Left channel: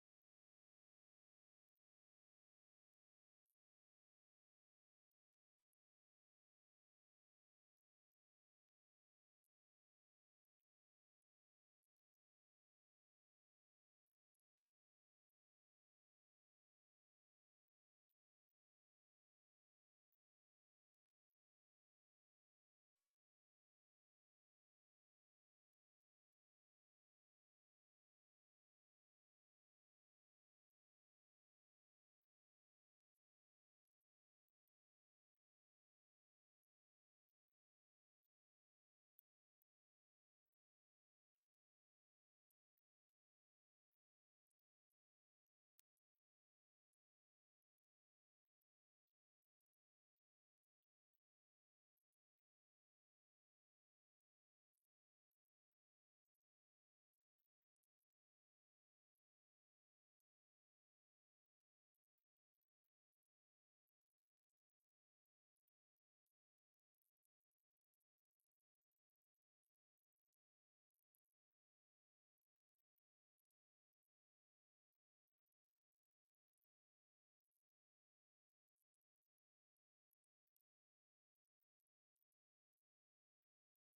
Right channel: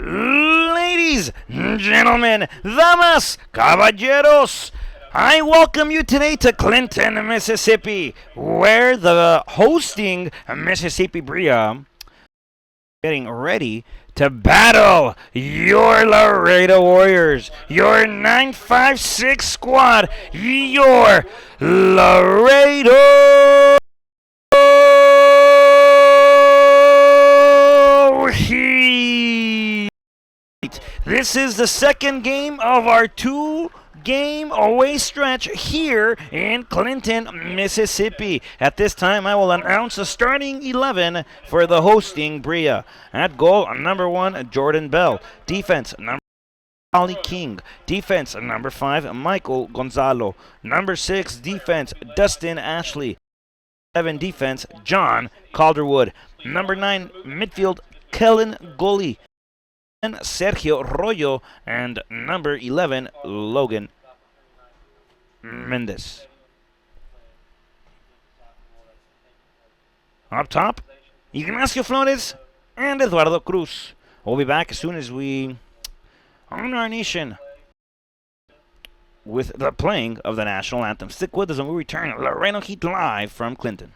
Ladies, gentlemen, damas, caballeros, I welcome you today to Clinton, Mississippi, where the hosting Mississippi Brilla getting ready to battle your Laredo Warriors, your 956 squad, your Laredo Heat. This is the second game of our two-game away stretch here in Clinton, Mississippi. At this time, I will announce the starting 11 for the hosting Brilla. At goal, number 1, Jordan Bell. Defense, number Ali King. Defense, number 5, Michael Gonzalo. Number 6, defense, Dustin Ashley. 7, defense, John Calderwood. Number 9, midfield, Kellen Gully. Sergio Royo, and number 11, Logan Mendez. Up top, Ignacio Flores and Eduardo Cruz. We'll be back as soon as we honor our nation with the playing of the national anthem. Stick with us and we return Laredo Heat live from Clinton.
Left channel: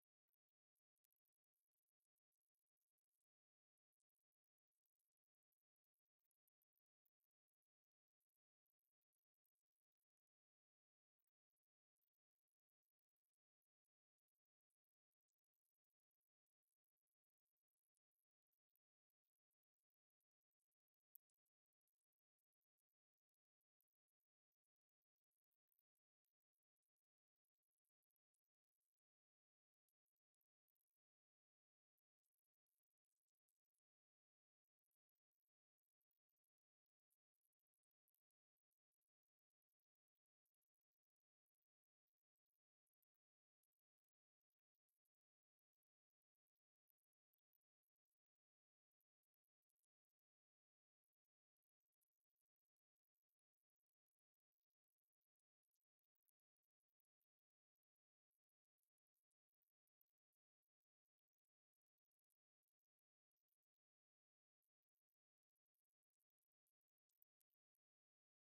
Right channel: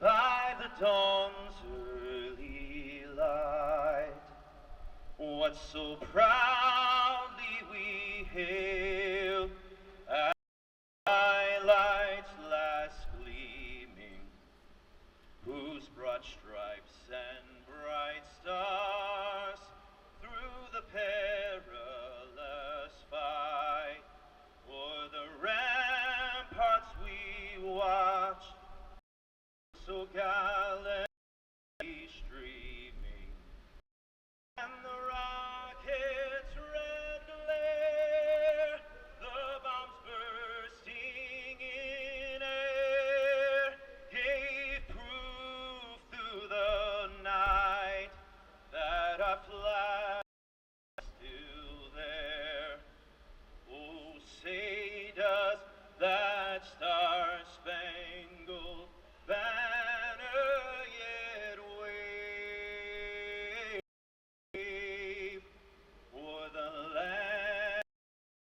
By the dawn's early light, what so proudly we hailed, as lights last gleaming, whose broad stripes and bright stars through the perilous fight, o'er the ramparts we watched, so gallantly streaming, and the rocket's red glare, the bombs bursting in air, gave proof through the night that our flag is still there. Oh, say does that star-spangled banner yet wave for the land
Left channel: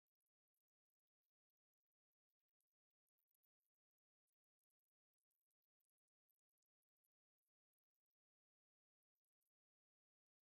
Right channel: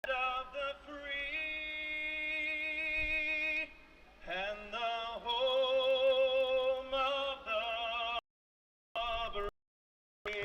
of the free and the home of the brave.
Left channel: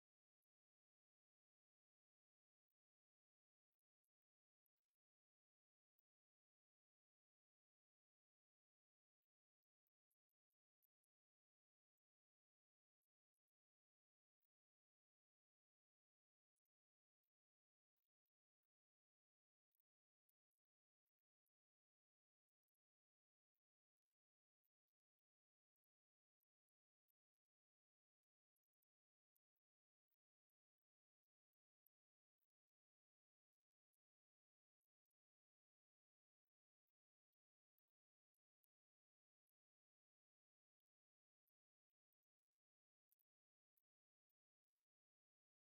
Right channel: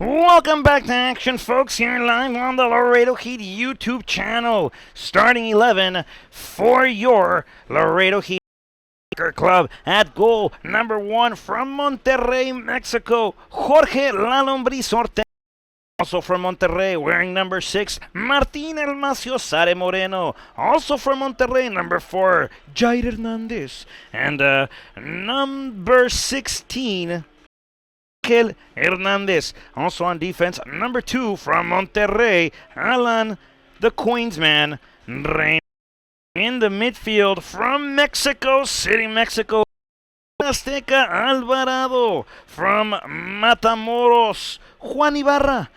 Welcome back to action, folks, here live on the Laredo Heat YouTube channel. Starting 11 for your Laredo Heat Club. At goal, number 1 from Monterrey, Mexico, Jorge La Lombriz Ortega. Also from Monterrey, wearing number 6, Martín El Maciosare Moreno. Also from Monterrey, number 4, Jair Hernandez. And number 16, Ángel Hernandez. Also on defense, number 2 from Monterrey, Alan the Queensman Reina. In the midfield from Mexico City, Mexico, Azteca Alvarado. From Matamoros, Juan Ibarra.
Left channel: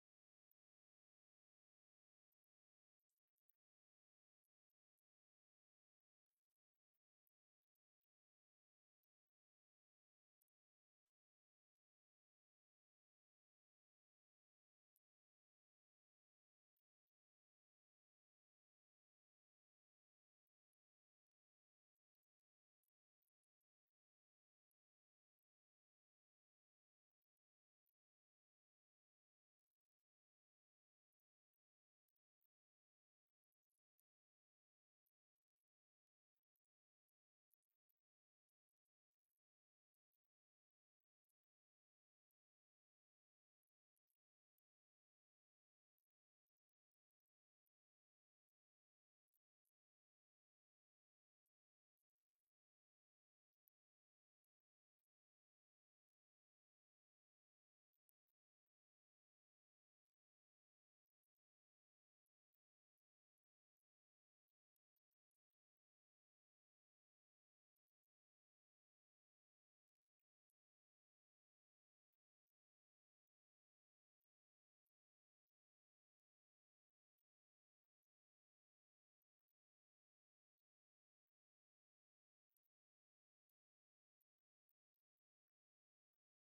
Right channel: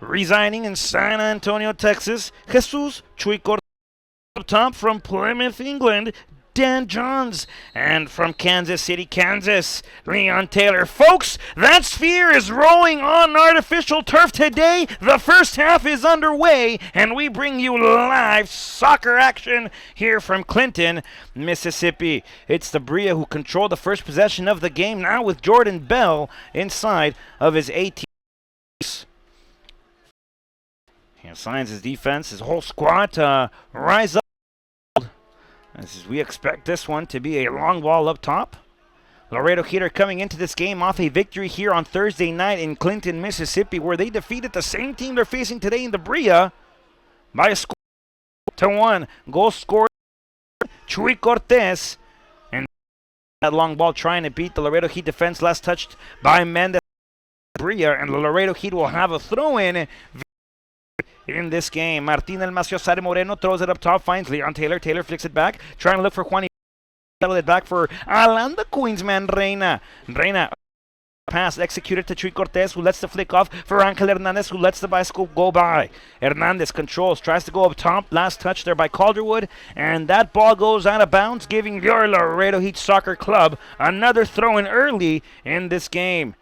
Residing in San Antonio, Texas, Jesus Chuy Cortez. Top from Plymouth, England, Dan Johns. And from Kansas City, Kansas, Leon Taylor. Folks, that sphere is rolling on artificial turf today. The first half is underway, and we bring you live soccer action here from Clinton, Mississippi. It's the Brilla who control the first possession of the game now with Jordan Bell inside of his 18. He assigns his defense, his whole squad to rise up. As we expect this one to be a long ball up top. Laredo Heat are coming into this game off a victory here on Thursday night in Clinton, Mississippi, where they defeated the same team they're facing today in the Brilla by a score to 1. Goal scored Chuy Cortez, and that long ball trying to beat the Laredo Heat defense, last touched by Mendez. Brilla, and the Laredo Heat will have a throw-in in this game. Martin El Maciosare Moreno throws it up top, finds Leon Taylor. Taylor flicks it back, trying to look for Juan. Settle it back for Alan, the Queensman Reina. Reina pass executed to Chuy Cortez, who lets the flick off for Angel Hernandez, who lets the bicycle go by. Hernandez controls, tries to go up top. Last touch there by Calderwood, and that ball goes out of bounds, giving your Laredo Heat Soccer Club another throw-in early in this game.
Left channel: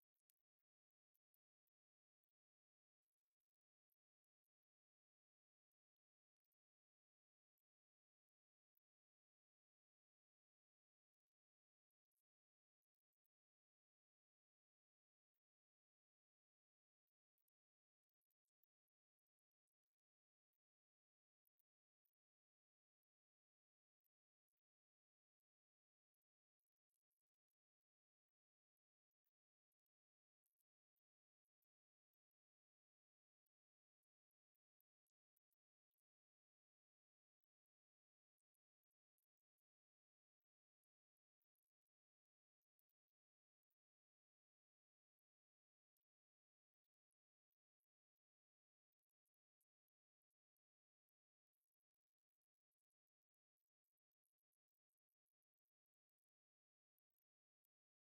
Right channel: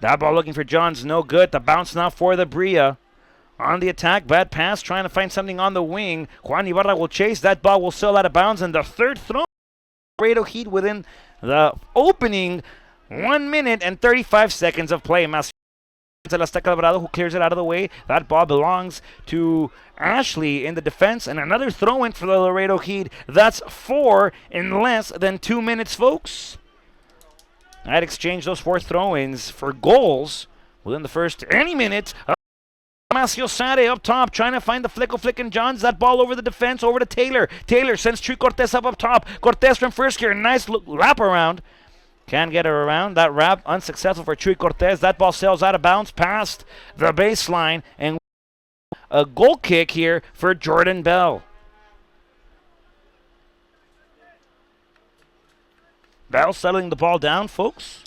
That ball looking for Johns, no good. The bounce now for the Brilla. On the attack, bad pass, trying to find something on the wing. Juan Ibarra will chase. That ball will sail out of bounds, and the third throw. Laredo Heat within the opening 1 minute and 35 seconds of play. Alvarado, who clears it out of the way. That ball belongs to Ashley in the defense, and another throw-in for the Laredo Heat. That's 4 in less than 2 minutes, folks. I'd exchange those 4 throw-ins for goals within the first any minute. Maciosare up top, trying to find the flick and Johns. That ball over the defense, over to Taylor. Taylor sends Chuy Cortez up top. Cortez from first gear, nice wrap around. Can get her around. That wrap unsuccessful for Chuy Cortez. That ball sails out of bounds past the baseline, and a goal kick here for Jordan Bell. Bell settling the ball down, folks.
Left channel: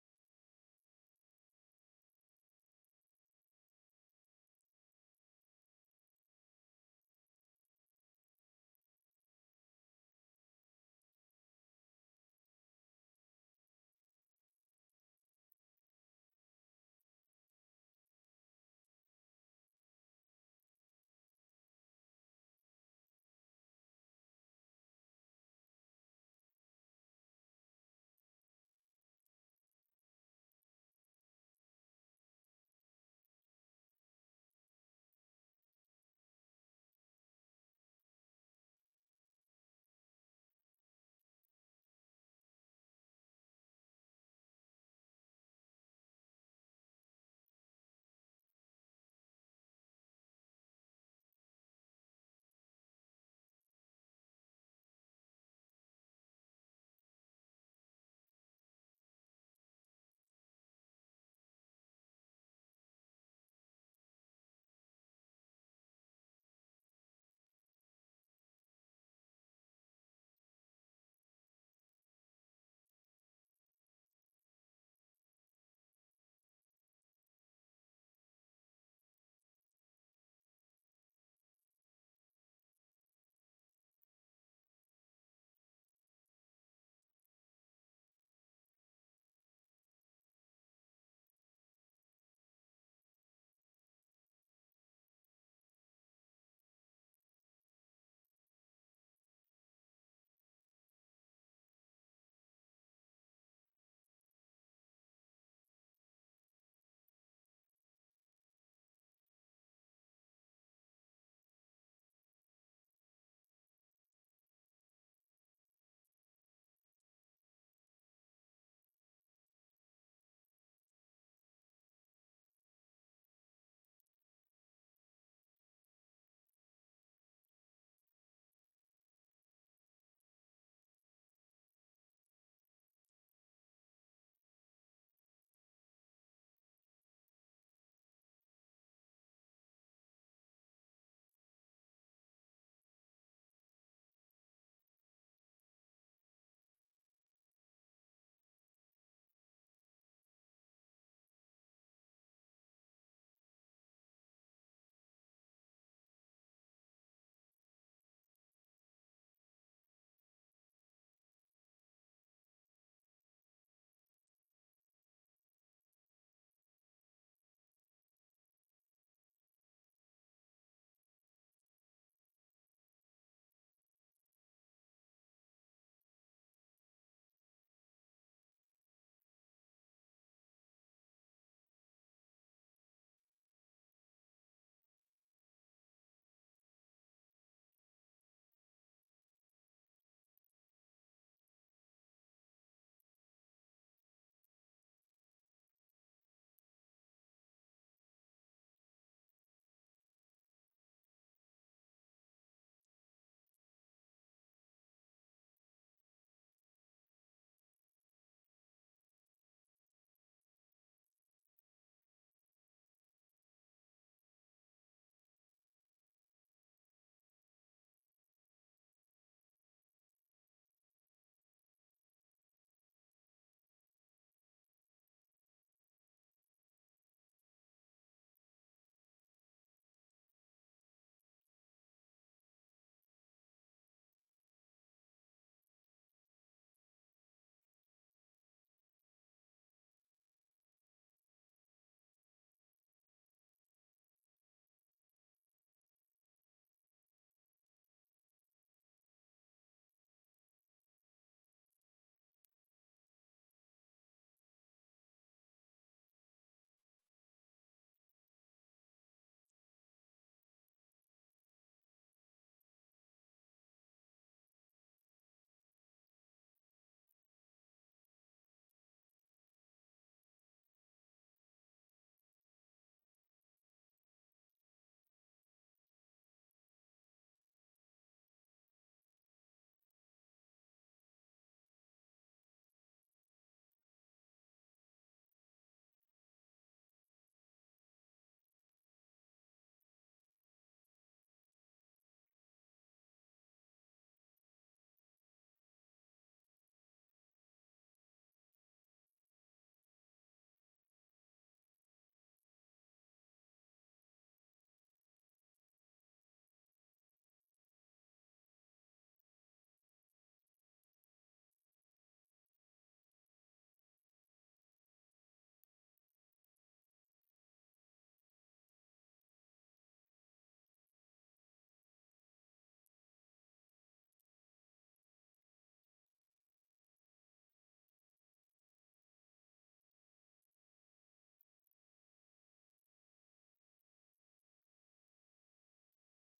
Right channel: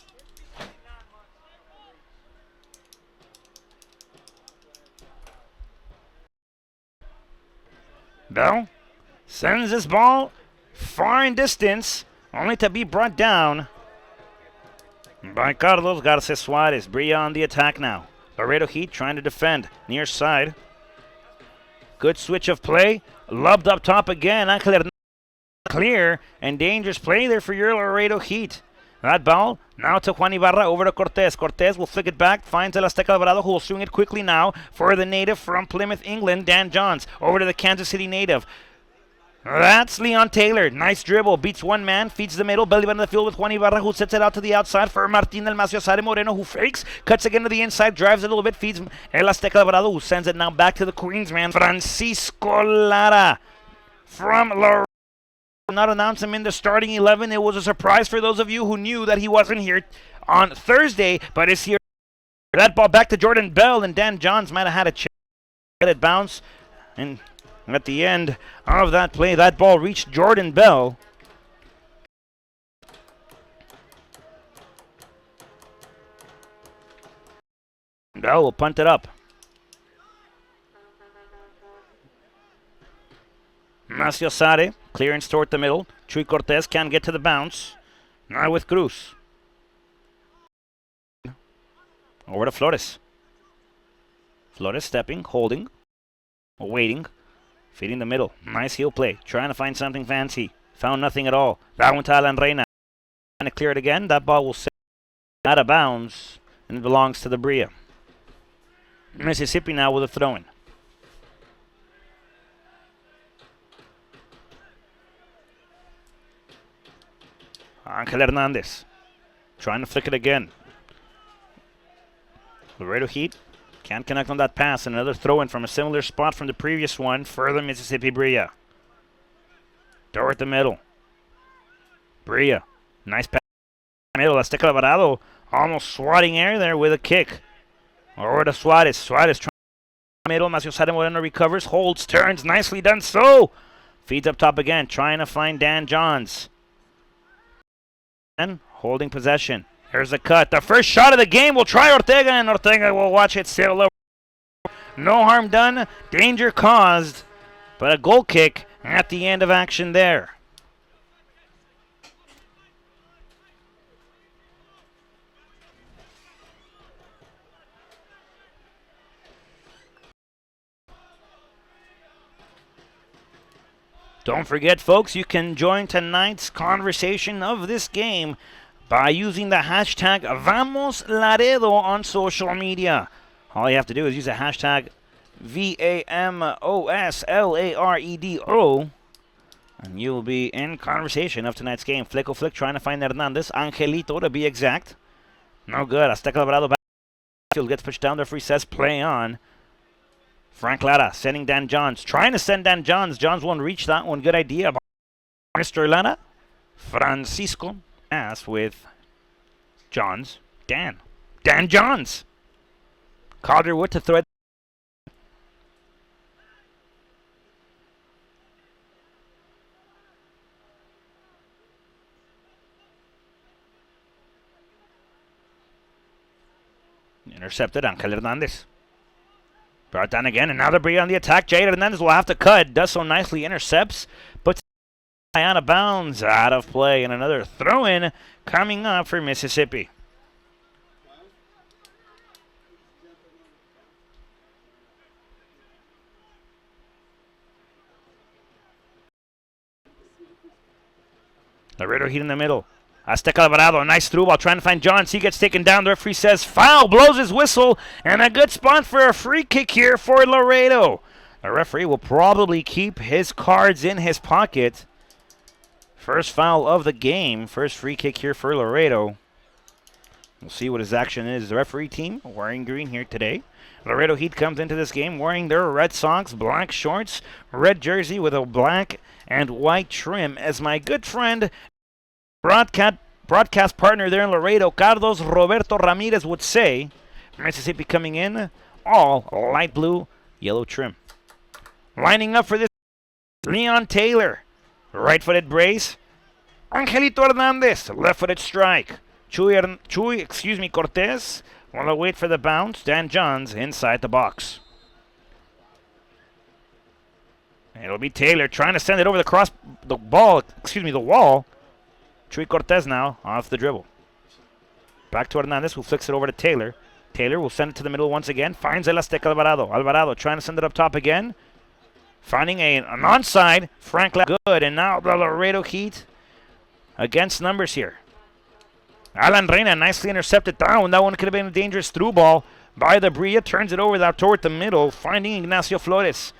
Bell sends this ball far in distance, only to be brought down by Carlos Garces Suarez. Brilla on the attack now. Laredo Heat trying to defend near side. Good switch of play. Lobbed up top again. Clear and dangerous play there for your Laredo Heat. That ball now to Juan Ibarra, over to Cortez. Cortez will flick it back, finds El Azteca Alvarado, who will swing it quickly now for the native from Plymouth, England, Dan Johns. Over to the Kansas City native. That's Leon Taylor. Nice dribble. Beats one man, feeds the middle. Belly button of the field with Juan Ibarra, who sets it out to the outside for Martin El Maciosare Moreno, who fakes. Cuts again to the inside, drives it a little bit, feeds El Azteca Alvarado, who sends it now back to the Queensman. Francisco Lara from Laredo. Not announce him in the starting 11. It was a surprise for those of you who knew that he wasn't here on Thursday, but is here. That ball back to Jordan Bell, and Dan Johns might have had a chance to let it bounce. And at the end of that play, that ball reached Jordan Bell. Bell will punt it up. Maciosare, clearance toward the middle. Chuy Cortez can't get to the bounce. Now with Cruz. Over to Flores. Flores stepping, holding, waiting, feeding the middle. Nice heel play, trying to find something fancy. Found nothing at all. That one to Alan Reina. Trying to clear it again. That ball will sit out of bounds, and it belongs to the Brilla. Mississippi now with a throw-in. Angel Hernandez trying to flick it again. Laredo Heat can't connect on that pass. And another throw-in from a similar spot from the previous one for the Mississippi Brilla. Toward the middle. Brilla, nice pass. Middle, Azteca Alvarado almost swatting air there with a kick. Over to Suarez. Suarez trying to middle. Maciosare Moreno recovers, holds, turns, nicely done so. Feeds up top again, trying to find Dan Johns. Holding possession. There's a cut. The first shot of the game will try Ortega, and Ortega will watch it sail over. No harm done, danger caused, but a goal kick at the end of action there. Don't forget, folks, you can join tonight's conversation of this game by using the hashtag #VamosLaredo on social media. All you have to do is use the hashtag VAMOSLAREDO, and you'll be in conversation of tonight's game. Flicko Flick trying to find Hernandez. Angelito, to be exact. No good. Azteca Alvarado backfield gets pushed down. The referee says play on. Frank Lara sending Dan Johns. Trying to send Dan Johns. Johns won't reach that one. Good idea. Mr. Lara. Francisco asked with Johns. Dan Johns. Calderwood to throw it. Intercepted. Angel Hernandez. Brought down again, and now they're Brilla on the attack. Jair Hernandez will have to cut. Does so nicely. Intercepts. Puts out of bounds. Out of play. And another throw-in coming up for Mississippi. Laredo Heat in the middle. Azteca Alvarado, a nice through ball, trying to find Johns. He gets taken down. The referee says foul, blows his whistle, and a good spot for a free kick here for Laredo. The referee will probably keep his cards in his pocket. First foul of the game. First free kick here for Laredo. We'll see what his action is. The referee team wearing green here today. Laredo Heat comes into this game wearing their Red Sox black shorts, red jersey with a black and white trim. As my good friend, broadcast partner there in Laredo, Carlos Roberto Ramirez, would say, Mississippi coming in all light blue, yellow trim. Lining up for this, Leon Taylor, right-footed brace. Angelito Hernandez, left-footed strike. Cortez will wait for the bounce. Dan Johns inside the box. It'll be Taylor trying to send it over the wall. Chuy Cortez now off the dribble. Back to Hernandez, who flicks it over to Taylor. Taylor will send it to the middle once again. Finds El Azteca Alvarado. Alvarado trying to send it up top again. Finding an onside. Frank good. And now the Laredo Heat against numbers here. Alan Reina nicely intercepted down. That one could have been a dangerous through ball by the Brilla. Turns it over toward the middle. Finding Ignacio Flores.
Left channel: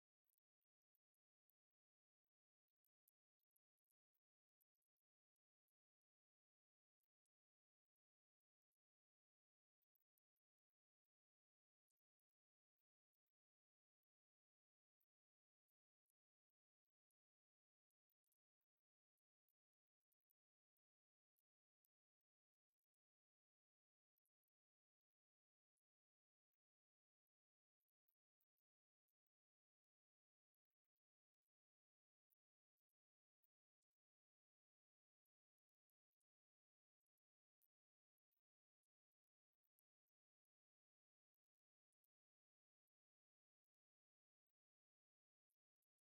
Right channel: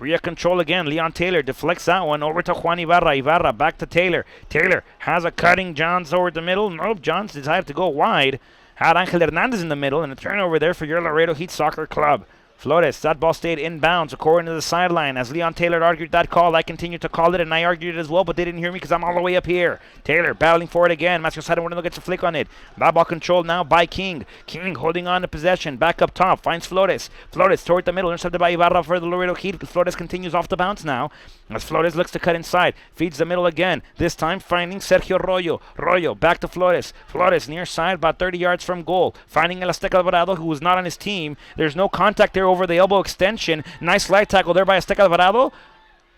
Brilla control again. Leon Taylor deflects that one over to Juan Ibarra. Ibarra back to Taylor. Taylor has a cutting Johns over the middle. Nope, Johns decided to go wide. Had Angel Hernandez in the middle, and a turnover there for your Laredo Heat Soccer Club. Flores, that ball stayed inbounds according to the sideline. As Leon Taylor argued that call, I continued to call it, and I argued it as well, but they didn't hear me because I'm all the way up here. Taylor battling for it again. Matthew Sadewano gets a flick on it. That ball controlled now by King. King holding on to possession. Back up top. Finds Flores. Flores toward the middle. Intercepted by Ibarra for the Laredo Heat. Flores continues off the bounce now. As Flores looks to cut inside. Feeds the middle again. This time finding Sergio Royo. Royo back to Flores. Flores near side about 30 yards from goal. Finding El Azteca Alvarado, who was not on his team. There's no contact there over the elbow extension. Nice slide tackle there by Azteca Alvarado.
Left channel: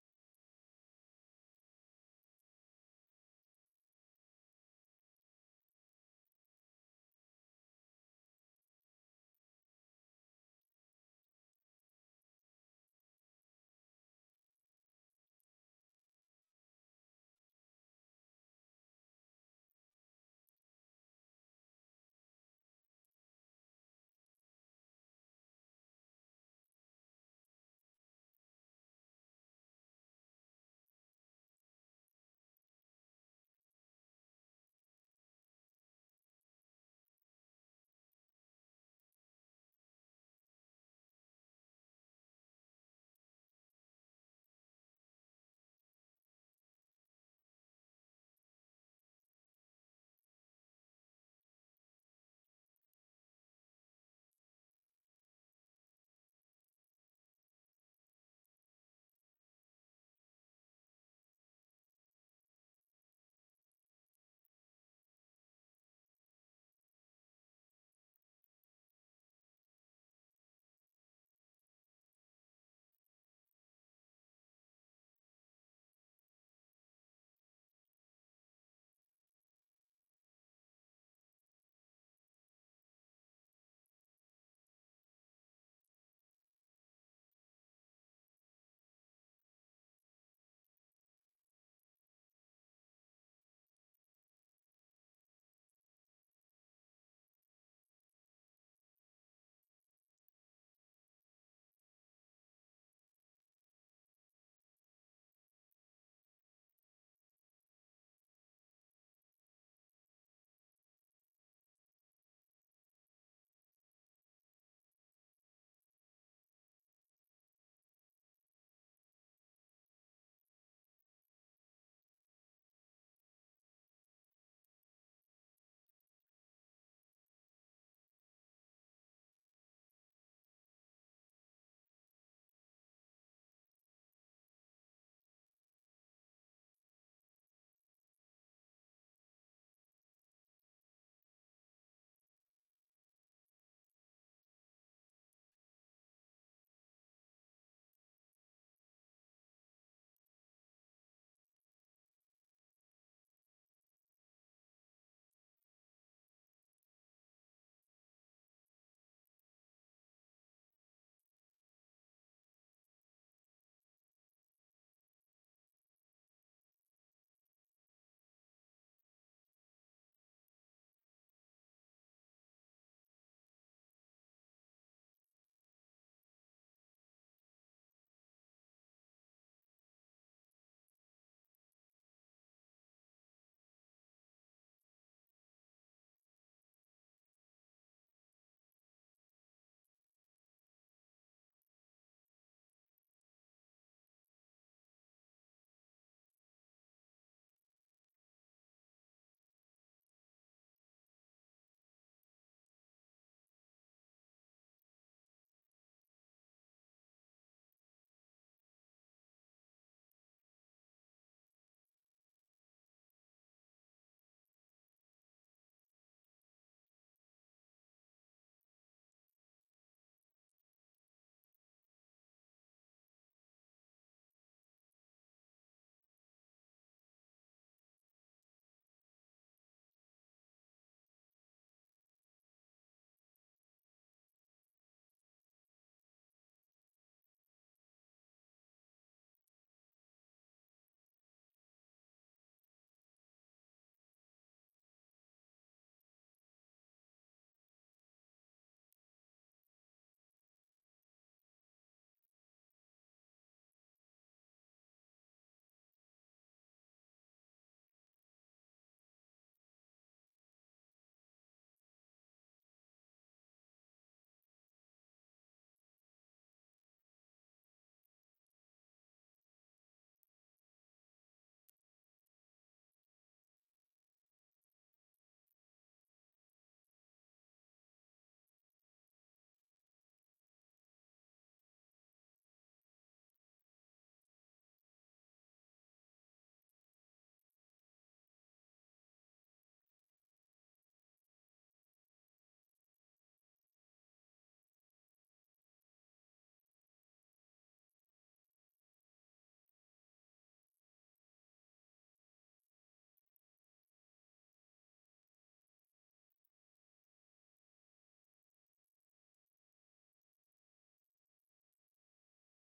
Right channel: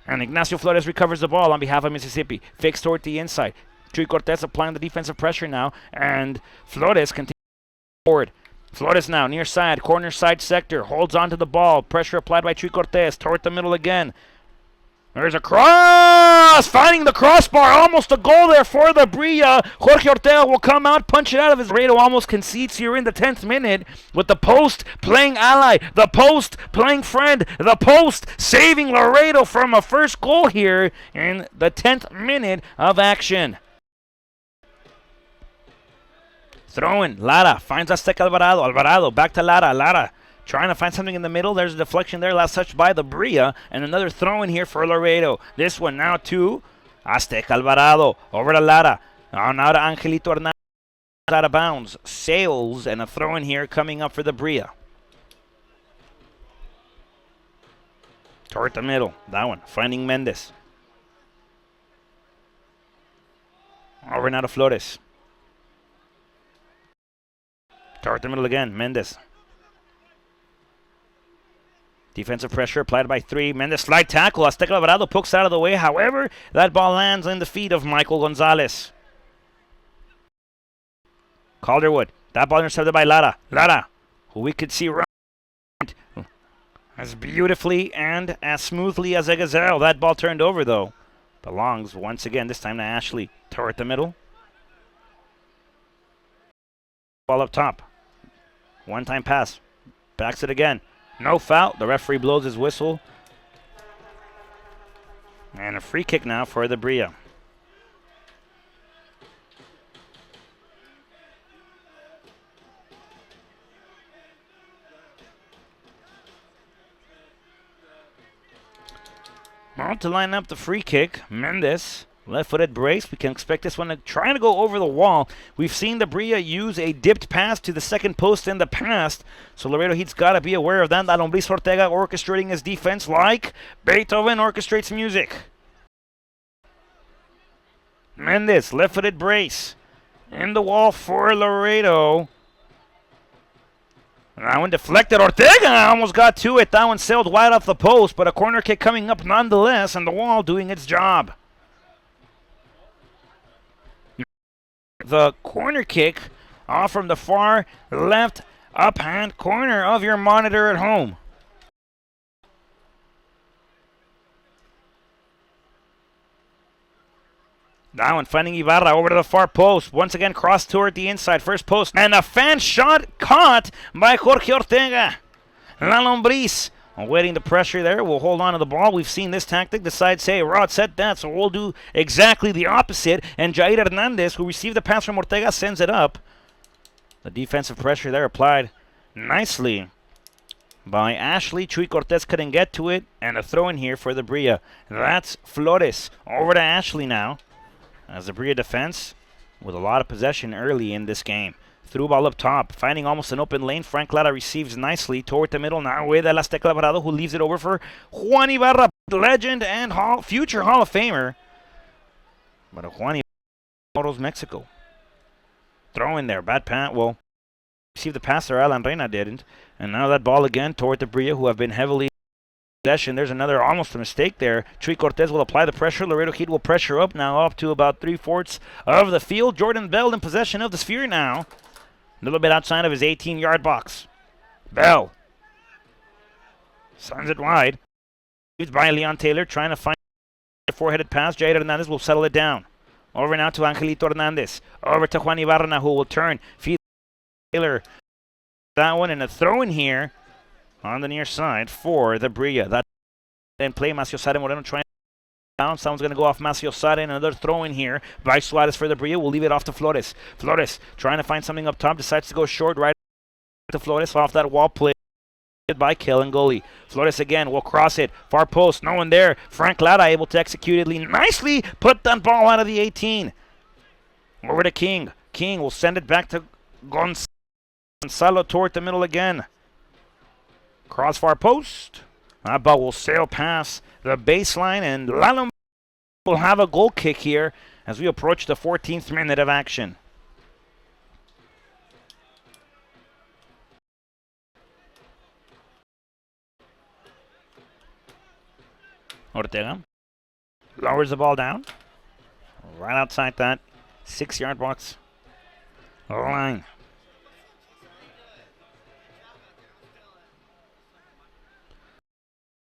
And Ignacio Flores recovers the ball on behalf of Mississippi. Fakes toward the inside. Chuy Cortez applying the defensive pressure now. And Flores continues forward. Flores now near side, corner side sector. Holds on to the ball. Pressure applied by Chuy Cortez. Toward the middle again. There's a cross! Finding the crossbar. Almost a goal there for the Brilla. Jorge Ortega will come out, punch it out of his. Laredo almost concedes here in the 10th minute with the post playing ally, the post playing friend, the post saving Laredo from a first goal here in the 10th minute of action. Throwing. Lara finds Azteca Alvarado. Alvarado back to Lara. Lara trying to find something in the middle. There's a deflection there. Last touched by the Brilla. And another throw in here for Laredo. This one now to Azteca Alvarado. Over to Lara. Now to Angelito Hernandez. Out of bounds. Sails. And a throw in here coming up for the Brilla. Toward the middle. That one. Finding Mendez. Over now to Flores. Toward the middle again. Mendez. Defensive pressure applied by 3. Mendez slide tackle. Azteca Alvarado pokes out of the way. However, that ball lands in the feet of Michael Gonzalez. Calderwood. That ball intercepted by Lara. Lara, who we could see right. as beautifully and as smoothly as a gazelle. That ball turned over, though. Belongs once again, this time to Ashley. Toward the middle. Ball up top. One-time pass. Backs it again. No foul. The referee blows his whistle. And a free kick now for the Brilla. Well, to line up the free kick, Mendes, left-footed brace. We can expect this one to try to go over the wall. We've seen the Brilla use a dipped pass to the second post in the past, so Laredo Heat's got to be aware of that. Lombriz Ortega orchestrating his defense like Beethoven orchestrates music. Mendes, left-footed brace. In the wall for Laredo. That one deflected. Ortega almost got to it. That one sailed wide off the post, but a corner kick coming up nonetheless, and the wall doing its job. The corner kick off from the far left up-hand corner of your monitor at home. That one finding Ibarra over to the far post. Once again, cross toward the inside. First post. And a fan shot caught by Jorge Ortega. La Lombriz awaiting the pressure there. We'll hold on to the ball. We've seen this tactic. Decides, hey, Rod set that, so we'll do exactly the opposite. And Jair Hernandez, who received the pass from Ortega, sends it up. The defensive pressure there applied nicely by Ashley. Chuy Cortez couldn't get to it. And a throw in here for the Brilla. That's Flores. Over to Ashley now. As the Brilla defense with a lot of possession early in this game. Through ball up top, finding almost an open lane. Frank Lara receives nicely toward the middle now with El Azteca Alvarado, who leaves it over for Juan Ibarra, legend and future Hall of Famer. But a Juan Ibarra, Mexico. Throw in there, bad pass. Well, received the pass there, Alan Reina didn't. And now that ball again toward the Brilla, who have been heavily possession. There's another almost a mistake there. Chuy Cortez will apply the pressure. Laredo Heat will pressure up now up to about 3/4 of the field. Jordan Bell in possession of the sphere now. A little bit outside of his 18-yard box. Bell sends it wide. Used by Leon Taylor trying to find the four-headed pass. Jair Hernandez will settle it down. Over now to Angelito Hernandez. Over to Juan Ibarra now, who will turn. Feed Taylor. That one and a throw in here on the near side for the Brilla. That then play Macio Sade Moreno trying to bounce. Someone's going to go off Macio Sade. Another throw in here by Suarez for the Brilla. We'll leave it off to Flores. Flores trying to find something up top. Decides to go short right to Flores off that wall play by Kellen Goli. Flores again will cross it. Far post. No one there. Frank Lara able to execute it nicely. Put that ball out of the 18. Over to King. King will send it back to Gonzalo toward the middle again. Cross far post. That ball will sail past the baseline, and Lalum will have a goal kick here as we approach the 14th minute of action. Ortega lowers the ball down right outside that 6-yard box line.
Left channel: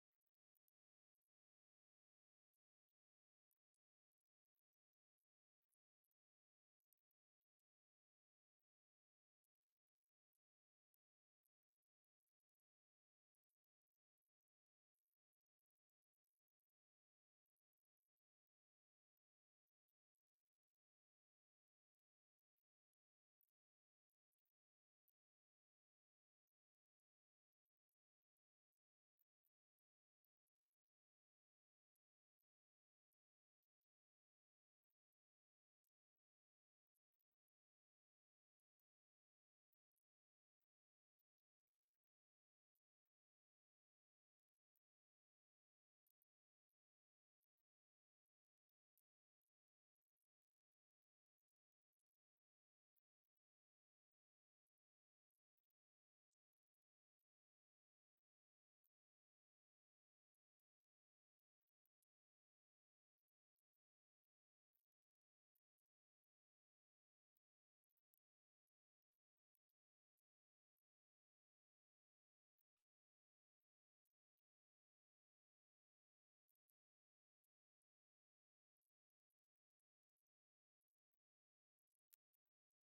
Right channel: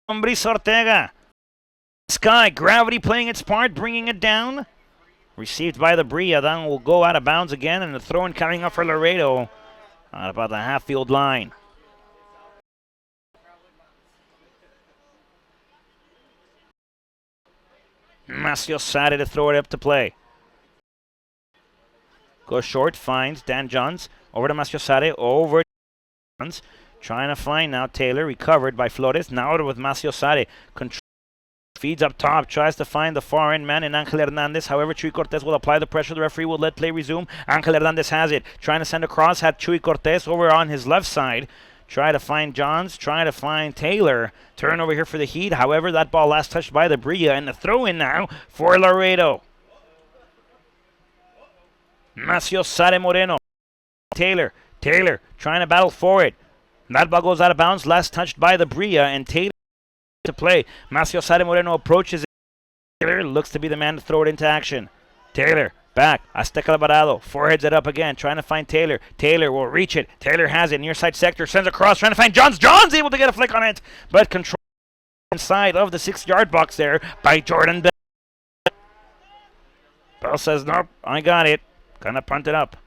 Lombriz Ortega. Sky, gravity playing its part, bringing it down. Received by the Brilla. Then will go out of bounds again, and the throw-in coming up for Laredo at about the half-field line. Macio Sade to throw it up to play. Goes short, finds Dan Johns. Over to Macio Sade, over to Johns. Trying to find now Taylor, recovered by Flores. Now with Macio Sade. Control, feeds up top, tries to find the far end man in Angel Hernandez. However, Chuy Cortez will apply the pressure. The referee will let play resume. Angel Hernandez has it. Trying to send across, had Chuy Cortez over on his left side. Try to find Johns, try to find Taylor. Turn over here for the Heat. However, that ball last touched by the Brilla, and the throw in now for Laredo. Macio Sade Moreno. Taylor trying to battle for it. That ball goes out of bounds, last touched by the Brilla, and Taylor to play. Macio Sade Moreno approaches it. Taylor looks to be the man to throw it into action. Taylor Back. Azteca Alvarado. Foreheads it up again. Trying to find Taylor. Taylor will reach it. Taylor has it. Near side sector. Sends across. Trying to find Johns. Johns able to get a flick on it. But control inside of the 6-yard box there by Jordan Bell. Bell says, nope, I got it. Gonna punt it up.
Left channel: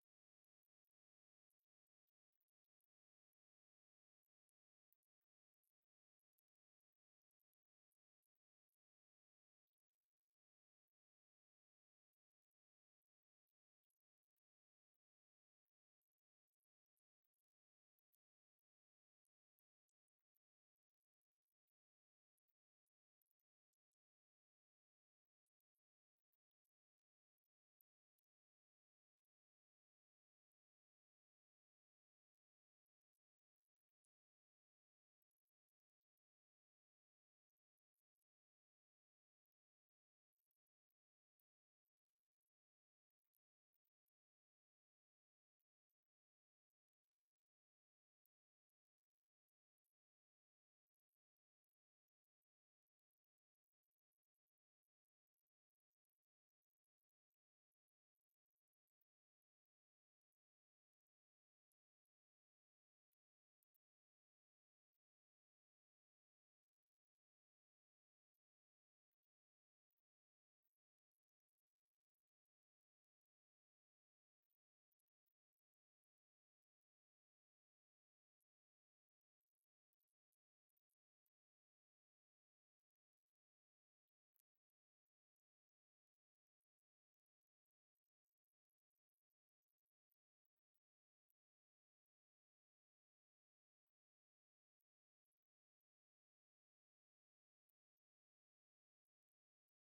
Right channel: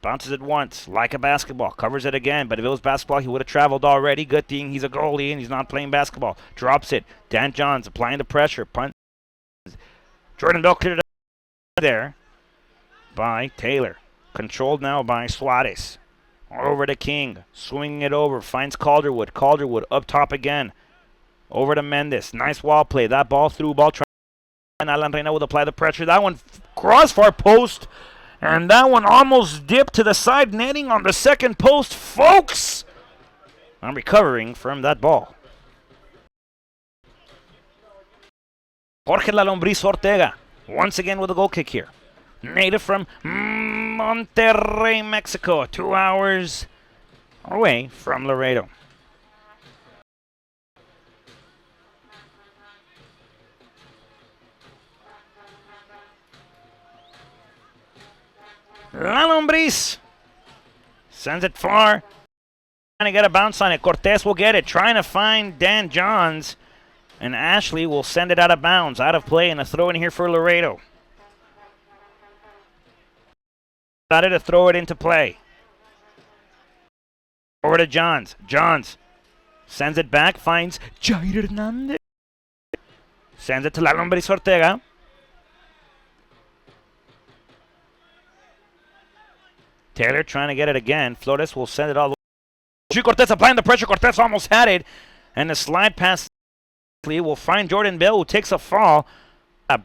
Bounces it once, like a basketball. Covers it again, but if it was basketball, he would have traveled already. Good thing he's a goalie and he's not playing basketball. Drops it. Dan Johns applying the pressure. Punt. Jordan Bell cleared it there by Taylor. Controlled now by Suarez. Over to King. Swinging it over. Finds Calderwood. Calderwood up top again. Over to Mendes. Nice wall play. That ball through ball. And Alan Reina will apply the pressure. That one crossbar post. And that one almost dipped to the side netting on the second post. Folks, I'm recovering from that ball. Jorge La Lombriz Ortega, once again with a goal kick here. Native from Monterrey, Mexico. 2 hours away from Laredo. La Lombriz sends it far. Trying to get a bounce on it. Cortez will get it. Trying to find Dan Johns. And Ashley will send it out of bounds. Out of play and a throw in here for Laredo. Decided to throw it into play. Over to Johns. Johns sends it back. Finds Jair Hernandez. Sends it to La Lombriz Ortega. Taylor trying to get it again. Flores will send it all the way. Cortez applying the pressure. Cortez almost had it. And the slide pass will find Jordan Bell, who takes a fall.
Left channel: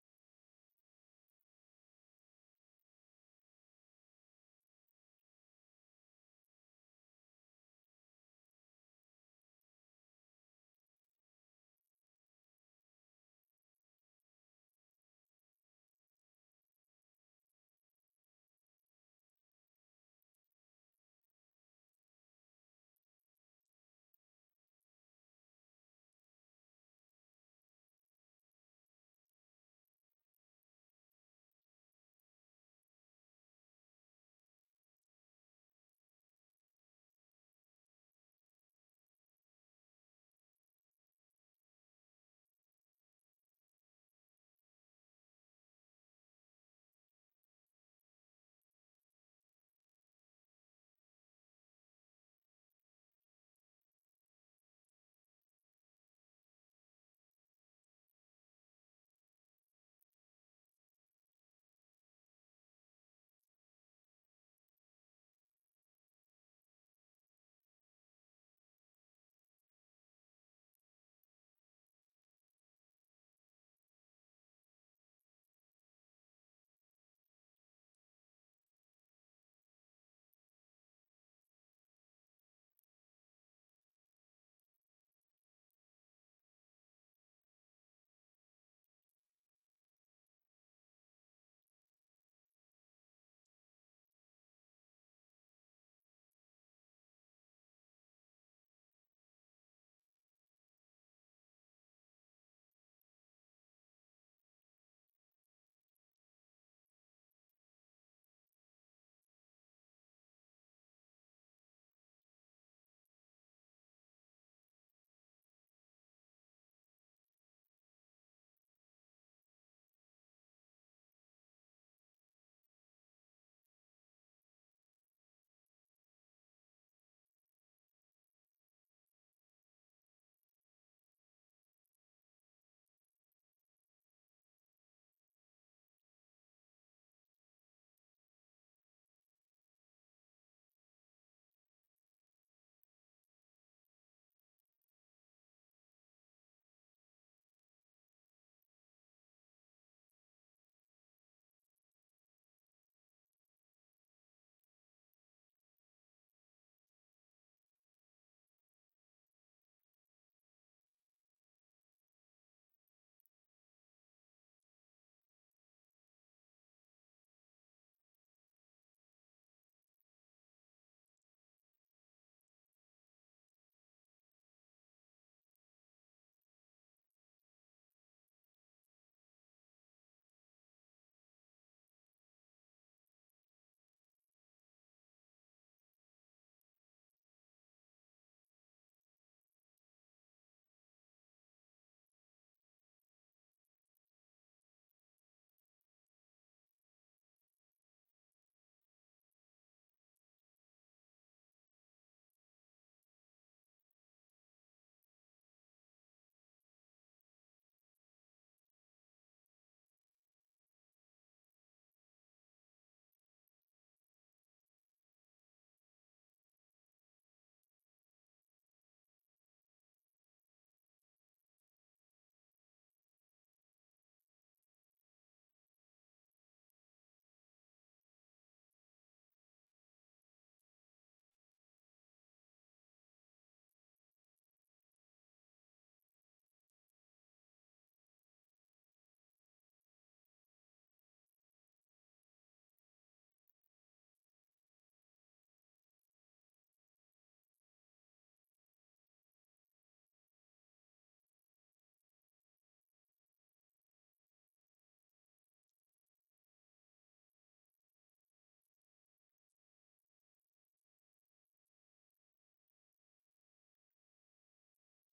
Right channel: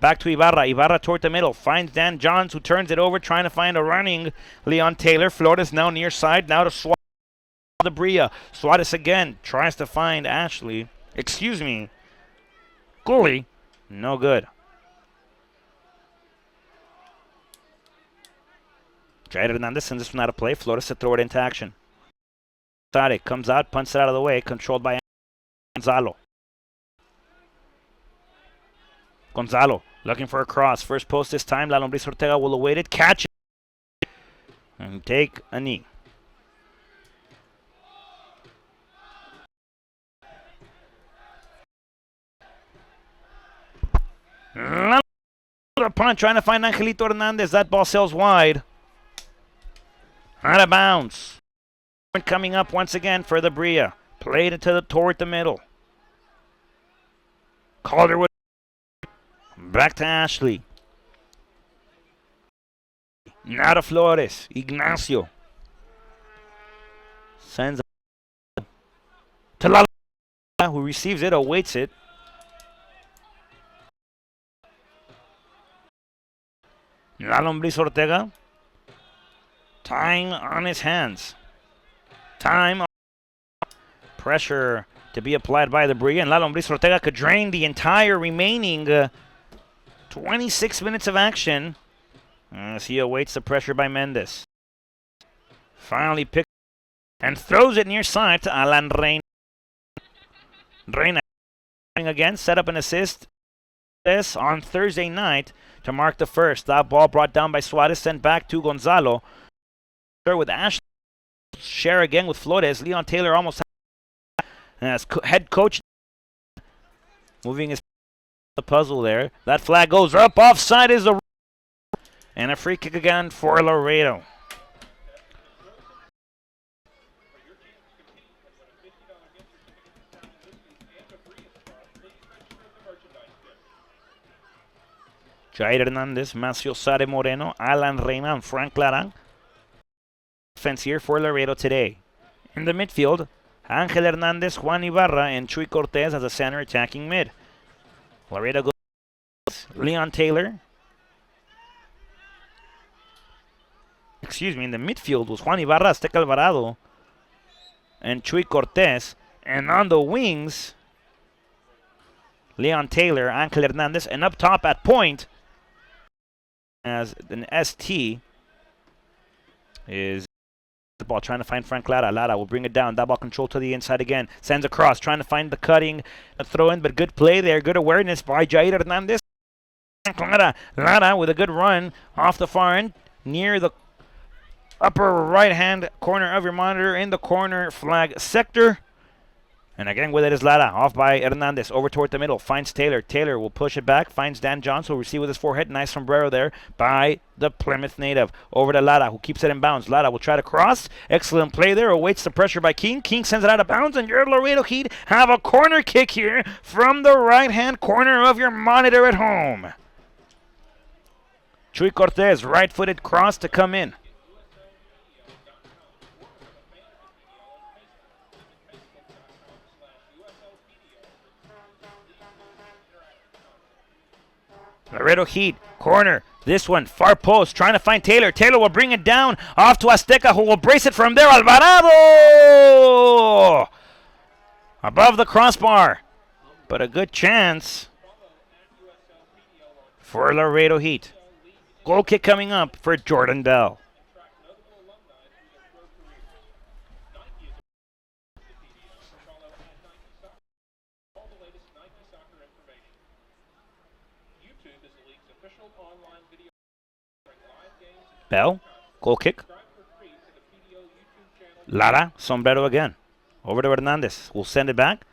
Back to Ibarra. Ibarra toward the middle. Finds Dan Johns, who turns it over, trying to find a running Leon Taylor. Flores now near side. Now to Suarez. The Brilla. Suarez again tries to find Ashley. Excuse me. Goalie. No good. Jair Hernandez sends this one out of play. Flores to throw it into action. Sade comes out, punts it out of the way. Controlled by Gonzalo. Gonzalo looking for a cross. First post this time. La Lombriz Ortega will await it. Catch it. And take a knee. A punt trying to find Angelito Hernandez. That ball sails wide. Out of bounds. Coming up once again for the Brilla. Played it toward the middle. Calderwood. Back to Ashley. Now to Flores. Ignacio. Sends it to La Lombriz, who receives it, awaits it. La Lombriz Ortega. Time on his hands. Time. Pressure to be applied by the Brilla. And La Lombriz Ortega could drain the entire remaining 26 minutes of action as he awaits the pressure by Mendes. Finally picks and throws it near side to Alan Reina. Reina again set up an assist this on Thursday night to mark the first. That ball brought down by Suarez, sent back to Gonzalo. With Ashley. Share again with Flores. Leon Taylor almost as head coach moving his the puzzle there. That flag goes up. Offside is a and a free kick again for Laredo. Jair Hernandez, Macio Sade Moreno, Alan Reina, and Frank Lara. Defense here for Laredo today. In the midfield, Angel Hernandez, Juan Ibarra, and Chuy Cortez as a center attacking mid. Laredo goes Leon Taylor. In the midfield was Juan Ibarra, Azteca Alvarado, and Chuy Cortez. And on the wings, Leon Taylor, Angel Hernandez, and up top at point, as an ST is the ball trying to find Frank Lara. Lara will bring it down. That ball control to the inside again. Sends across, trying to find the cutting, a throw in, but good play there. Good awareness by Jair Hernandez. Lara with a good run off the far end near the upper right-hand corner of your monitor in the corner flag sector. And again with it is Lara, off by Hernandez, over toward the middle, finds Taylor. Taylor will push it back, finds Dan Johns, who will receive with his forehead. Nice sombrero there by the Plymouth native. Over to Lara, who keeps it in bounds. Lara will try to cross. Excellent play there, awaits the pressure by King. King sends it out of bounds, and your Laredo Heat have a corner kick here from the right-hand corner of your monitor at home. Chuy Cortez, right-footed cross to come in. Laredo Heat, corner. This one, far post, trying to find Taylor. Taylor will bring it down off to Azteca, who will brace it from there. Alvarado! Above the crossbar. But a good chance for Laredo Heat. Goal kick coming up for Jordan Bell. Bell, goal kick. Lara, sombrero again. Over to Hernandez. We'll send it back.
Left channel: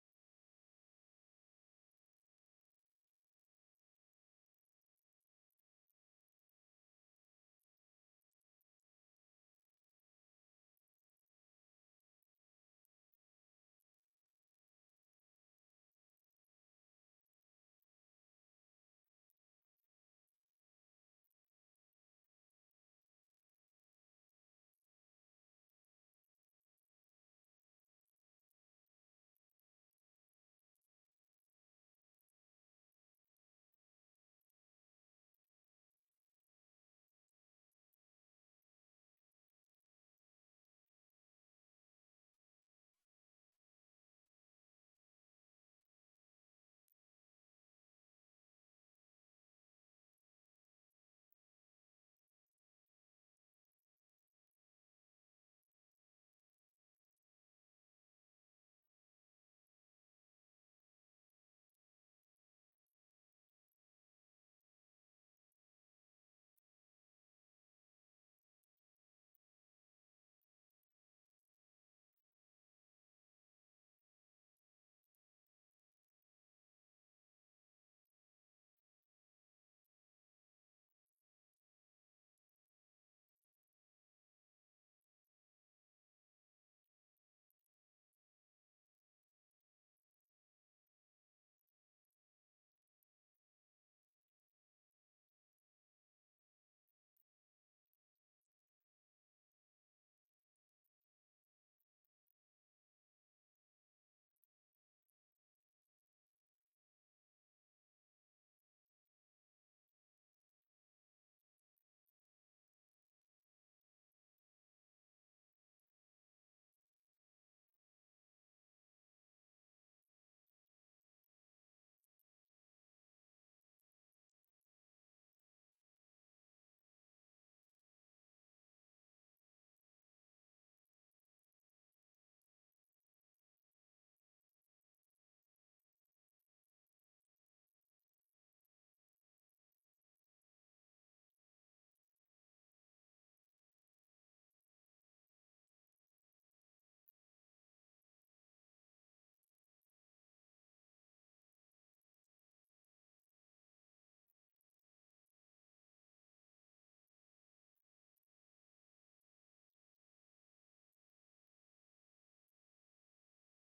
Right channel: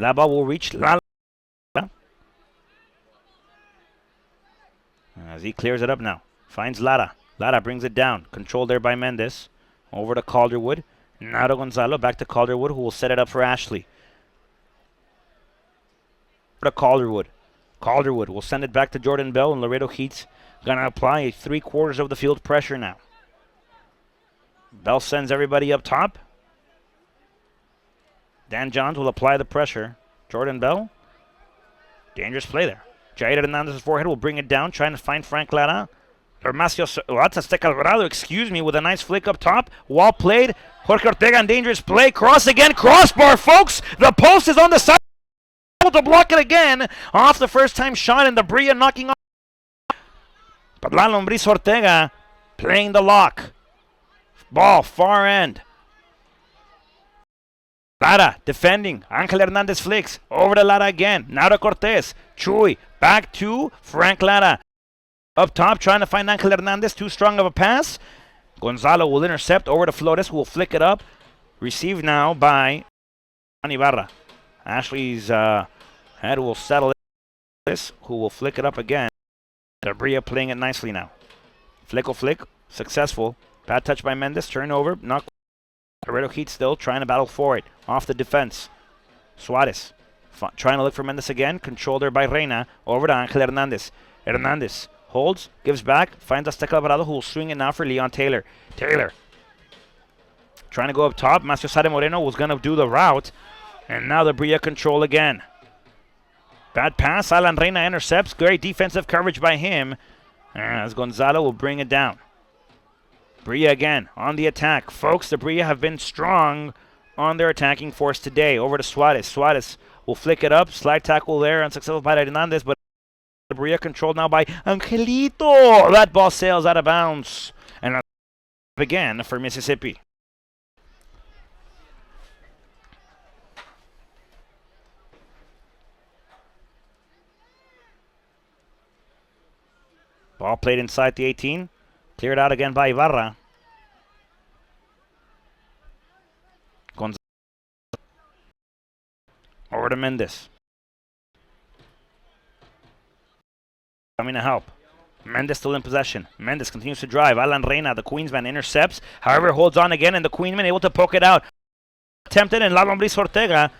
La ball will reach Lara. As he clears it up now. Finds Lara. Lara brings it down. Controlled there by Mendes. Over to Calderwood. Now to Gonzalo. Back to Calderwood, who will set it up for Ashley. Over to Calderwood. Calderwood will send it back to Jordan Bell, and Laredo Heat's gonna apply 3/4 of the field pressure now. Bell sends everybody up top. Dan Johns will apply the pressure. Jordan Bell. Dangerous play there. Jair Hernandez's forehead will bring it down, trying to find Frank Lara. That's Azteca Alvarado, excuse me, with a nice flick up top. Well played. Jorge Ortega on dangerous play. Cross again. Crossbar, folks. The post is on the side. To block it again. Off the first time shot, and the Brilla knocking off. But La Lombriz Ortega playing the lock. Ball, far end. Lara defending. Angel Hernandez flicks. Over to Lara again. Now to Cortez. Chuy. Back to Frank Lara. Up top, trying to find Angel Hernandez. Too strong of a pass. Gonzalo will intercept. Over to Flores, who will flick it up. Received now by Ibarra. Ashley's head will settle this, who will flick it up again. Brilla playing it nicely now. Flick, successful. Bad touch by Mendes, turnover, not. Laredo Heat still trying to battle for it. Off the defense. Suarez trying to look for Mendes again. Controlled there by Reina. Over to Angel Hernandez. Hernandez holds, gives back, finds Azteca Alvarado, who will swing it now for Leon Taylor. Taylor trying to go up top. Macio Sade Moreno was going to do the route. And now the Brilla control again. Bad pass. Alan Reina intercepts. Great defensive coverage by him. As Gonzalo will bring it down. Brilla again on the attack. Folks, the Brilla have been strong on their attacking force today. Over to Suarez. Suarez will flick it up. Slide tackle there. Unsuccessful by Hernandez. But the Brilla controlled now by Angelito. That ball sails out of bounds. And again for Mississippi. Ball played inside the 18. Cleared out again by Ibarra. Gonzalo. Over to Mendes. Coming to help. Mendes still in possession. Mendes continues to drive. Alan Reina, the Queensman, intercepts. However, holds on again, and the Queensman able to poke it out. Attempted, and La Lombriz Ortega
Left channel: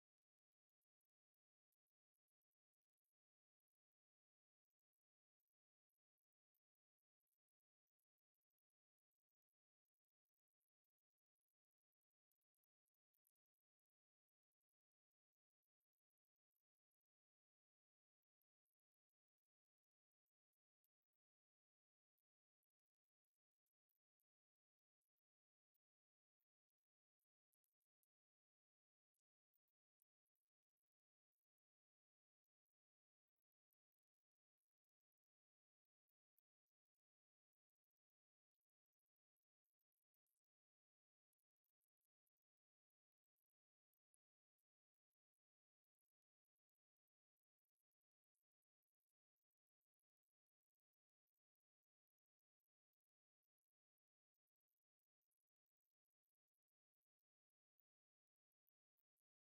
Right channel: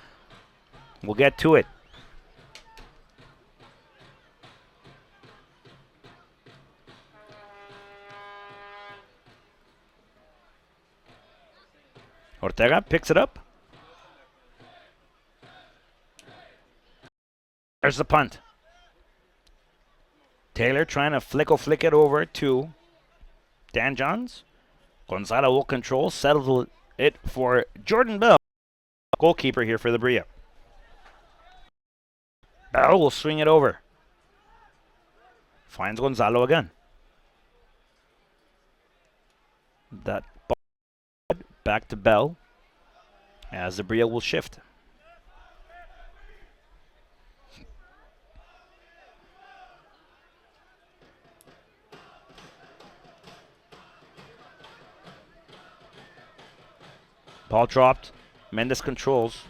will get to it. Ortega picks it up. There's the punt. Taylor trying to flick it over to Dan Johns. Gonzalo will control, settle it for Jordan Bell. Goalkeeper here for the Brilla. Bell will swing it over. Finds Gonzalo again. That back to Bell as the Brilla will shift. Ball dropped. Mendes controls.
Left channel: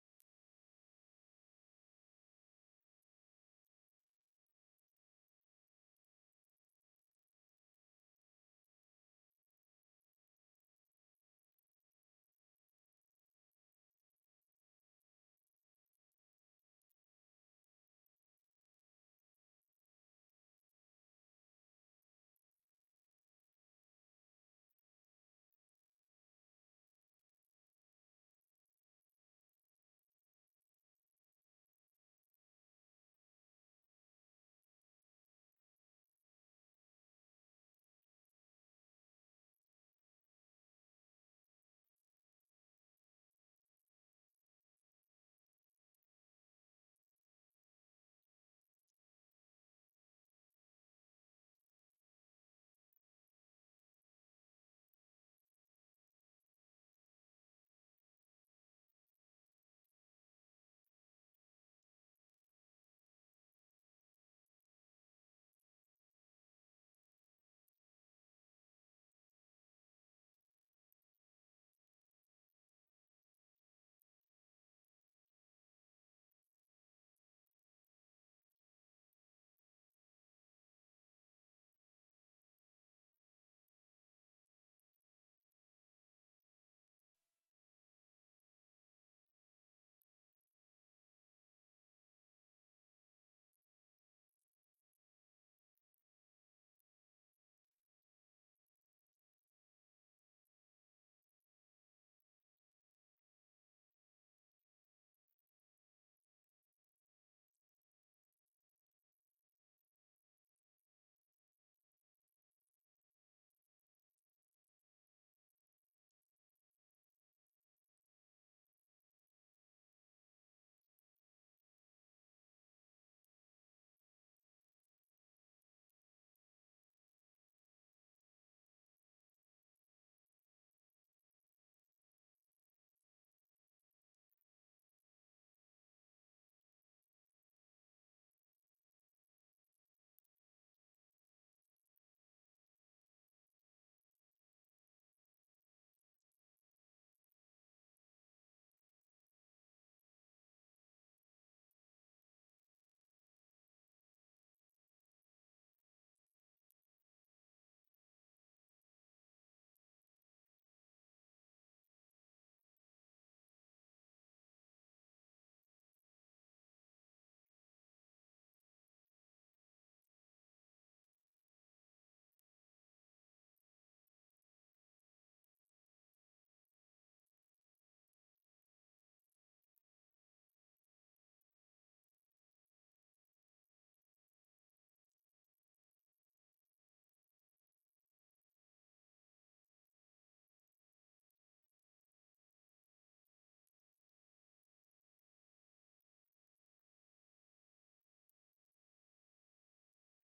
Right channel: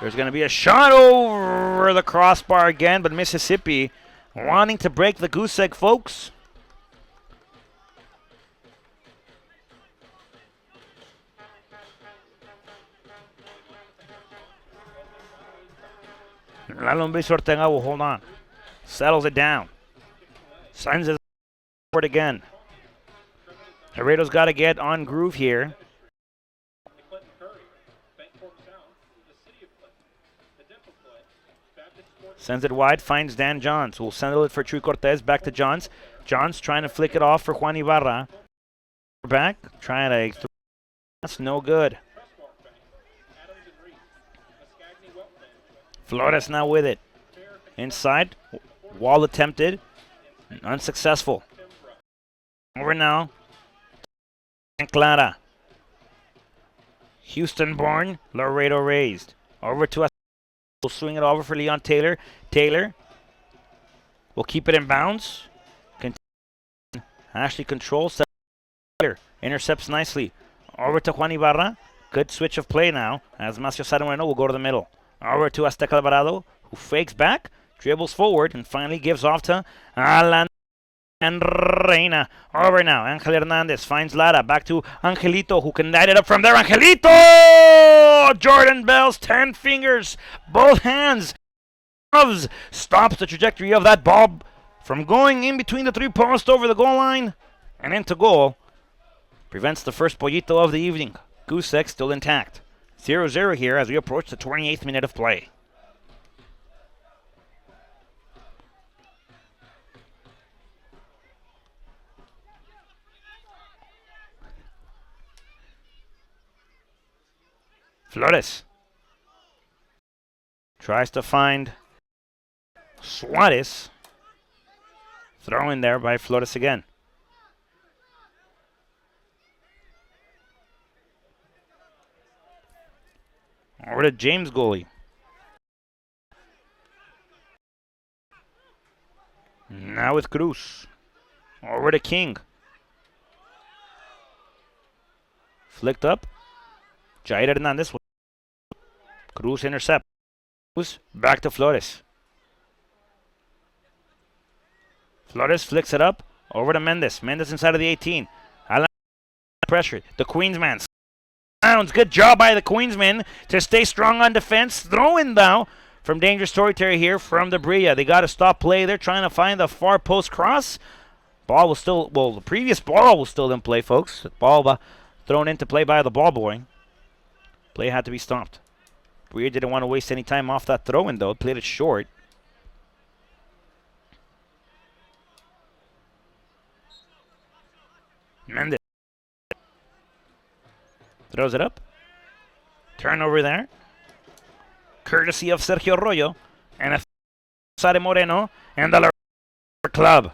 There's going to be a shot over the crossbar again, but Mississippi wanting to break the goose egg, folks. La Lumbis Ortega will hold on. Settles it down. Sends it forward again. Laredo's got to get on groove here. Sends it wide, finds Dan Johns, who will send it for True Cortez, back to Johns. Johns trying to flick it off for Juan Ibarra. Back, trying to, that's no good. Flores now with it. Inside, wall attempted, unsuccessful. Over now, Clara. Houston born, Laredo raised. Over to us. We'll swing it over for Leon Taylor. Taylor will keep it in bounds. Ashley controls. Intercepts nicely. Over to Juan Ibarra. Good switch of play now, as Macio Saromeno will go to the middle. Over to Azteca Alvarado, who fakes back, dribbles forward, and finally gives off to Alan and Reina. Over now, Angel Hernandez finds Lara. Back to Angelito, who can light it up from there. Angelito! Jordan Bell's 10 fingers, both hands, gloves, stops the trajectory of that ball from going in between the three posts over the goal line and into goal. Prevents the first pollito of the evening. Goose egg still intact. 0-0 here as we approach the 28th minute of play. Flores tries to find Suarez. Throw in there by Flores again. Over to James goalie. Now with Cruz. Over to King. Flicked up. Jair Hernandez. Cruz intercept. Cruz back to Flores. Flores flicks it up. Over to Mendes. Mendes inside of the 18. Alan pressure. The Queensman. Good job by the Queensmen to stay strong on defense. Throw in now from dangerous territory here from the Brilla. They got to stop play. They're trying to find the far post cross. Ball was still, well, the previous ball was still in play, folks. Ball thrown into play by the ball boy. Play had to be stopped. Brilla didn't want to waste any time off that throw in, though. Played it short. Mendes throws it up. Turnover there. Courtesy of Sergio Arroyo. And a Sare Moreno. And the Laredo club.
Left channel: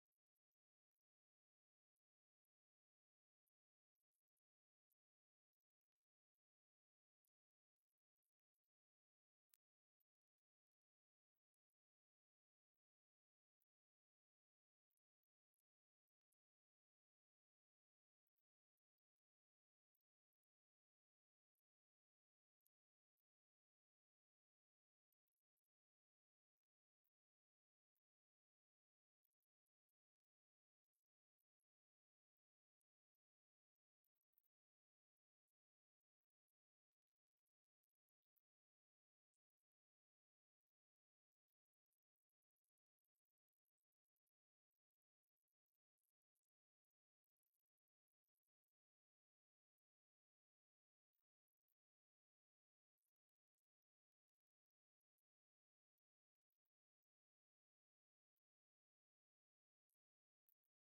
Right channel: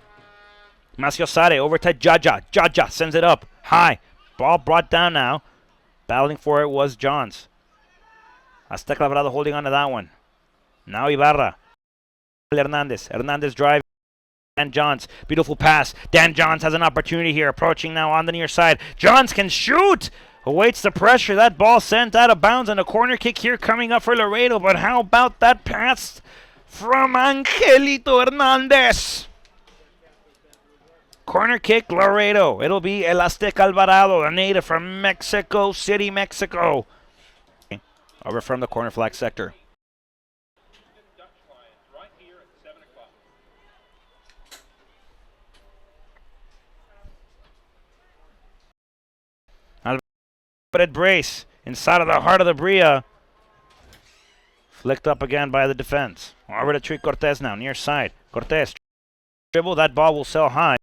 Macio Sare over to Jaja. Jaja sends it up. High. Ball brought down now. Battling for it was Johns. Azteca Alvarado holding on to that one. Now Ibarra. Hernandez. Hernandez drive. Dan Johns. Beautiful pass. Dan Johns has an opportunity here. Approaching now on the near side. Johns can shoot. Awaits the pressure. That ball sent out of bounds and a corner kick here coming up for Laredo. But how about that pass from Angelito Hernandez? Corner kick, Laredo. It'll be El Azteca Alvarado, a native from Mexico City, Mexico. Over from the corner flag sector. Brace inside of the heart of the Brilla. Flicked up again by the defense. Over to Tree Cortez now, near side. Cortez dribble. That ball will sail high.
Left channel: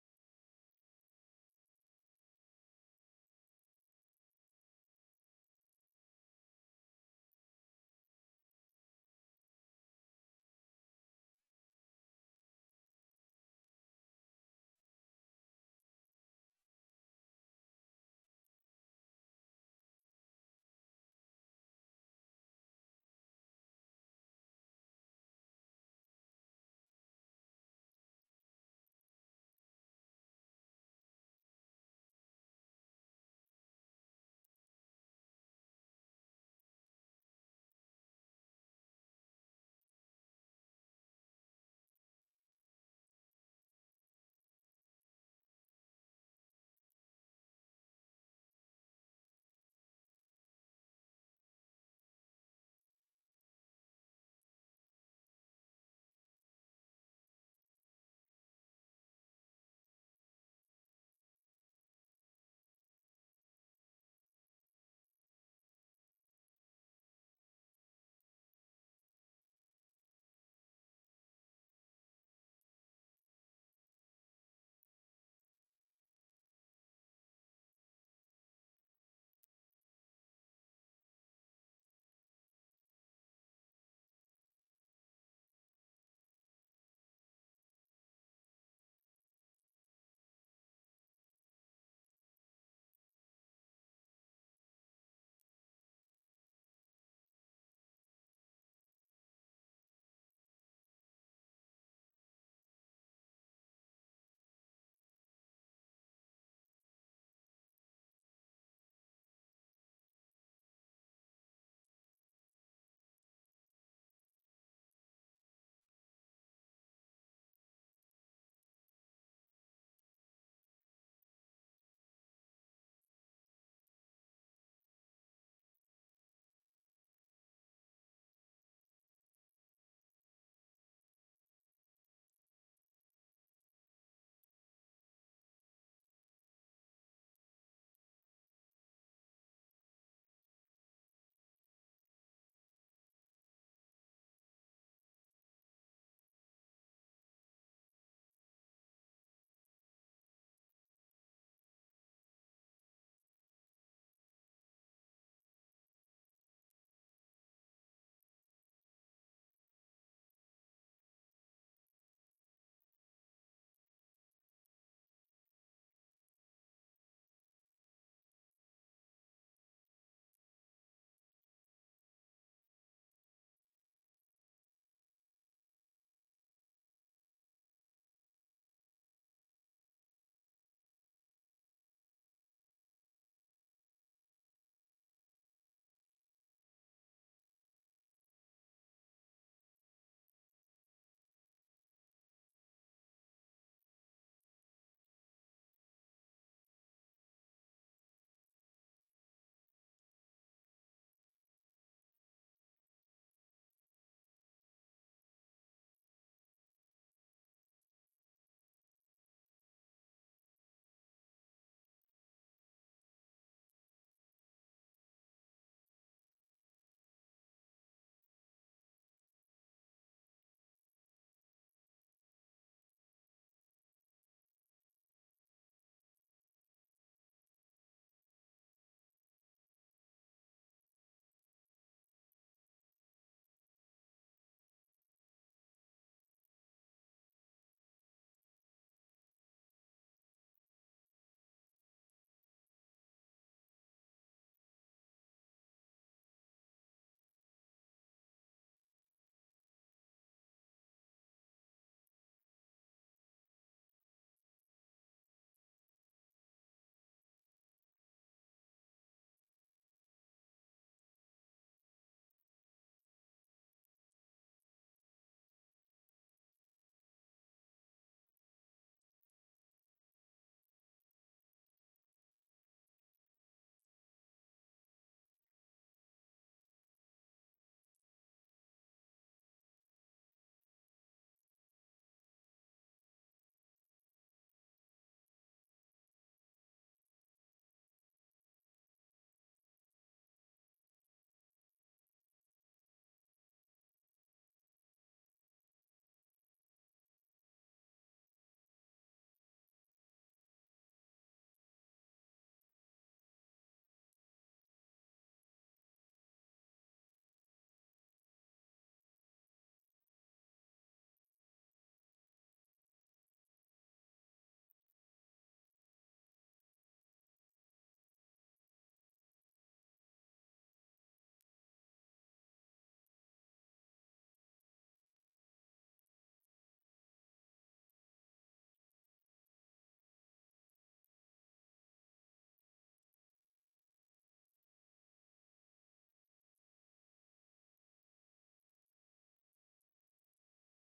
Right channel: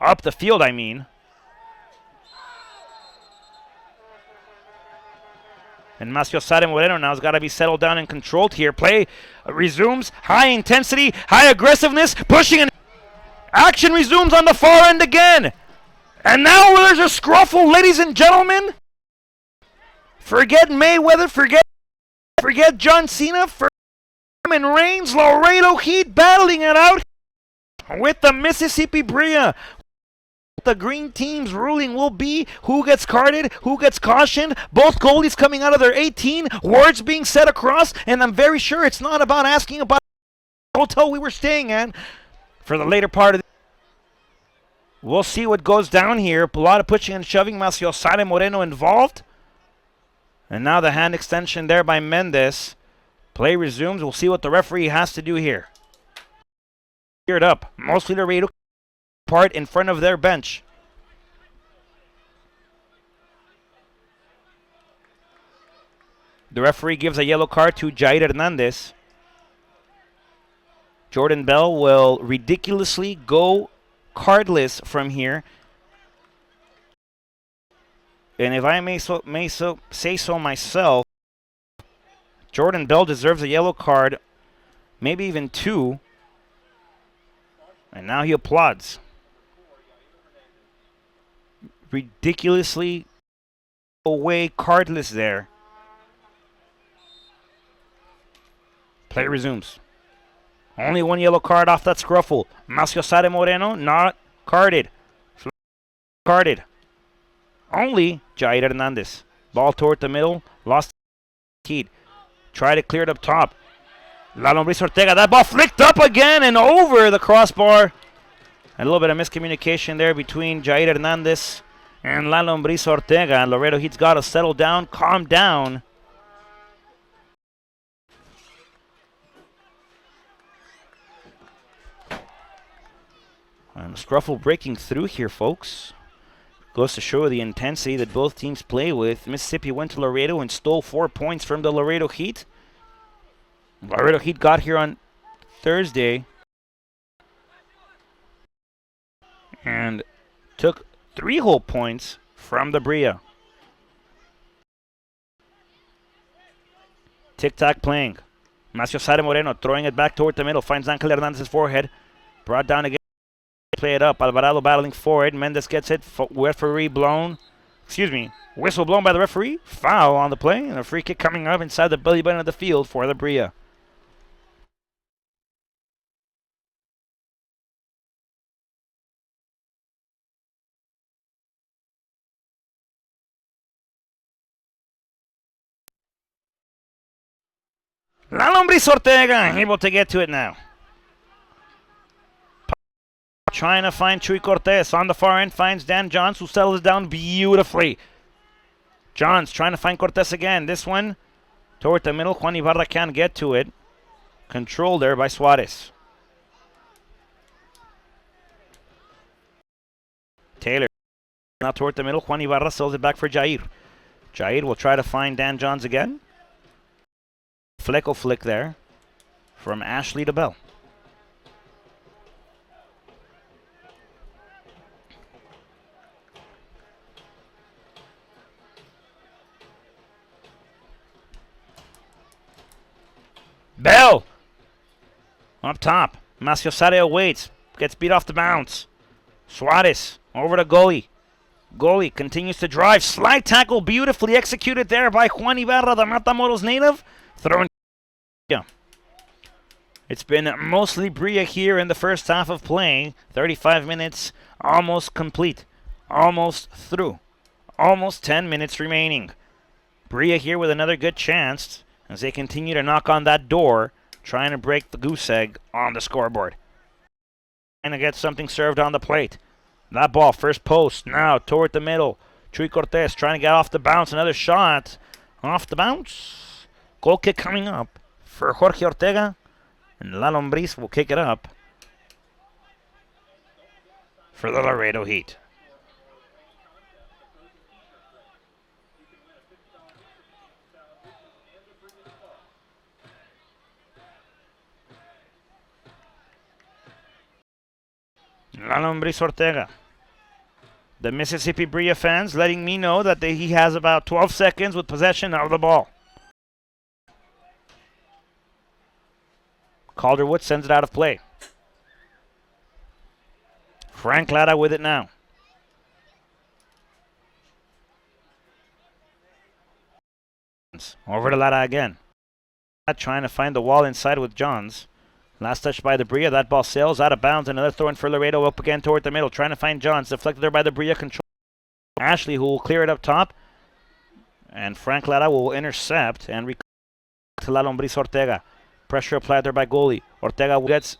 Up the field, I mean. And Macio Sare Moreno now has got to be settled down and controlled here. Play resumes. High intensity, high aggressiveness, pushing and action resumes on the far end again. And now there's a scruffle, ladies and gentlemen. Forget Mayweather, forget John Cena, for Roman Reigns. Laredo Heat battling it out with the Mississippi Brilla. the green team's ruling will be. Who gets carded? Who gets cautioned? Both goalies coming out of their 18. Words being said across, and I'm very sure it's not about asking about the hotel we were staying at for the later part of the. We'll see what goes down here. A lot of pushing and shoving. Maciosare Moreno involved. And now the hand extension there by Mendez. Play resumes. We'll see what the referee has to do here. Geared up. Mostly Laredo part in front of their bench. The referee gives a yellow card to Jair Hernandez. Jordan Bell will ridiculously go cardless from here. And if I may say so myself, Jordan Bell deserves a yellow card, maybe even 2. And now he applauds. Ridiculously away cardless there. Play resumes. Only 1 yellow card off that scruffle. Maciosare Moreno not carded. Carded. Only Jair Hernandez. Ball toward the middle. Lost the Try to clear it up top. La Lombriz Ortega. That ball flicked up again and over the crossbar. A little bit of miscommunication there between Jair Hernandez and La Lombriz Ortega. Laredo Heat's got to settle down, calm down. And Scruffle breaking through here, folks. Goes to show the intensity that both teams play with. Mississippi went to Laredo and stole 4 points from the Laredo Heat. Laredo Heat got here on Thursday and took 3 whole points from the Brilla. Tic-tac playing. Maciosare Moreno throwing it back toward the middle. Finds Angel Hernandez's forehead. Brought down again. Play it up. Alvarado battling forward. Mendez gets it. Referee blown. Excuse me. Whistle blown by the referee. Foul on the play. And a free kick coming up inside the belly button of the field for the Brilla. La Lombriz Ortega able to get to it now. Trying to find Chuy Cortez. On the far end finds Dan Johns, who settles down beautifully. Johns trying to find Cortez again. This one toward the middle. Juan Ibarra can't get to it. Controlled there by Suarez. Taylor now toward the middle. Juan Ibarra sells it back for Jair. Jair will try to find Dan Johns again. Fleco flick there from Ashley to Bell. Bell up top. Maciosare waits. Gets beat off the bounce. Suarez over to goalie. Goalie continues to drive. Slide tackle beautifully executed there by Juan Ibarra, the Matamoros native. Thrown. Yeah. It's been mostly Brilla here in the first half of play. 35 minutes almost complete. Almost through. Almost 10 minutes remaining. Brilla here with another good chance as they continue to knock on that door, trying to break the goose egg on the scoreboard. Trying to get something served on the plate. That ball, first post, now toward the middle. Chuy Cortez trying to get off the bounce. Another shot off the bounce. Goal kick coming up for Jorge Ortega. And La Lombriz will kick it up for the Laredo Heat. La Lombriz Ortega. The Mississippi Brilla fans letting me know that he has about 12 seconds with possession of the ball. Calderwood sends it out of play. Frank Lara with it now. Over to Lara again. Trying to find the wall inside with Johns. Last touch by the Brilla. That ball sails out of bounds. Another throw in for Laredo up again toward the middle. Trying to find Johns. Deflected there by the Brilla. Control. Ashley, who will clear it up top. And Frank Lara will intercept and to La Lombriz Ortega. Pressure applied there by goalie. Ortega gets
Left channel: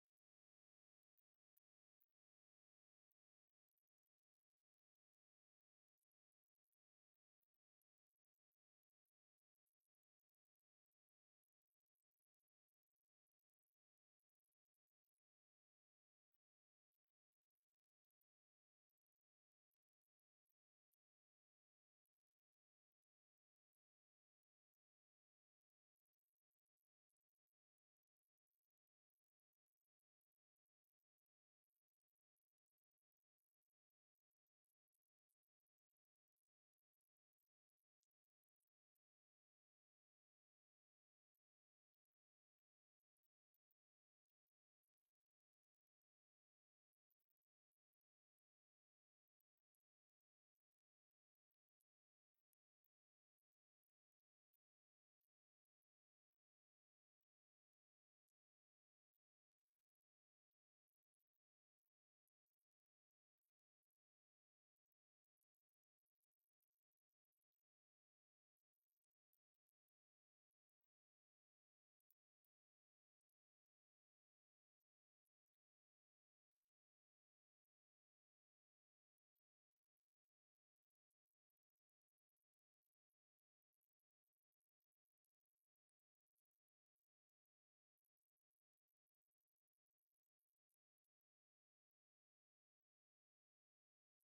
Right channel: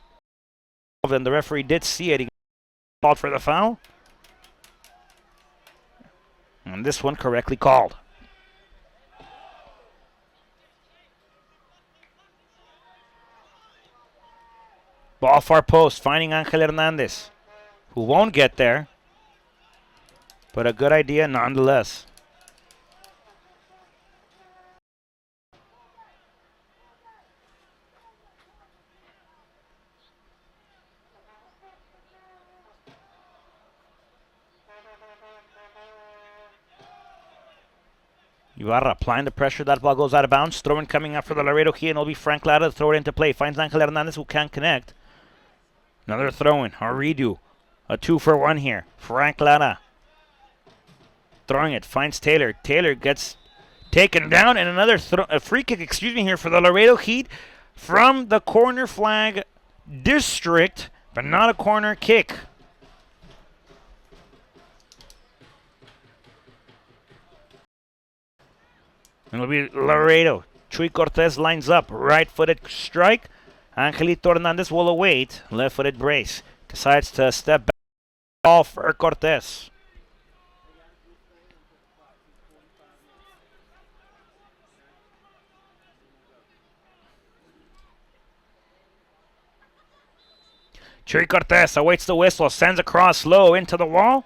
involved, and the referee did see it. He called for the foul. And this one correctly called. Ball far post, finding Angel Hernandez, who won't get there, but a good idea nonetheless. Ibarra applying the pressure. That ball goes out of bounds. Throw-in coming up for the Laredo Heat, and it'll be Frank Lara to throw it into play. Finds Angel Hernandez, who can't connect. Another throw-in, a redo. A 2-for-1 here. Frank Lara throwing it, finds Taylor. Taylor gets taken down, and another free kick, here for the Laredo Heat from the corner flag district, but not a corner kick. It'll be Laredo. Chuy Cortez lines up. Right-footed strike. Angelito Hernandez will await. Left-footed brace. Decides to step back. Ball for Cortez. Chuy Cortez awaits the whistle. Sends across low into the wall.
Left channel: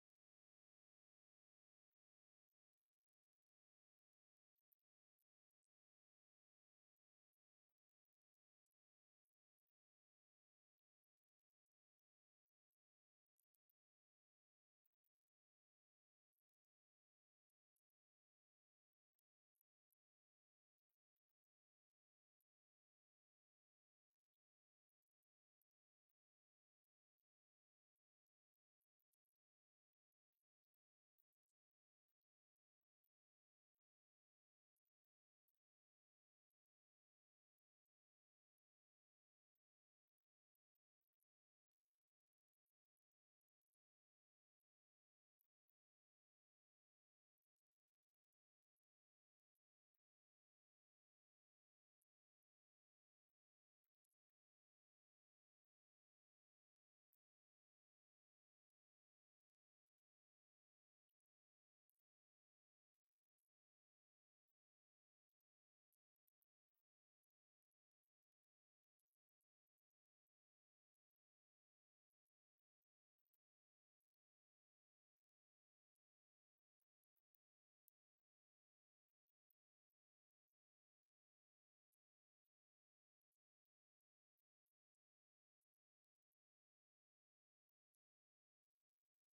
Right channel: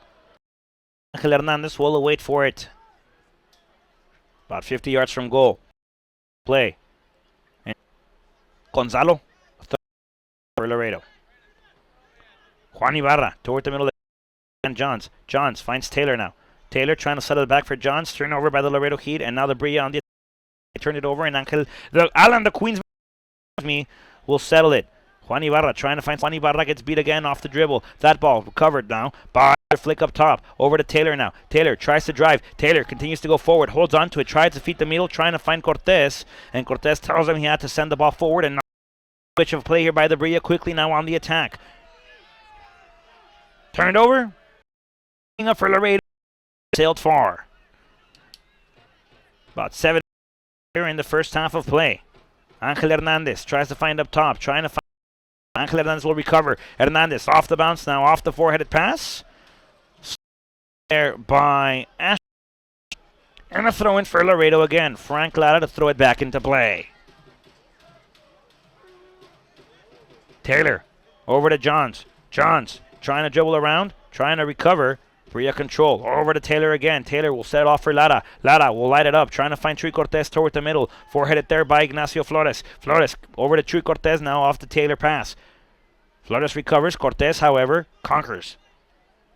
Angel Hernandez will await for it. About 50 yards from goal. Play. And Gonzalo for Laredo. Juan Ibarra toward the middle. And Johns. Johns finds Taylor now. Taylor trying to settle it back for Johns. Turned over by the Laredo Heat. And now the Brilla on the attack. Turned it over. And Alan, the Queens, will settle it. Juan Ibarra trying to find. Juan Ibarra gets beat again off the dribble. That ball recovered now by flick up top. Over to Taylor now. Taylor tries to drive. Taylor continues to go forward. Holds on to it. Tries to feed the middle. Trying to find Cortez. And Cortez tells him he had to send the ball forward. And switch of play here by the Brilla. Quickly now on the attack. Turned over. Up for Laredo. Sailed far. About 7 here in the first half of play. Angel Hernandez tries to find up top. Trying to find. Angel Hernandez will recover. Hernandez off the bounce now. Off the four-headed pass. There by Ash. And a throw in for Laredo again. Frank Lara to throw it back into play. Taylor over to Johns. Johns trying to dribble around. Trying to recover. Brilla control. Over to Taylor again. Taylor will set it off for Lara. Lara will light it up. Trying to find Chuy Cortez toward the middle. Four-headed there by Ignacio Flores. Flores over to Chuy Cortez now off the Taylor pass. Flores recovers. Cortez, however, conquers.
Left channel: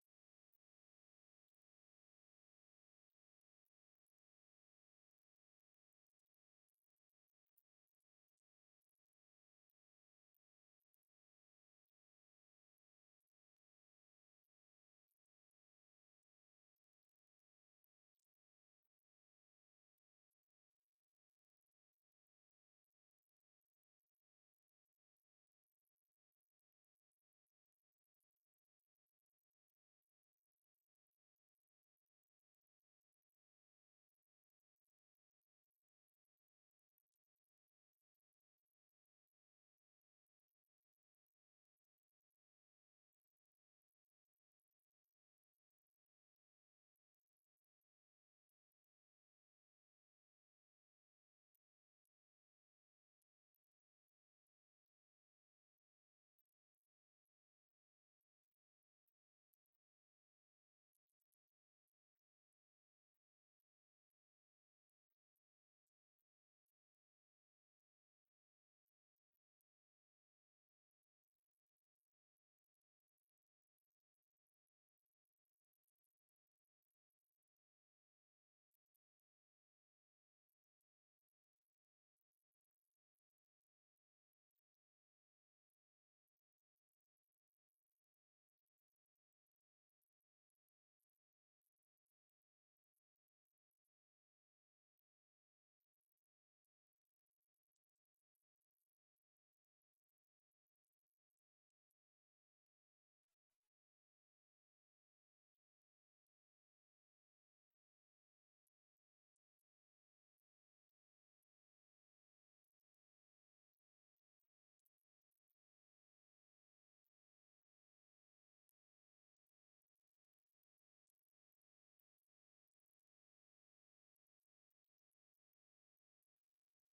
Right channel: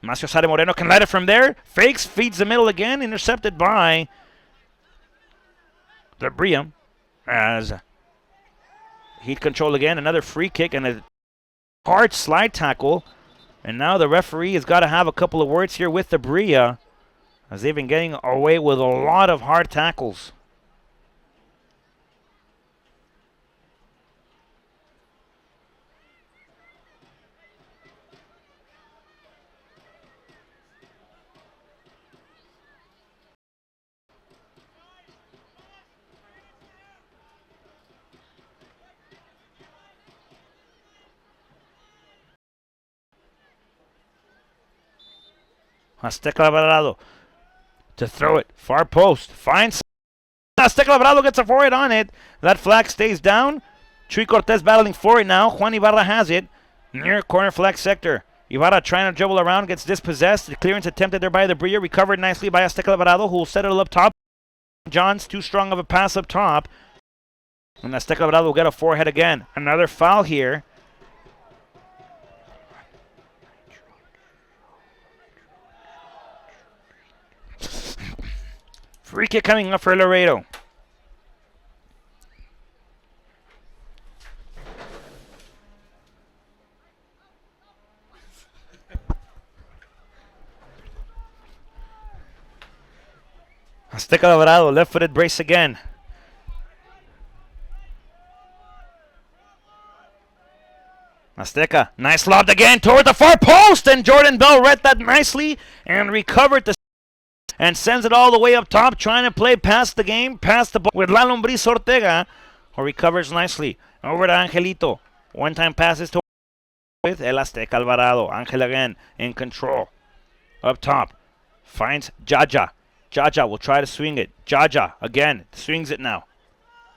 Ignacio Sade Moreno can light it from there. Fakes, feeds the middle again. Intercepted by the Brilla. As Heat control again. Another free kick and a hard slide tackle. And now the referee has got to have a couple of words here with the Brilla, as they've been getting away with a lot of hard tackles. Azteca Alvarado to throw it. Far post. Finds Azteca Alvarado, gets a forward on it. That flag stays down. Chuy Cortez battling for it now. Juan Ibarra has it. Near corner flag sector. Ibarra trying to dribble around. Gets dispossessed. The clearance attempted there by the Brilla. Recovered nicely by Azteca Alvarado, who will set it up top. John's too strong of a pass up top. And Azteca Alvarado will get a forehead again. Another foul here. Free kick coming up for Laredo. Azteca Alvarado, left-footed brace again. Azteca, nice lob again toward the far post, and Jordan Bell read that nicely and recovered the and sends it all the way up top, trying to play past the game, past the ball with La Lombriz Ortega, who recovers nicely. Over to Angelito. One-time passes to with El Azteca Alvarado. Angel again in control. Up top. Finds Jaja. Jaja will try to swing it. Jaja again swings it now.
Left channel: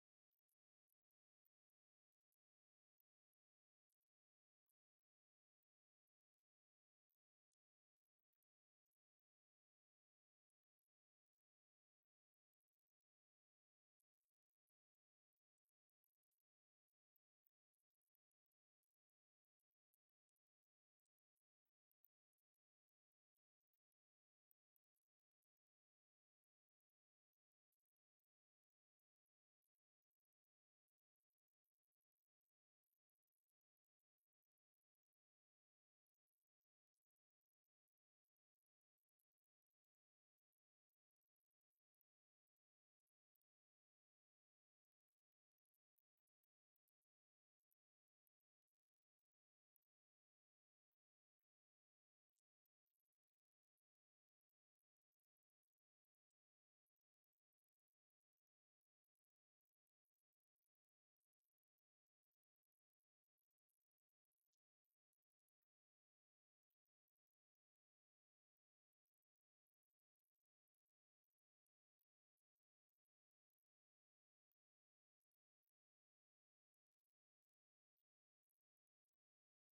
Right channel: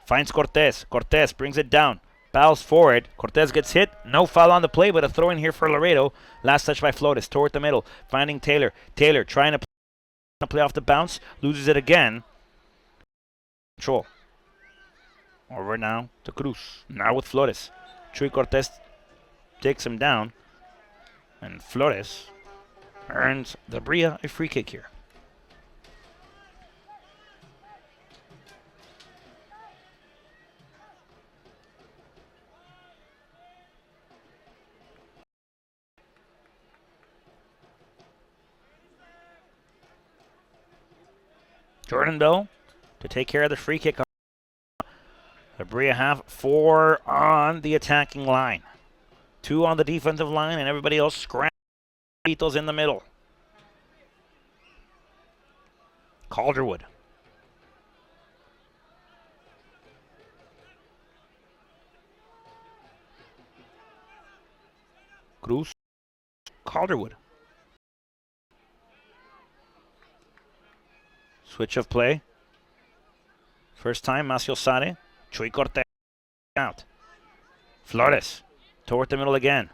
Finds Cortez. Cortez brings it down. Bows forward. Cortez gets hit. No foul on the play, but a throw in here for Laredo. Last touch by Flores. Toward the middle. Finding Taylor. Taylor trying to play off the bounce. Loses it again. Control. Over now to Cruz. Now with Flores. Chuy Cortez takes him down. And Flores earns the Brilla a free kick here. Jordan Bell to take care of the free kick. The Brilla have 4 on the attacking line. 2 on the defensive line, and everybody else scrambles in the middle. Calderwood. Cruz. Calderwood. Switch of play. First time, Maciosare. Chuy Cortez out. Flores. Toward the middle again.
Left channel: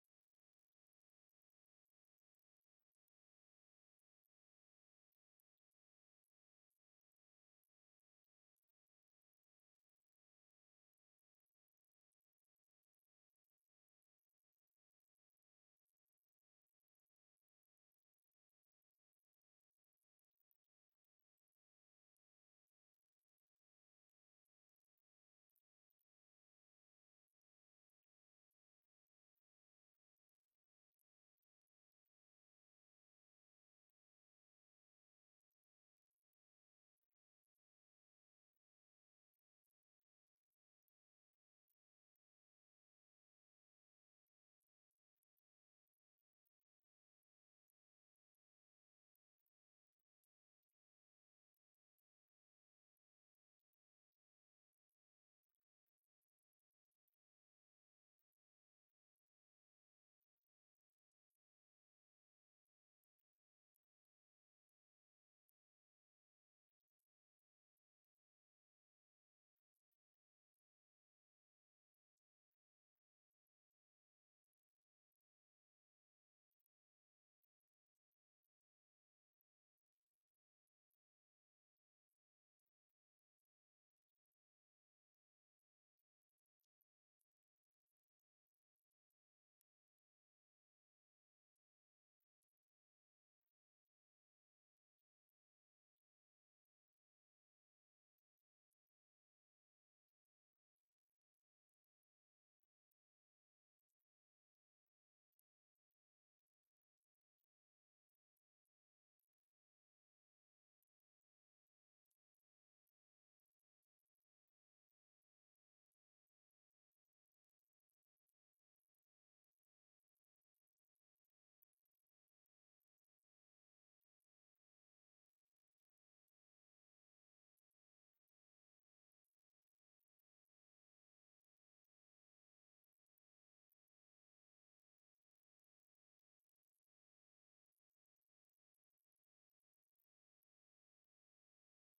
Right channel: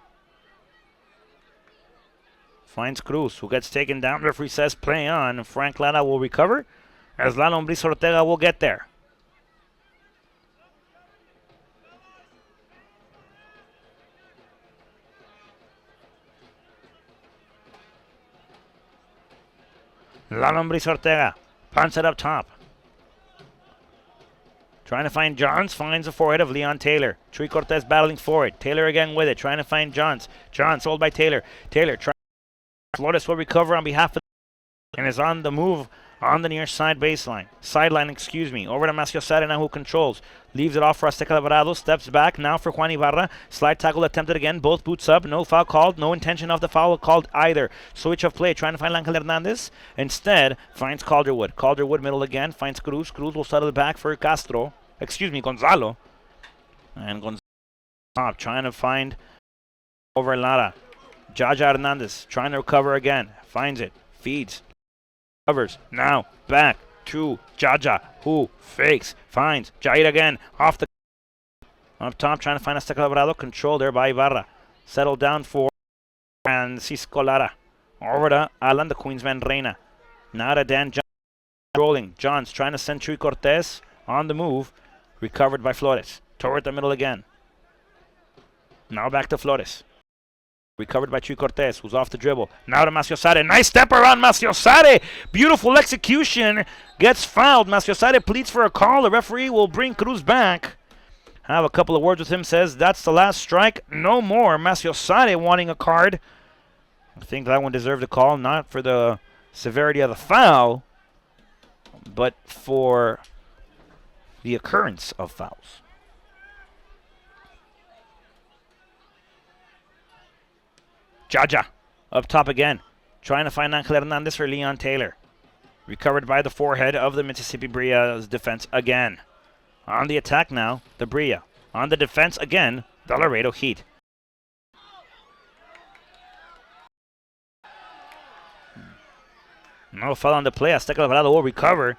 Finds Cruz, who gets taken down. Referee says play on. Frank Lara will recover, as La Lombriz Ortega will get there. La Lombriz Ortega punts it up top. Trying to find Johns, finds the forehead of Leon Taylor. Chuy Cortez battling forward. Taylor again with it, trying to find Johns. Johns sold by Taylor. Taylor trying. Flores will recover on behalf of and is on the move on the near side baseline. Sideline, excuse me. Over to Maciosare now, who controls. Leaves it off for Azteca Alvarado. Steps back now for Juan Ibarra. Slide tackle attempted again. Both boots up. No foul called. No intention of the foul called either. Switch of play. Trying to find Ángel Hernandez. Instead, finds Calderwood. Calderwood middle again. Finds Cruz. Cruz will settle it back for Castro. Excuse me, Gonzalo. And Gonzalo top trying to find over Lara. Jaja Hernandez trying to recover again. Finds it. Feeds. Covers. Now back to Jaja, who fakes. Finds Jair again. Off the up top trying to find Azteca Alvarado. Control there by Ibarra. Settled down for Francisco Lara. Over to Alan, the Queensman Reina. Now to Dan Johns. Rolling. Johns trying to send Chuy Cortez on the move. Recovered by Flores. Toward the middle again. Now back to Flores. Recovered by Chuy Cortez, who's off the dribble. Now to Maciosare. Nice step around Maciosare. Beautiful execution. Gets fouled. Maciosare pleads for a call. The referee will bring Cruz back. Have a couple of words with him. Says that's the last strike. No more. Maciosare wanting a card. I think that one deserved a call. Not for the severity of the foul, but for the occurrence of fouls. Jaja up top again, trying to find Ángel Hernandez for Leon Taylor. Recovered by the forehead of the Mississippi Brilla's defense again. On the attack now, the Brilla. On the defense again, the Laredo Heat. No foul on the play. Azteca Alvarado will recover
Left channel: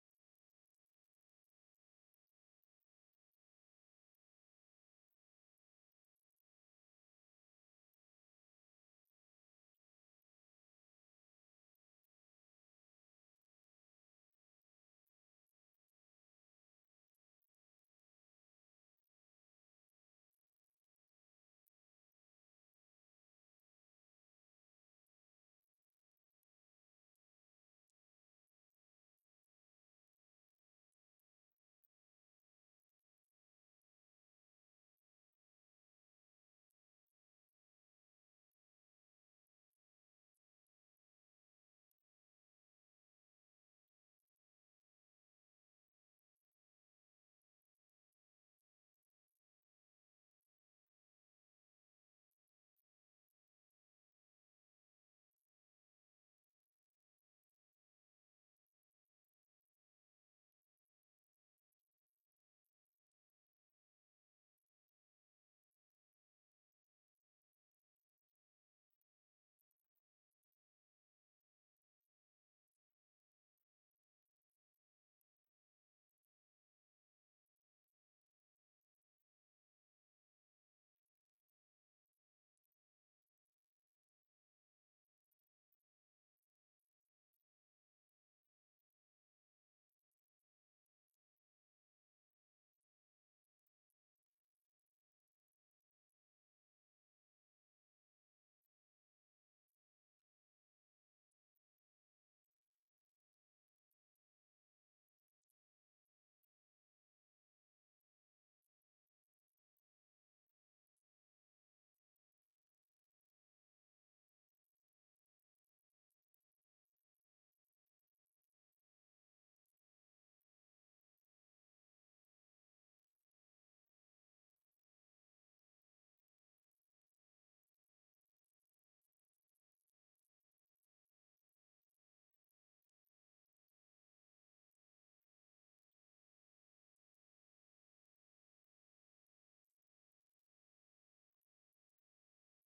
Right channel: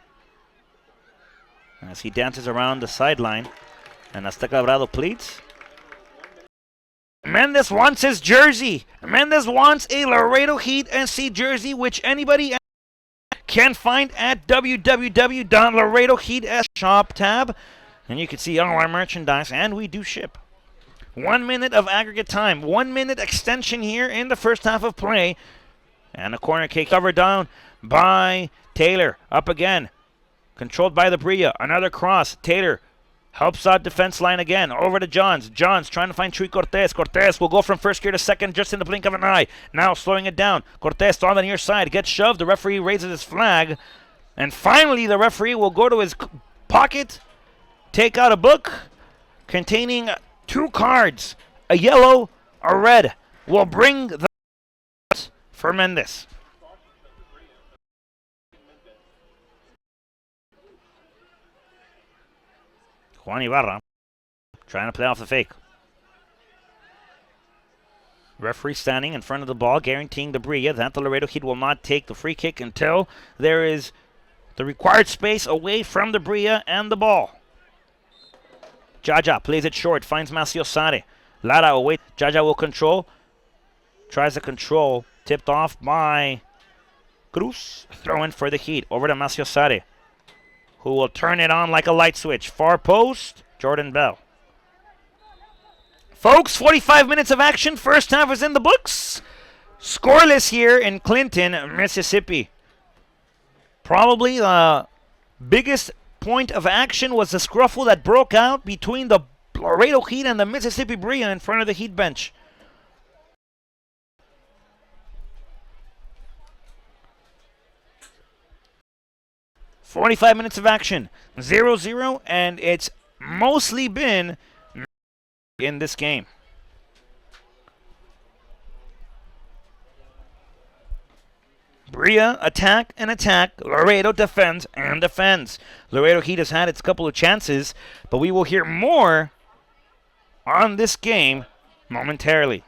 as he dances around the sideline. And Azteca Alvarado pleads. Mendez wants his jersey. Mendez wants a Laredo Heat SC jersey, which anybody can find at www.laredoheat.shop tab. And you can see all our merchandise, and we do ship. 1 minute of aggregate time. 1 minute extension here in the first half of play. And a corner kick covered down by Taylor. Up again. Controlled by the Brilla. Another cross. Taylor helps out defense line again. Over to Johns. Johns trying to find Chuy Cortez. Cortez will go from first gear to second just in the blink of an eye. Now slowing it down. Cortez on the near side. Gets shoved. The referee raises his flag. And finally the referee will go to his pocket. Take out a book containing 2 cards. A yellow, a red will bring the for Mendez. Juan Ibarra trying to play off the fake. Referee standing in front of the ball, guaranteeing the Brilla that the Laredo Heat will not take the free kick until there is the required space away from the Brilla and the ball. Jaja plays it short, finds Maciosare. Lara away. Jaja will control. Tries to control. Tipped off by Cruz. Throw in for the Heat. Over to Maciosare, who will turn it on like a light switch. Far post, Jordan Bell. Folks, 45 minutes of action. First half is in the books. Scoreless here in Clinton, Mississippi. Probably the biggest point of action was the scruffle that broke out between the Laredo Heat and the Mississippi Brilla in front of the Heat bench. "45 minutes of action, 0-0, and it's mostly been in this game. Brilla attack and attack. Laredo defends and defends. Laredo Heat has had its couple of chances, but we will hear more on this game momentarily.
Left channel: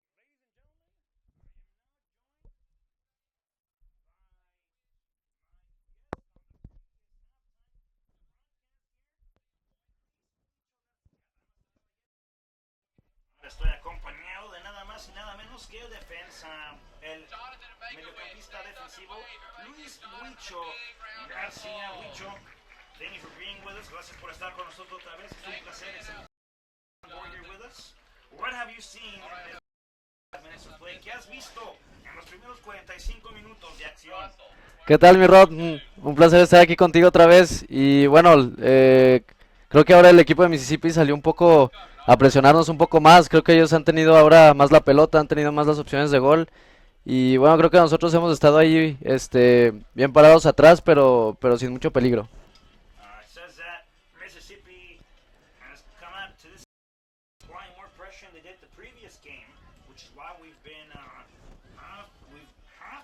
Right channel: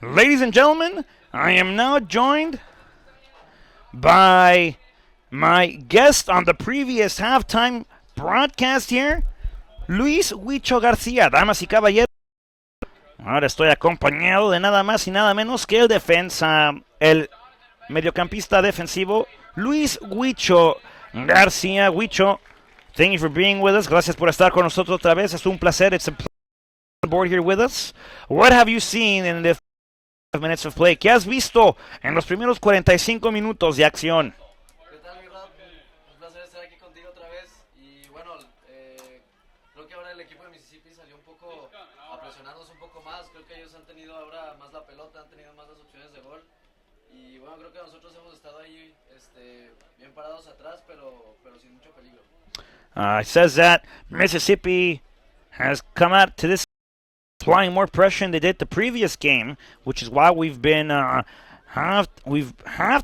Ladies and gentlemen, I am now joined by my guest on the previous halftime broadcast here, Luis Huicho García. Damas y caballeros, ahora estoy acompañado de nada más y nada menos que el defensa, el mediocampista defensivo, Luis Huicho García. Huicho, thank you for being with us. Gracias por estar con nosotros otra vez. Es un placer. It's a pleasure to be on board here with us. What have you seen in the minutes of play? ¿Qué has visto en los primeros 45 minutos de acción? ¿Qué tal, mi Rod? Un placer estar aquí contigo otra vez. Y bueno, creo que ahora el equipo de Mississippi salió un poco a presionarnos un poco más. Creo que ellos han tenido ahora más la pelota, han tenido más las opciones de gol. Y bueno, creo que nosotros hemos estado ahí bien parados atrás, pero sin mucho peligro. It says that Mississippi has come out to this applying more pressure than they did the previous game, which is why we've been have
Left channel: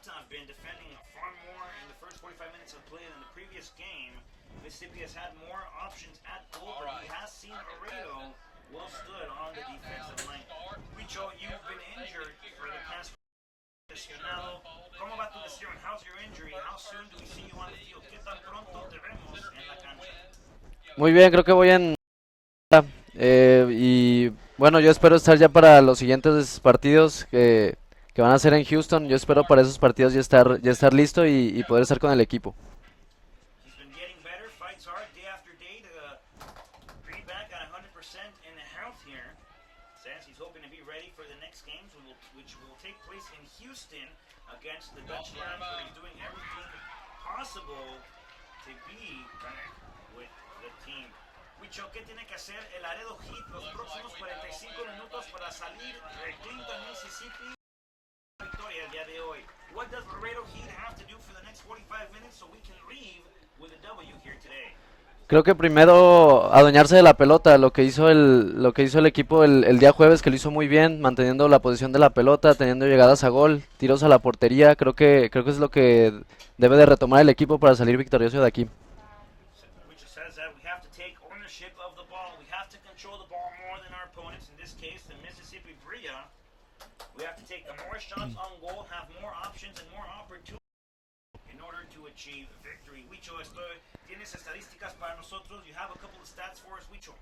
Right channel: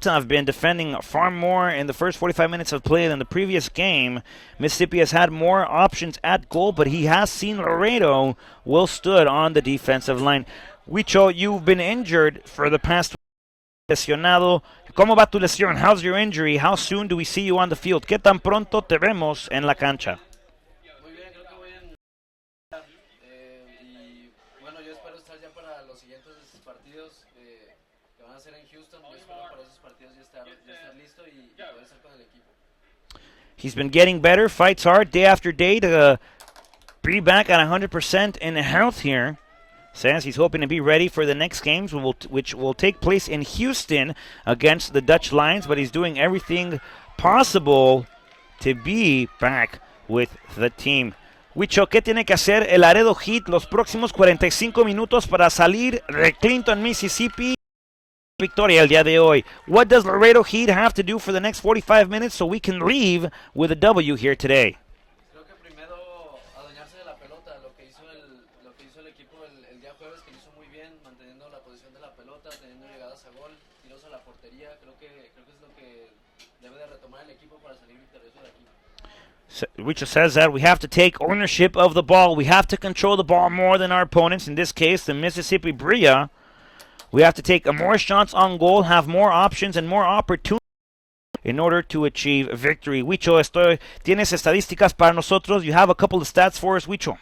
to have been defending far more in the first 45 minutes of play than the previous game. Mississippi has had more options at goal, but he has seen Laredo well stood on the defensive line. Huicho, you've been injured for the past lesionado. ¿Cómo va tu lesión? How's your injury? How soon do we see you on the field? ¿Qué tan pronto te vemos en la cancha? Muy bien, creo que voy en... y bueno, yo espero estar ya para los siguientes partidos que van a ser en Houston. Yo espero para esos partidos ya estar listo y poder estar con el equipo. He's been getting better, fights hard day after day to be back at 100% in health here. Says he's hoping to be ready for the next games, which will take place in Houston against the Dutch Lions, but he's doing everything possible to be back with the team. Huicho, ¿qué tiene que hacer el Laredo Heat los próximos 45 minutos para salir de Clinton, Mississippi? Victoria el día de hoy. What does Laredo Heat have to do for the next 45 minutes so we can leave with a W here today? Creo que primero adueñarse de la pelota, lo que hizo el equipo el día jueves, que lo hizo muy bien, manteniendo la posición de la pelota, teniendo llegadas a gol, tiros a la portería. Creo que es lo que debe de retomar el equipo para salir victorioso de aquí. Huicho says that we have to take ownership of the ball. We have to control the ball more than our opponents. In this case, the Mississippi Brilla. We have to take more shots on goal, have more options and more opportunities in order to achieve victory. Huicho, tienes estadísticas para nosotros. You have a couple of stats for us, Huicho.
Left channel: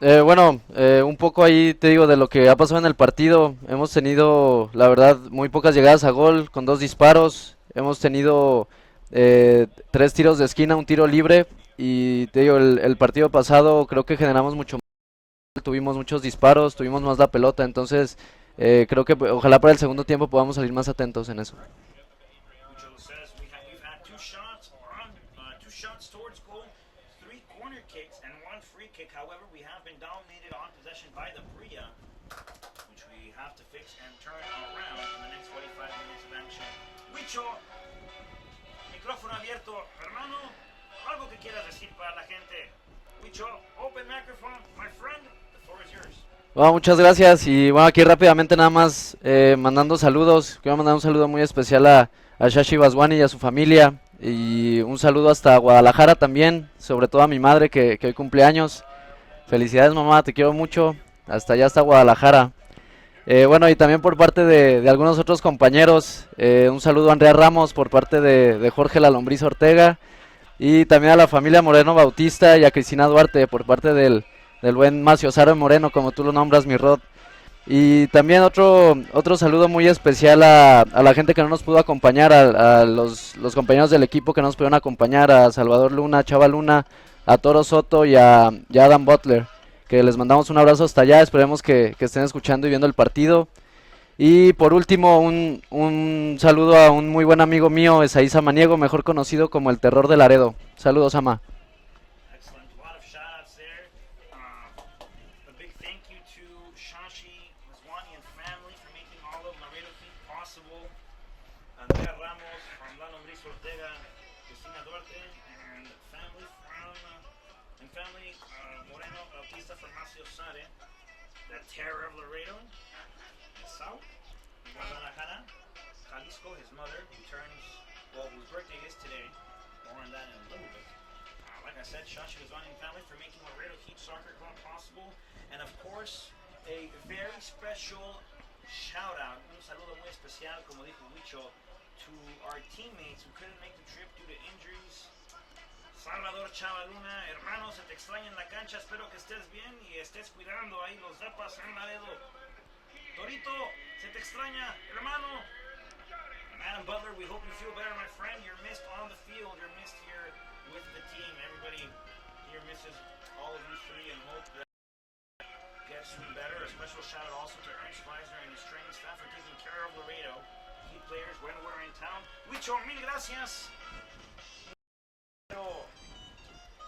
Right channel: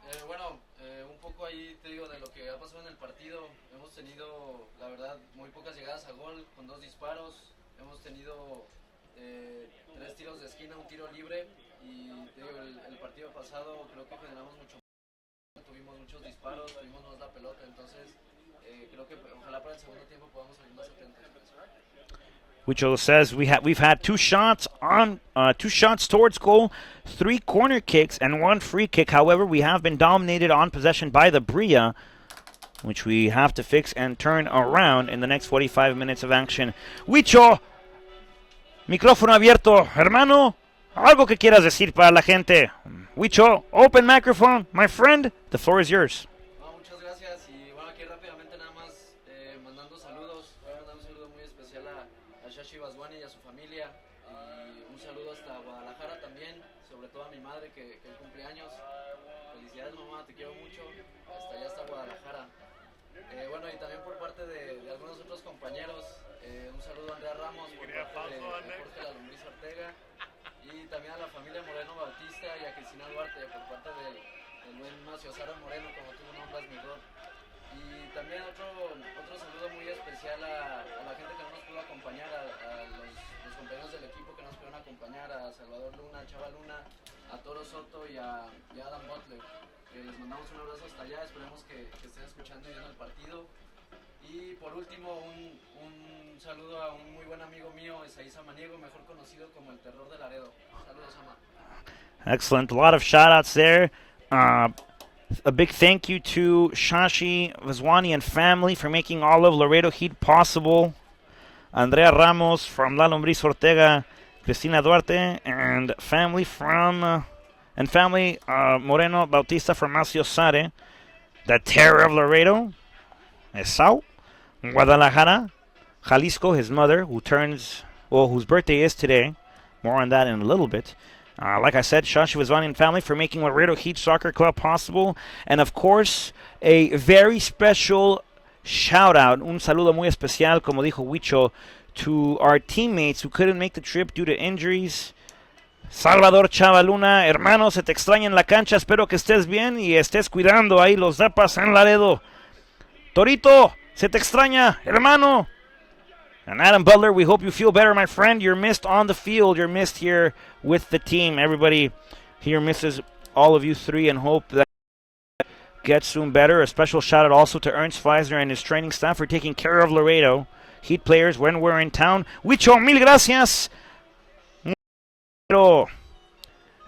Bueno, un poco ahí te digo de lo que ha pasado en el partido. Hemos tenido, la verdad, muy pocas llegadas a gol con 2 disparos. Hemos tenido 3 tiros de esquina, un tiro libre. Y te digo, el partido pasado creo que generamos mucho más, tuvimos muchos disparos, tuvimos más la pelota. Entonces, creo que ojalá para el segundo tiempo podamos salir más atentos en eso. Huicho says we've had 2 shots towards goal, 3 corner kicks, and 1 free kick. However, we have been dominated on possession by the Brilla, which we have to fix and turn around in the next 45 minutes of action. Huicho, micrófono abierto, hermano. Algo que quieras decir para la gente. Huicho, open microphone, my friend. The floor is yours. Bueno, muchas gracias y bueno, aquí rápidamente nada más mandando saludos. Quiero mandar un saludo muy especial a Shashi Baswani y a su familia y un saludo hasta Guadalajara también, sobre todo a mi madre que hoy cumple años. Felicidades mamá, te quiero mucho, hasta allá hasta Guadalajara. Bueno, y también por parte de algunos otros compañeros, un saludo a Andrea Ramos por parte de Jorge La Lombriz Ortega y también a la familia Moreno Bautista y a Cristina Duarte por parte del buen Macio Saro Moreno, como tú lo nombras, mi Rod. Y también otro saludo muy especial a la gente que no nos pudo acompañar, a los compañeros del equipo que no nos pudieron acompañar, a Salvador Luna, Chava Luna, a Toro Soto y a Adam Butler, que les mandamos un abrazo hasta allá, esperemos que estén escuchando y viendo el partido. Y por último, un saludo a un muy buen amigo mío, Esaí Samaniego, mejor conocido como el Terror de Laredo. Saludos, Ama. Excellent. A lot of shout outs there. A big thank you to Shashi Vazwani and family for making all of Laredo Heat possible. Andrea Ramos from La Lombriz Ortega, Cristina Duarte, and family Moreno Bautista from Macio Sare. The terror of Laredo, Esau, Guadalajara, Jalisco, his mother, whose birthday is today. More on that in a little bit. Like I said, Shashi Vazwani and family for making Laredo Heat Soccer Club possible. And of course, a very special shout out, un saludo muy especial, como dijo Huicho, to our teammates who couldn't make the trip due to injuries. Salvador Chavaluna, hermano, se te extraña en la cancha, espero que estés bien y estés cuidando ahí los dapas en Laredo. Torito, se te extraña, hermano. And Adam Butler, we hope you feel better, my friend. You're missed on the field. You're missed here with the team. Everybody here misses all of you 3 and hope that gets soon better. A special shout out also to Ernst Feisner and his training staff for taking care of Laredo Heat players when we're in town. Huicho, mil gracias.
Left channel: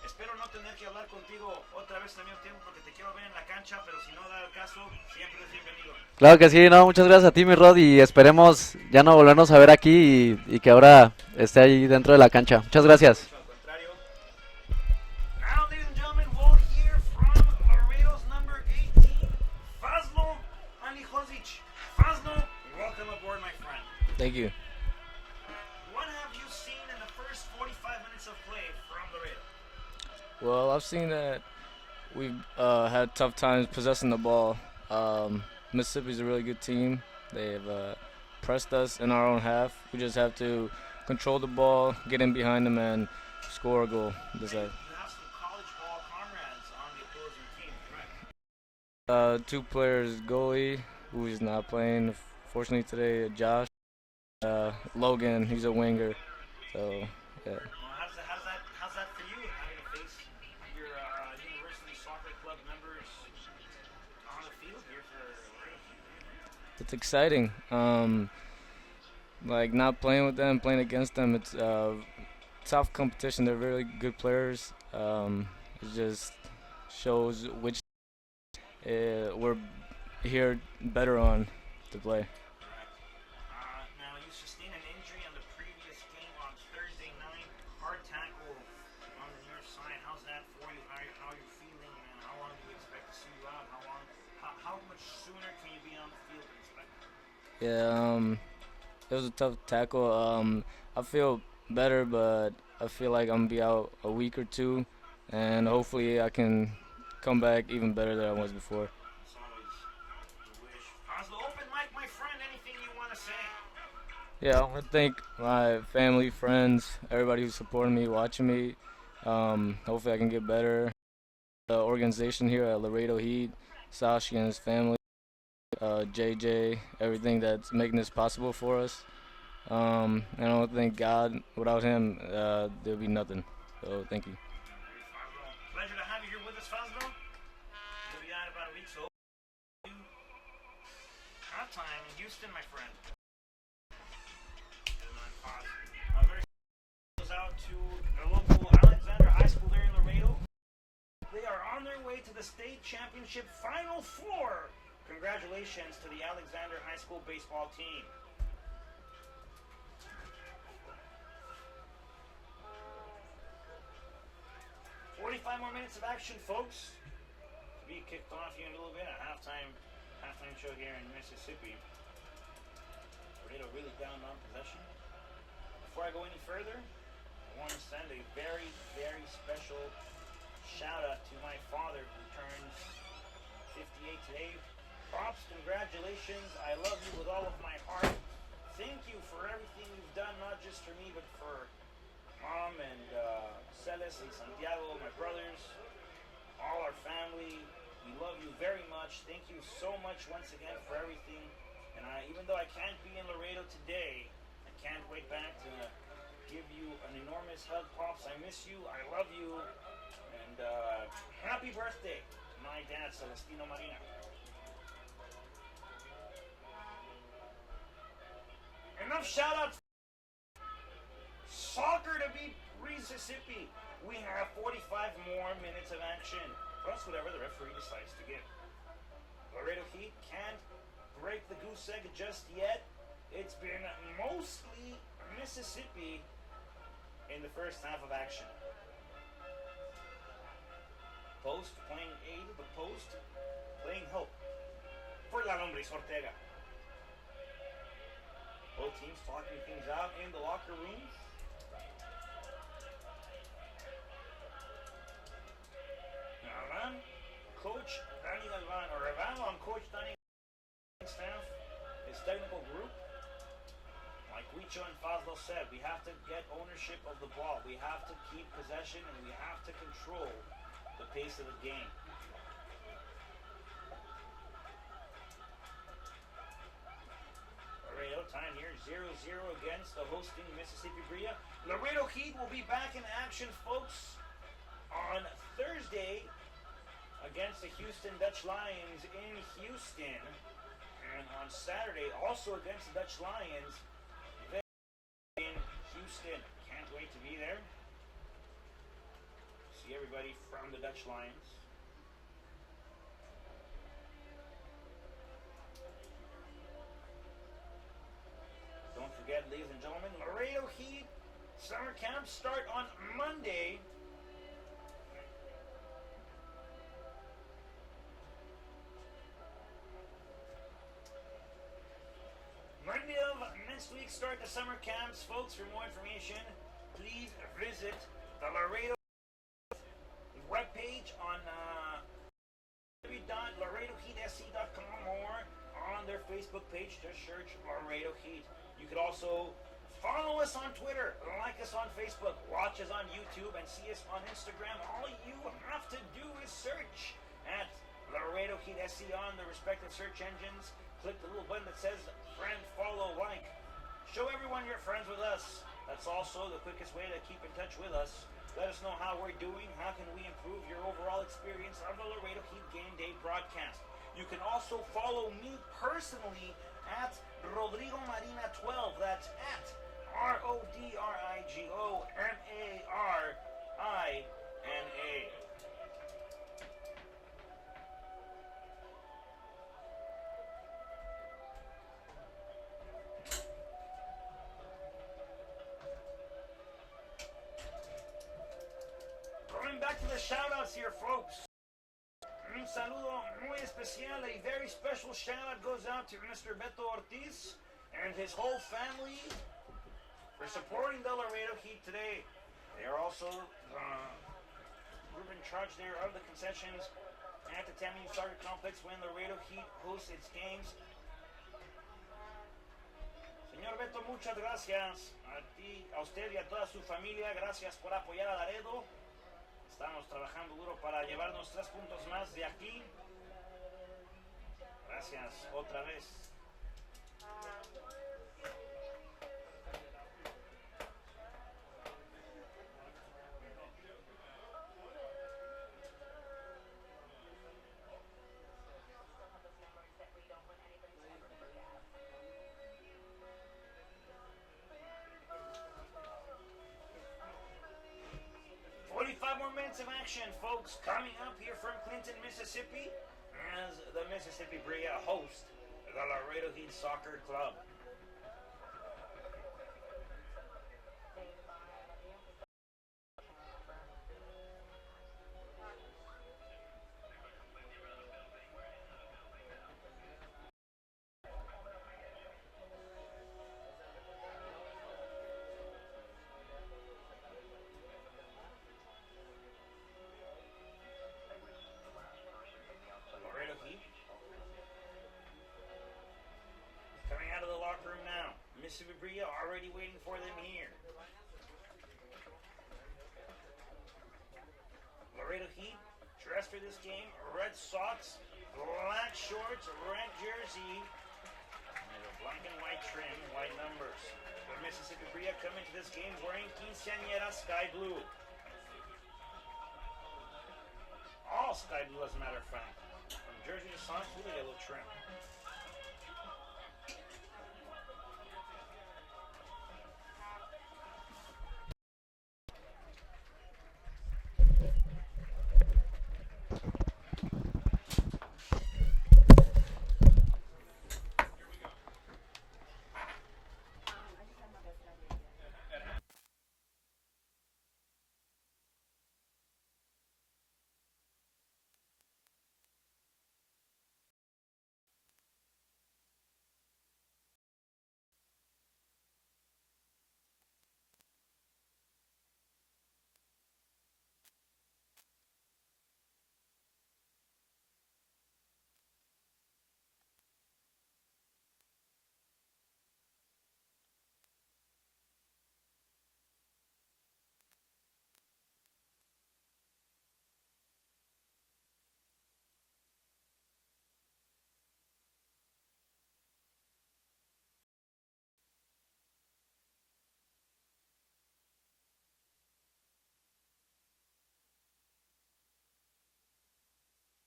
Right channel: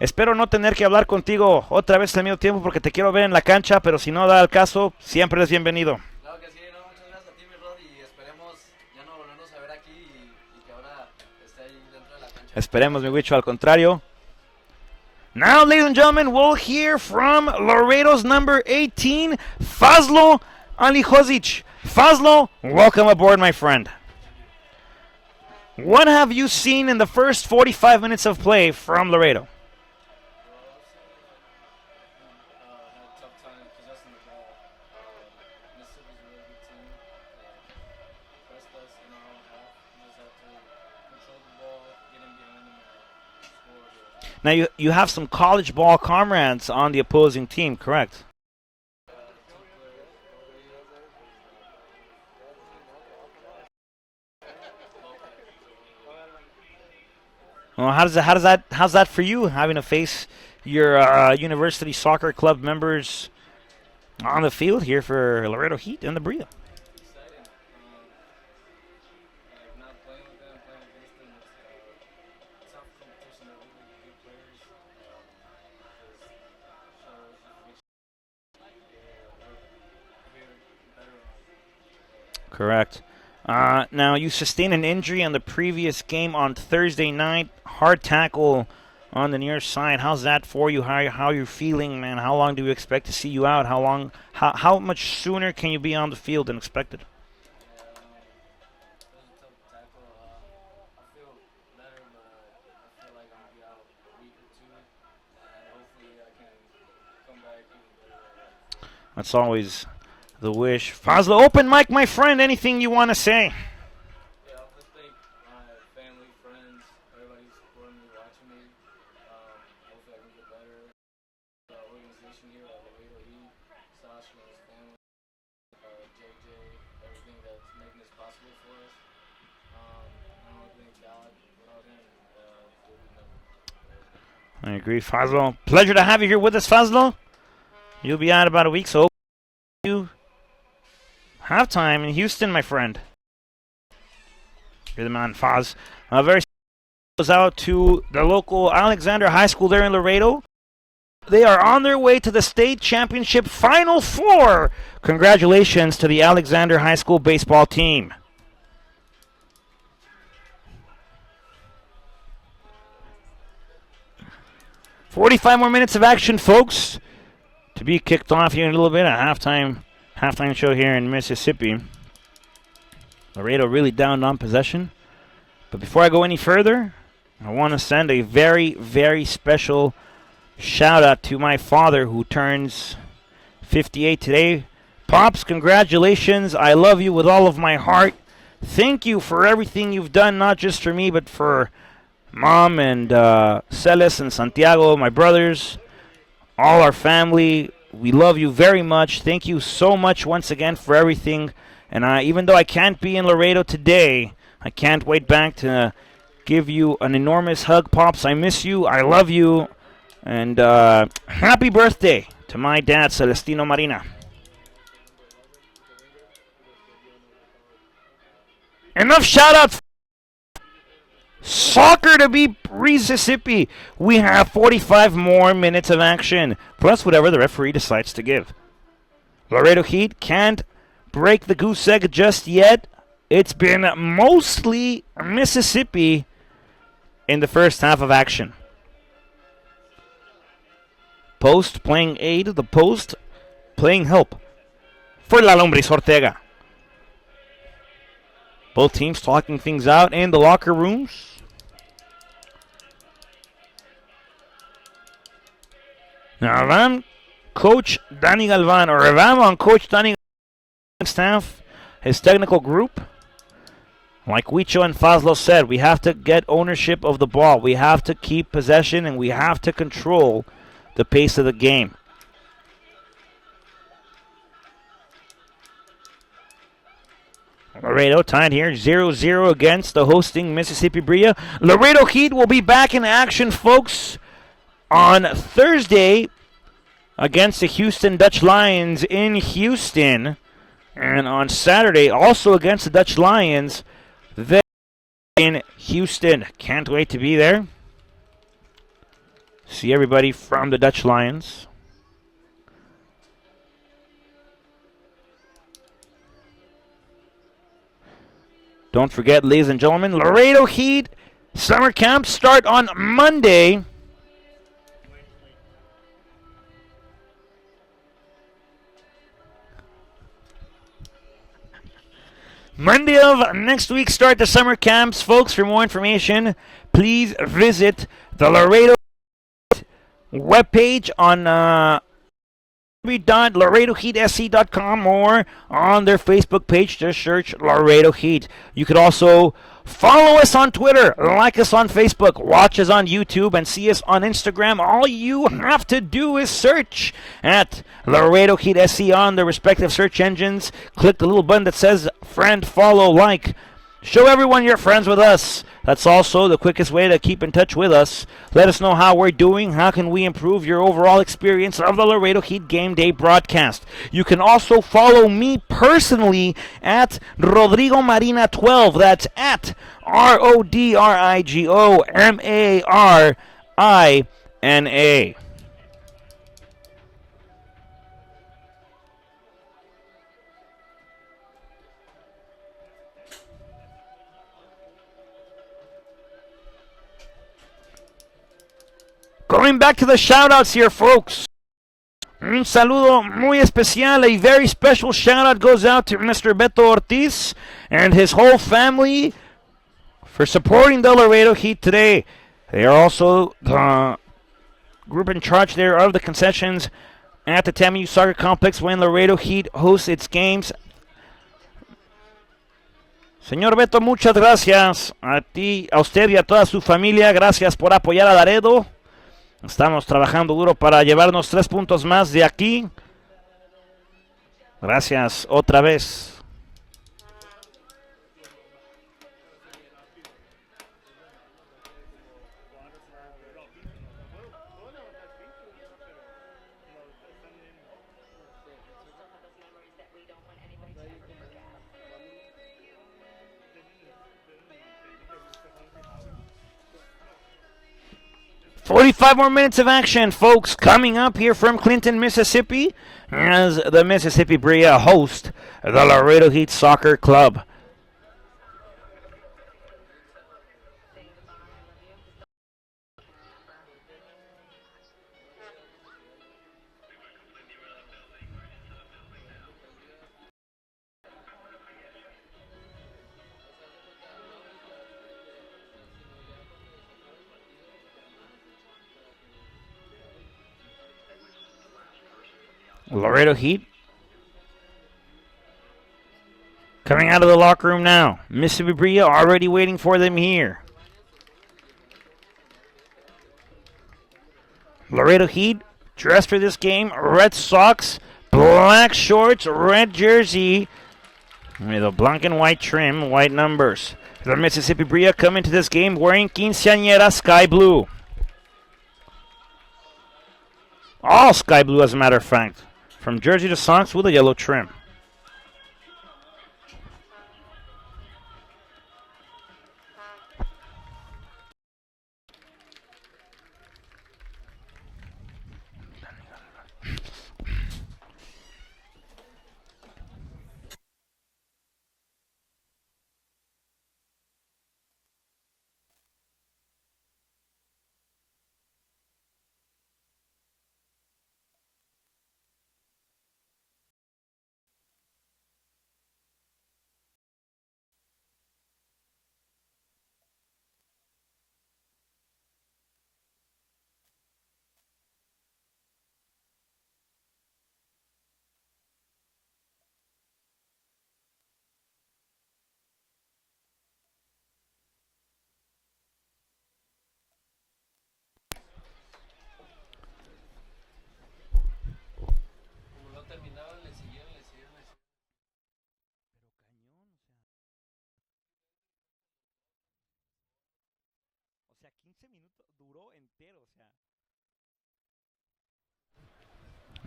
Espero no tener que hablar contigo otra vez al mismo tiempo porque te quiero ver en la cancha, pero si no da el caso, siempre es bienvenido. Claro que sí, no, muchas gracias a ti, mi Rod, y esperemos ya no volvernos a ver aquí y que ahora esté ahí dentro de la cancha. Esperemos, muchas gracias. Huicho, al contrario. Now, ladies and gentlemen, we'll hear from Laredo's number 18, Fazlo Alihozic. Fazlo, welcome aboard, my friend. Thank you. What have you seen in the first 45 minutes of play from Laredo? Well, I've seen that we've had tough times possessing the ball. Mississippi's a really good team. They've pressed us in our own half. We just have to control the ball, get in behind them, and score a goal. Now, you have some college ball comrades on the opposing team, correct? 2 players, goalie, who is not playing, fortunately today, Josh. Logan, he's a winger. So, yeah. Well, how's that for you, having to face your university soccer club members on the field here for Laredo Heat and the Brilla? It's exciting. Like not playing with them, playing against them. It's tough competition. They're really good players. It just shows which we're here better on to play. Correct. Now, you sustained an injury on the previous game on Thursday night. Hard tackle on the near side. How's that for you? How are you feeling, man? How long do we expect to see you out? How much sooner can you be on the field than expected? Yeah, it was a tough tackle. I feel better, but I feel like I'm going to be out a week or 2, and hopefully I can come back even better than I was before. That's always the wish. Fazla, open mic, my friend. Anything you want to say? Yeah, I want to thank my family, friends, everybody who's supporting me, watching me. Hopefully, I can get better. The organization here at Laredo Heat, Sashi and his family, JJ, everything that's making this possible for us. And I want to thank God. Without him, there'd be nothing. So thank you. I agree, Fazlo. Pleasure to have you here with us, Fazlo. You'll be out about a week, so you have time in Houston, my friend. You're the man, Faz. Very goes out to the local Alexander High School there in Laredo. They are on their way to the state championship Final Four. Congratulations to the Alexander High School baseball team. "45 more minutes of action, folks, to be kicked off here in a little bit. A halftime show here in Mississippi. Laredo really down on possession. But before I go any further, I want to send a very, very special shout out to my father, who turns 58 today. Pops, congratulations. I love you with all of my heart. Thank you for everything you've done, not just for me, but for Mom and Celes and Santiago, my brothers, all our family. We love you very much. Thank you so much once again for everything. And even though I can't be in Laredo today, I can't wait back to give you an enormous hug, Pops. I miss you. I love you. And happy birthday to my dad, Celestino Marina. Enough shout-outs. Soccer to be Mississippi. We have 45 more minutes of action, plus whatever the referee decides to give. Laredo Heat can't break the goose egg just yet. It's been mostly Mississippi in the first half of action. Post playing aid, the post playing help for La Lombris Ortega. Both teams talking things out in the locker rooms. Now, if I'm Coach Danny Galvan, or if I'm on Coach Danny Galvan's staff, his technical group, like Huicho and Fazlo said, we have to get ownership of the ball. We have to keep possession, and we have to control the pace of the game. Laredo tied here 0-0 against the hosting Mississippi Brilla. Laredo Heat will be back in action, folks, on Thursday against the Houston Dutch Lions in Houston. And on Saturday, also against the Dutch Lions there in Houston. Can't wait to be there. See everybody from the Dutch Lions. Don't forget, ladies and gentlemen, Laredo Heat summer camps start on Monday. Monday of next week start the summer camps, folks. For more information, please visit the Laredo webpage on www.laredoheatsc.com or on their Facebook page. Just search Laredo Heat. You could also follow us on Twitter, like us on Facebook, watch us on YouTube, and see us on Instagram. All you have to do is search at Laredo Heat SC on the respective search engines. Click the little button that says friend, follow, like. Show everyone you're friends with us. That's also the quickest way to keep in touch with us. Let us know how we're doing. How can we improve your overall experience of the Laredo Heat Game Day broadcast? You can also follow me personally at Rodrigo Marina 12. That's at RODRIGOMARINA. Going back to the shout-outs here, folks. Un saludo muy especial. A very special shout-out goes out to Mr. Beto Ortiz and his whole family for supporting the Laredo Heat today. They are also the group in charge there of the concessions at the TAMU Soccer Complex when Laredo Heat hosts its games. Señor Beto, muchas gracias a ti, a usted y a toda su familia. Gracias por apoyar a Laredo. Estamos trabajando duro para llevarnos 3 puntos más de aquí. Gracias otra vez. "45 more minutes of action, folks, coming up here from Clinton, Mississippi, as the Mississippi Brilla host the Laredo Heat Soccer Club. Laredo Heat coming out of the locker room now. Mississippi Brilla already waiting for them here. Laredo Heat dressed for this game. Red socks, black shorts, red jersey with a black and white trim, white numbers. The Mississippi Brilla come into this game wearing quinceañera sky blue. All sky blue, as a matter of fact. From jersey to socks with a yellow trim.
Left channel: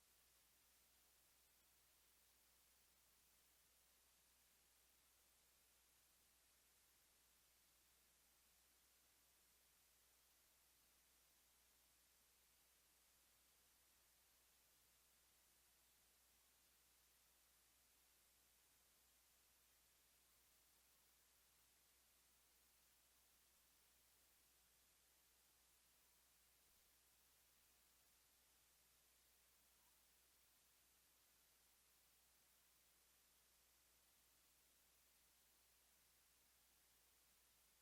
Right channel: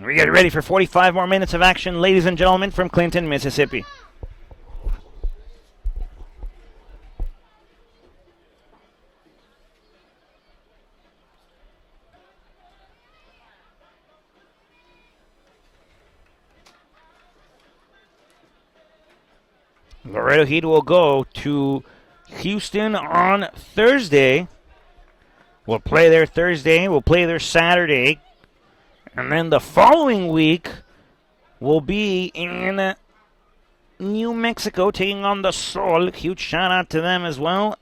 We get ready for 45 more minutes of action, ladies and gentlemen, from Clinton, Mississippi. Laredo Heat will go to Houston on Thursday. We'll play there Thursday. We'll play there Saturday. And then the following week will be in New Mexico taking on the Sol. Huge shout out to them as well.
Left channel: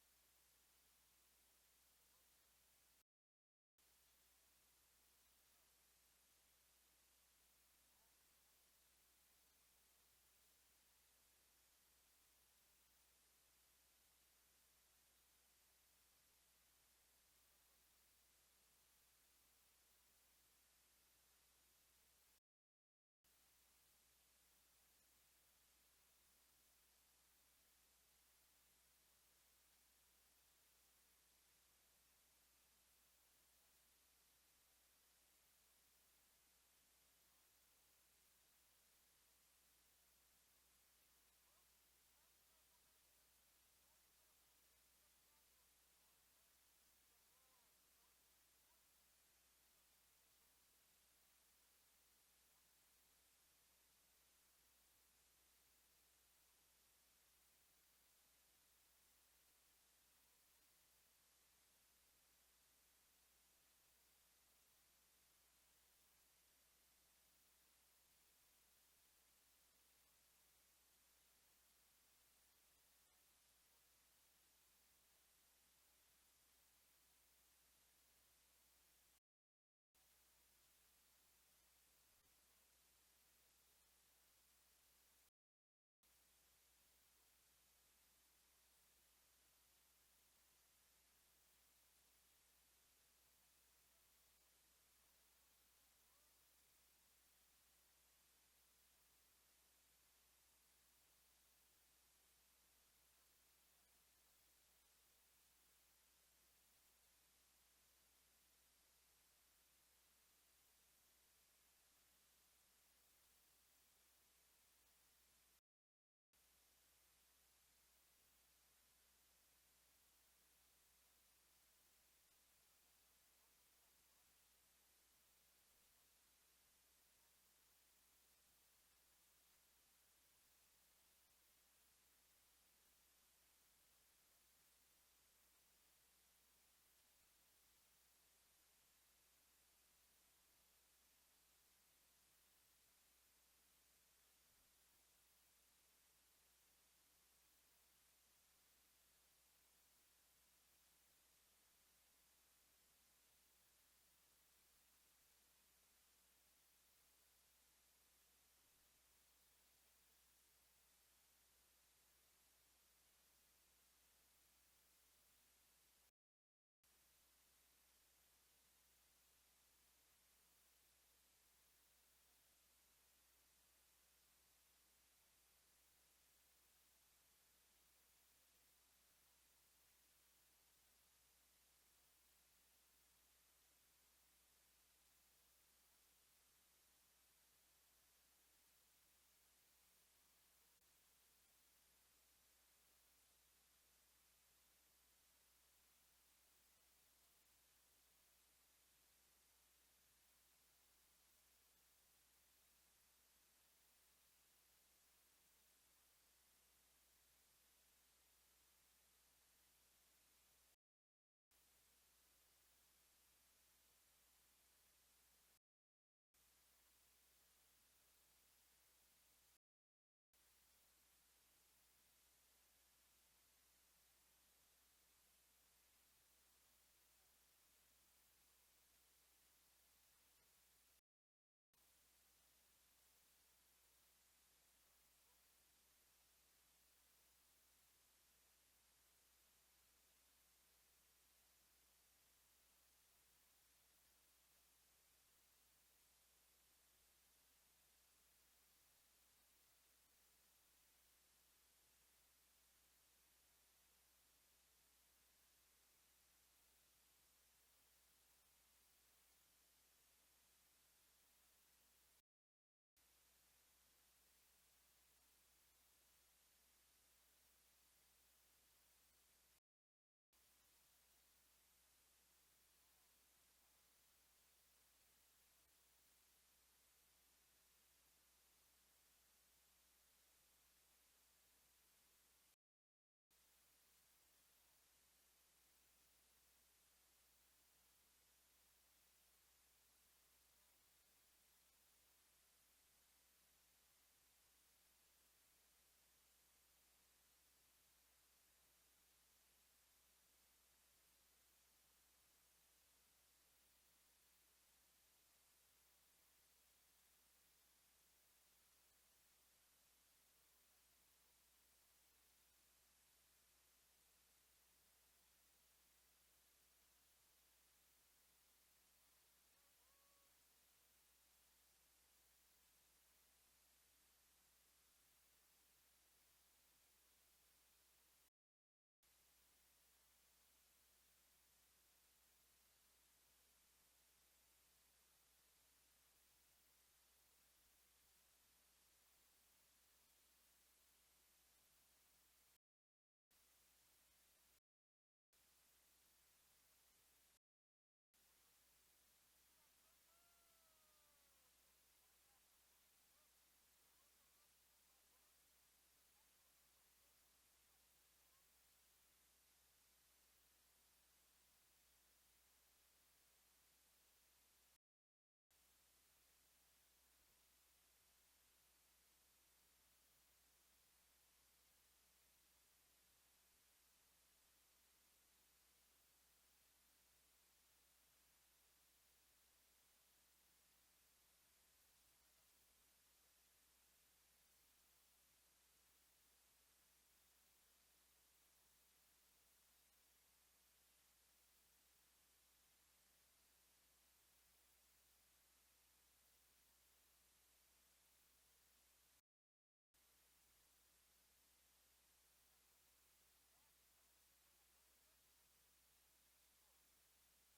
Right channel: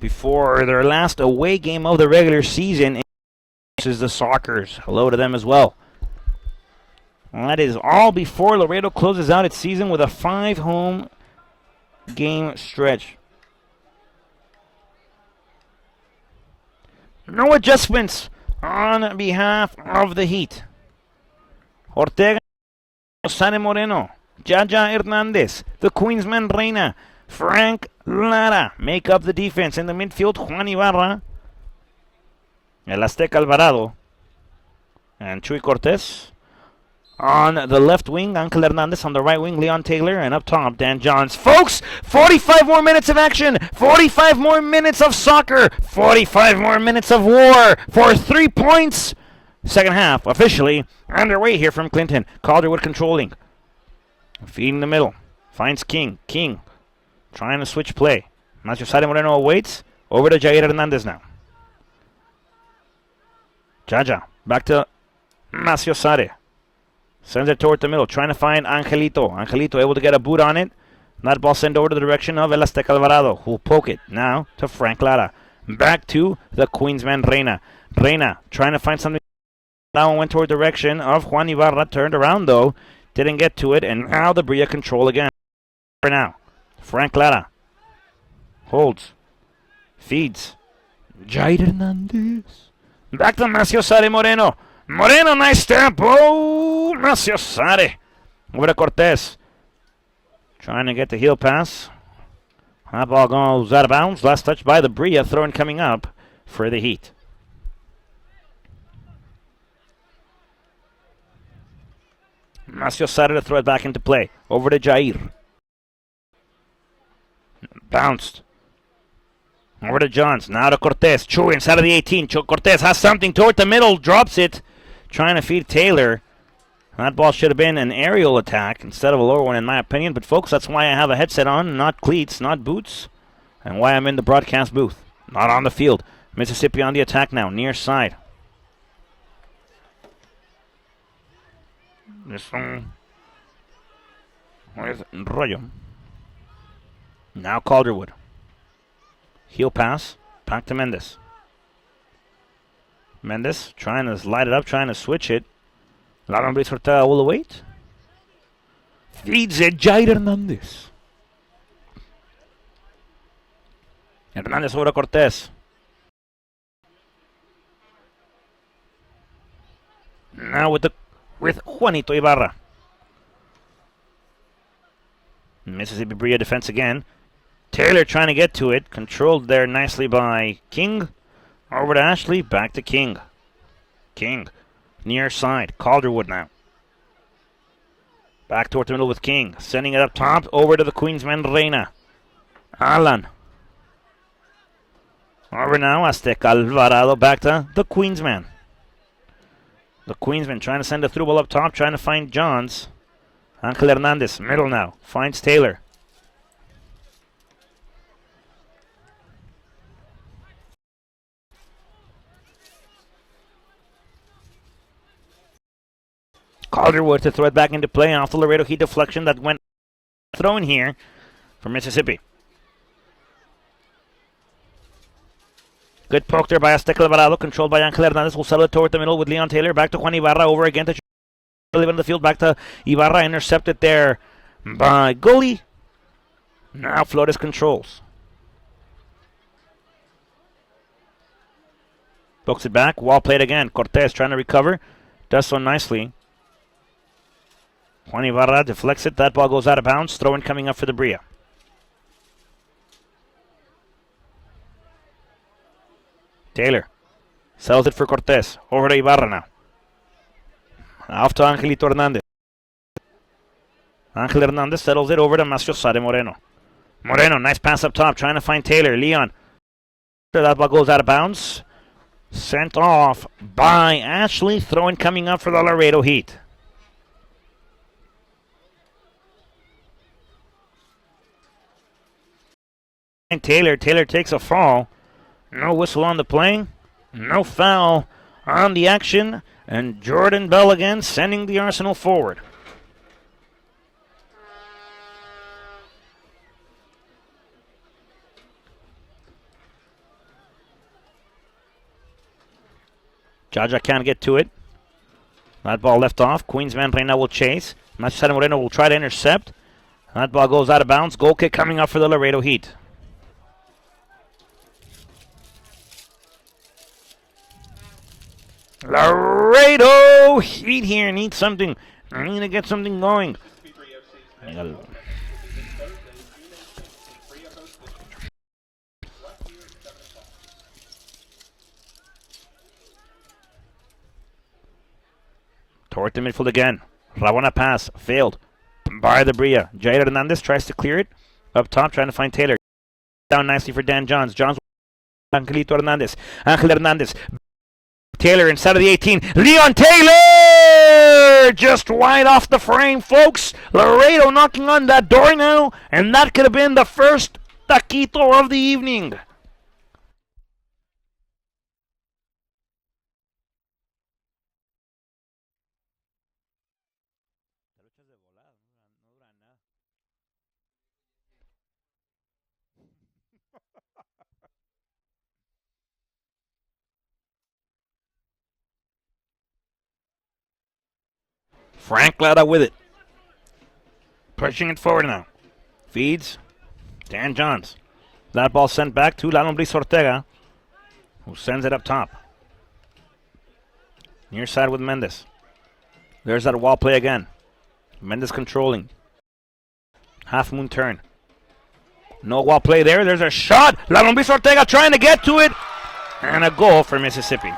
Before their last away game of the regular season is the Sockers. Hello to them as well. And that is all before Laredo closes out its season with a 5 home game stretch. No adjustments on behalf of the Heat. Ortega, Sane Moreno, Jaja Hernandez, the Queensman Reina, Frank Lara make up the defense. In the midfield, Juan Ibarra, El Azteca Alvarado, and Chuy Cortez. On the left wing, Angel Hernandez. On the right wing, Leon Taylor. And up top, Dan Johns. Folks, 45 more minutes of action. 45 more minutes of soccer. 45 more minutes of war for 3 points. Second half officially underway here from Clinton. Calderwood controlling. Feeding the middle. Finds King. King trying to switch play. Nacho Sade Moreno awaits. Over to Jair Hernandez now. Jaja. Back to Macio Sade. Sends it toward the middle, trying to find Angelito. Angelito able to get a boot on it. That ball sent over to the direction of El Azteca Alvarado, who will poke it now to Frank Lara. Back to the Queensman Reina. Reina trying to find something. That one went toward the direction of Juan Ibarra. Turned around though. Didn't get to it. And now the Brilla control again. For now. Frank Lara Holds. Feeds. Jair Hernandez. Back to Maciosare Moreno. Moreno, nice stamp. Oh, Maciosare. Over to Cortez. Trying to get the heel pass. That ball goes out of bounds. Last touch by the Brilla. Throwing coming up for the Heat. Maciosare to throw it back into play. Over to Jair. Bounced. Over to Johns. Now to Cortez. Chewy inside of the 18. Cortez has something toward the middle. Drops it. Trying to feed Taylor. That ball should have been an aerial attack instead of a lower one, in my opinion. But, folks, that's why I have a headset on, not cleats, not boots, and why I'm in the broadcast booth, not on the field. Mississippi on the attack now, near side. This one with Rollo. Now Calderwood. Heel pass. Back to Mendes. Mendes trying to light it up, trying to switch it. La Hombre Sorta will await. Feeds it, Jair Hernandez. Hernandez over to Cortez. Now with Juanito Ibarra. Mississippi Brilla defense again. Taylor trying to get to it. Controlled there nicely by King. Over to Ashley. Back to King. King. Near side. Calderwood now. Back toward the middle with King. Sending it up top. Over to the Queensman Reina. Alan. Over now. Azteca Alvarado. Back to the Queensman. The Queensman trying to send a through ball up top. Trying to find Johns. Angel Hernandez. Middle now. Finds Taylor. Calderwood to throw it back into play off the Laredo Heat deflection that went thrown here for Mississippi. Good poke there by Azteca Alvarado, controlled by Angel Hernandez. Will settle it toward the middle with Leon Taylor. Back to Juan Ibarra, over again to in the field. Back to Ibarra, intercepted there by Gully. Now Flores controls. Pokes it back, wall played again. Cortez trying to recover. Does so nicely. Juan Ibarra deflects it. That ball goes out of bounds. Throw-in coming up for the Brilla. Taylor sells it for Cortez. Over to Ibarra now. Off to Angelito Hernandez. Angel Hernandez settles it over to Maciosare Moreno. Moreno, nice pass up top. Trying to find Taylor. Leon. That ball goes out of bounds. Sent off by Ashley. Throw-in coming up for the Laredo Heat. And Taylor takes a fall. No whistle on the play. No foul on the action. And Jordan Bell again sending the Arsenal forward. Jaja can't get to it. That ball left off. Queensman Reina will chase. Maciosare Moreno will try to intercept. That ball goes out of bounds. Goal kick coming up for the Laredo Heat. Laredo Heat here need something. I need to get something going. Toward the midfield again. Rabona pass. Failed. By the Brilla. Jair Hernandez tries to clear it. Up top trying to find Taylor. Down nicely for Dan Johns. Johns. Angelito Hernandez. Angel Hernandez. Taylor inside of the 18. Leon Taylor! Just wide off the frame, folks. Laredo knocking on that door now. And that could have been the first taquito of the evening. Frank Lara with it. Pushing it forward now. Feeds. Dan Johns. That ball sent back to La Lombriz Ortega, who sends it up top. Near side with Mendes. There's that wall play again. Mendes controlling. Half moon turn. No wall play there. There's a shot. La Lombriz Ortega trying to get to it. And a goal for Mississippi.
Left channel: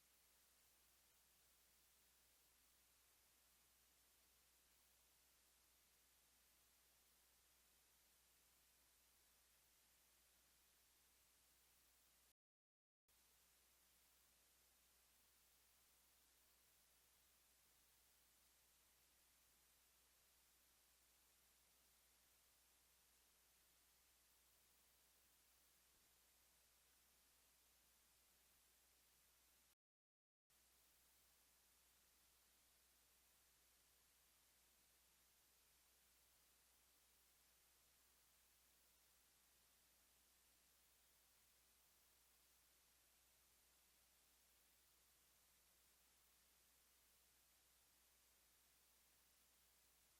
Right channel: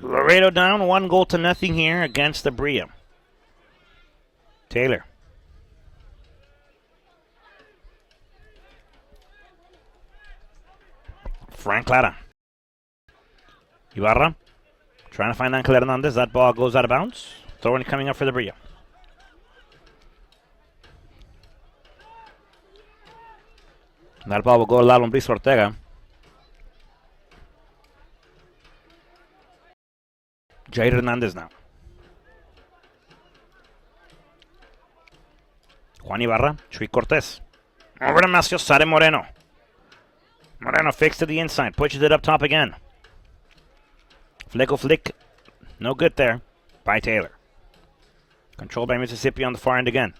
Laredo down 1-0 here against the Brilla. Taylor. Frank Clara. Ibarra trying to find Angel Hernandez. That ball goes out of bounds. Throwing coming up for the Brilla. That ball will go to La Lombriz Ortega. Jair Hernandez now. Juan Ibarra, Chuy Cortez. Over to Maciosare Moreno. Moreno fakes to the inside, pushes it up top again. Flick, no good there by Taylor. Controlled by Mississippi on the far end again.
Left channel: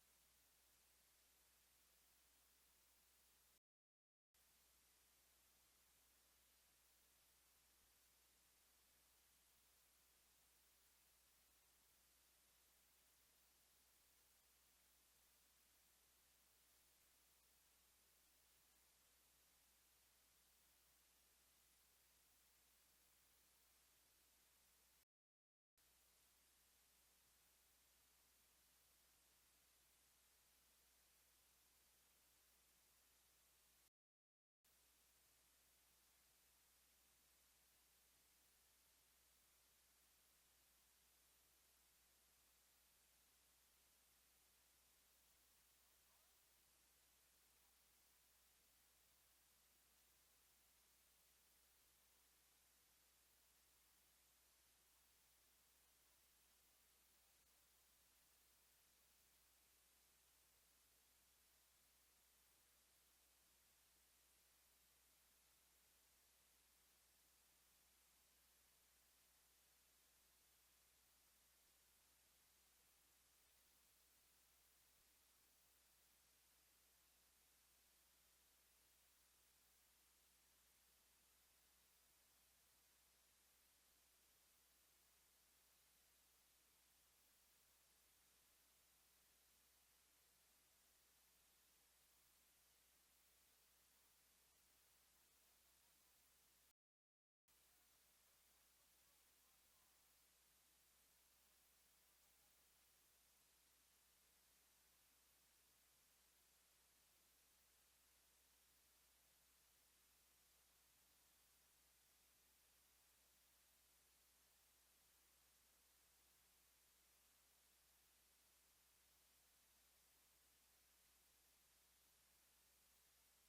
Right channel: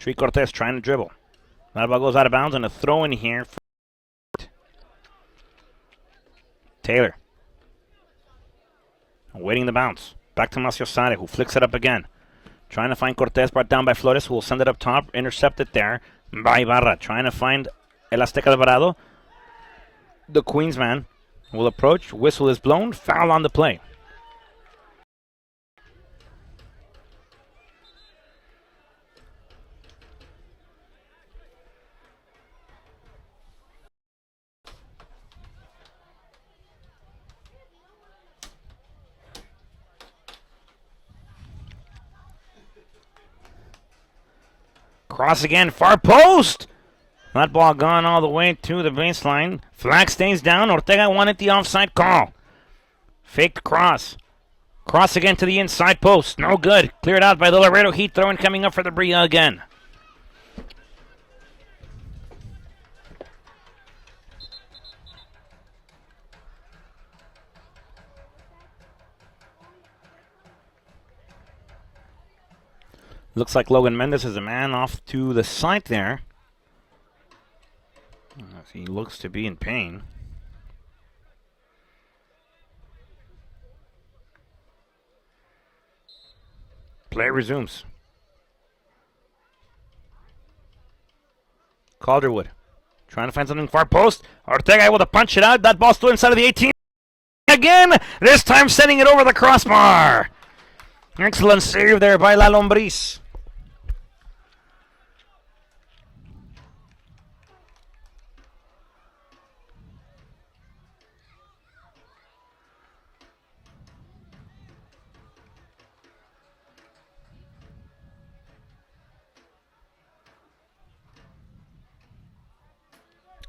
Chuy Cortez trying to dribble. That ball goes out of bounds and a throw in here. Taylor. Waiting the bounce. Back to Maciosare, who flicks it up again. Trying to find Cortez, brought down by Flores, who will send it up top. Intercepted there by Ibarra. Trying to find El Azteca Alvarado. The Queens man will approach. Whistle is blown. Foul on the play. Cross again, far post. That ball gone all the way to the baseline. Flag stays down. Ortega wanted the offside call. Faked cross. Cross again to the inside post. No good. Cleared out by the Laredo Heat. Throwing coming up for the Brilla again. Looks like Logan Mendes is a man off to the side there. He looks to be in pain. Play resumes. Calderwood trying to find something far post. Ortega able to punch it out. That ball still inside of the 18. Again, this time sending it over the crossbar. Excellent save there by La Lombriz.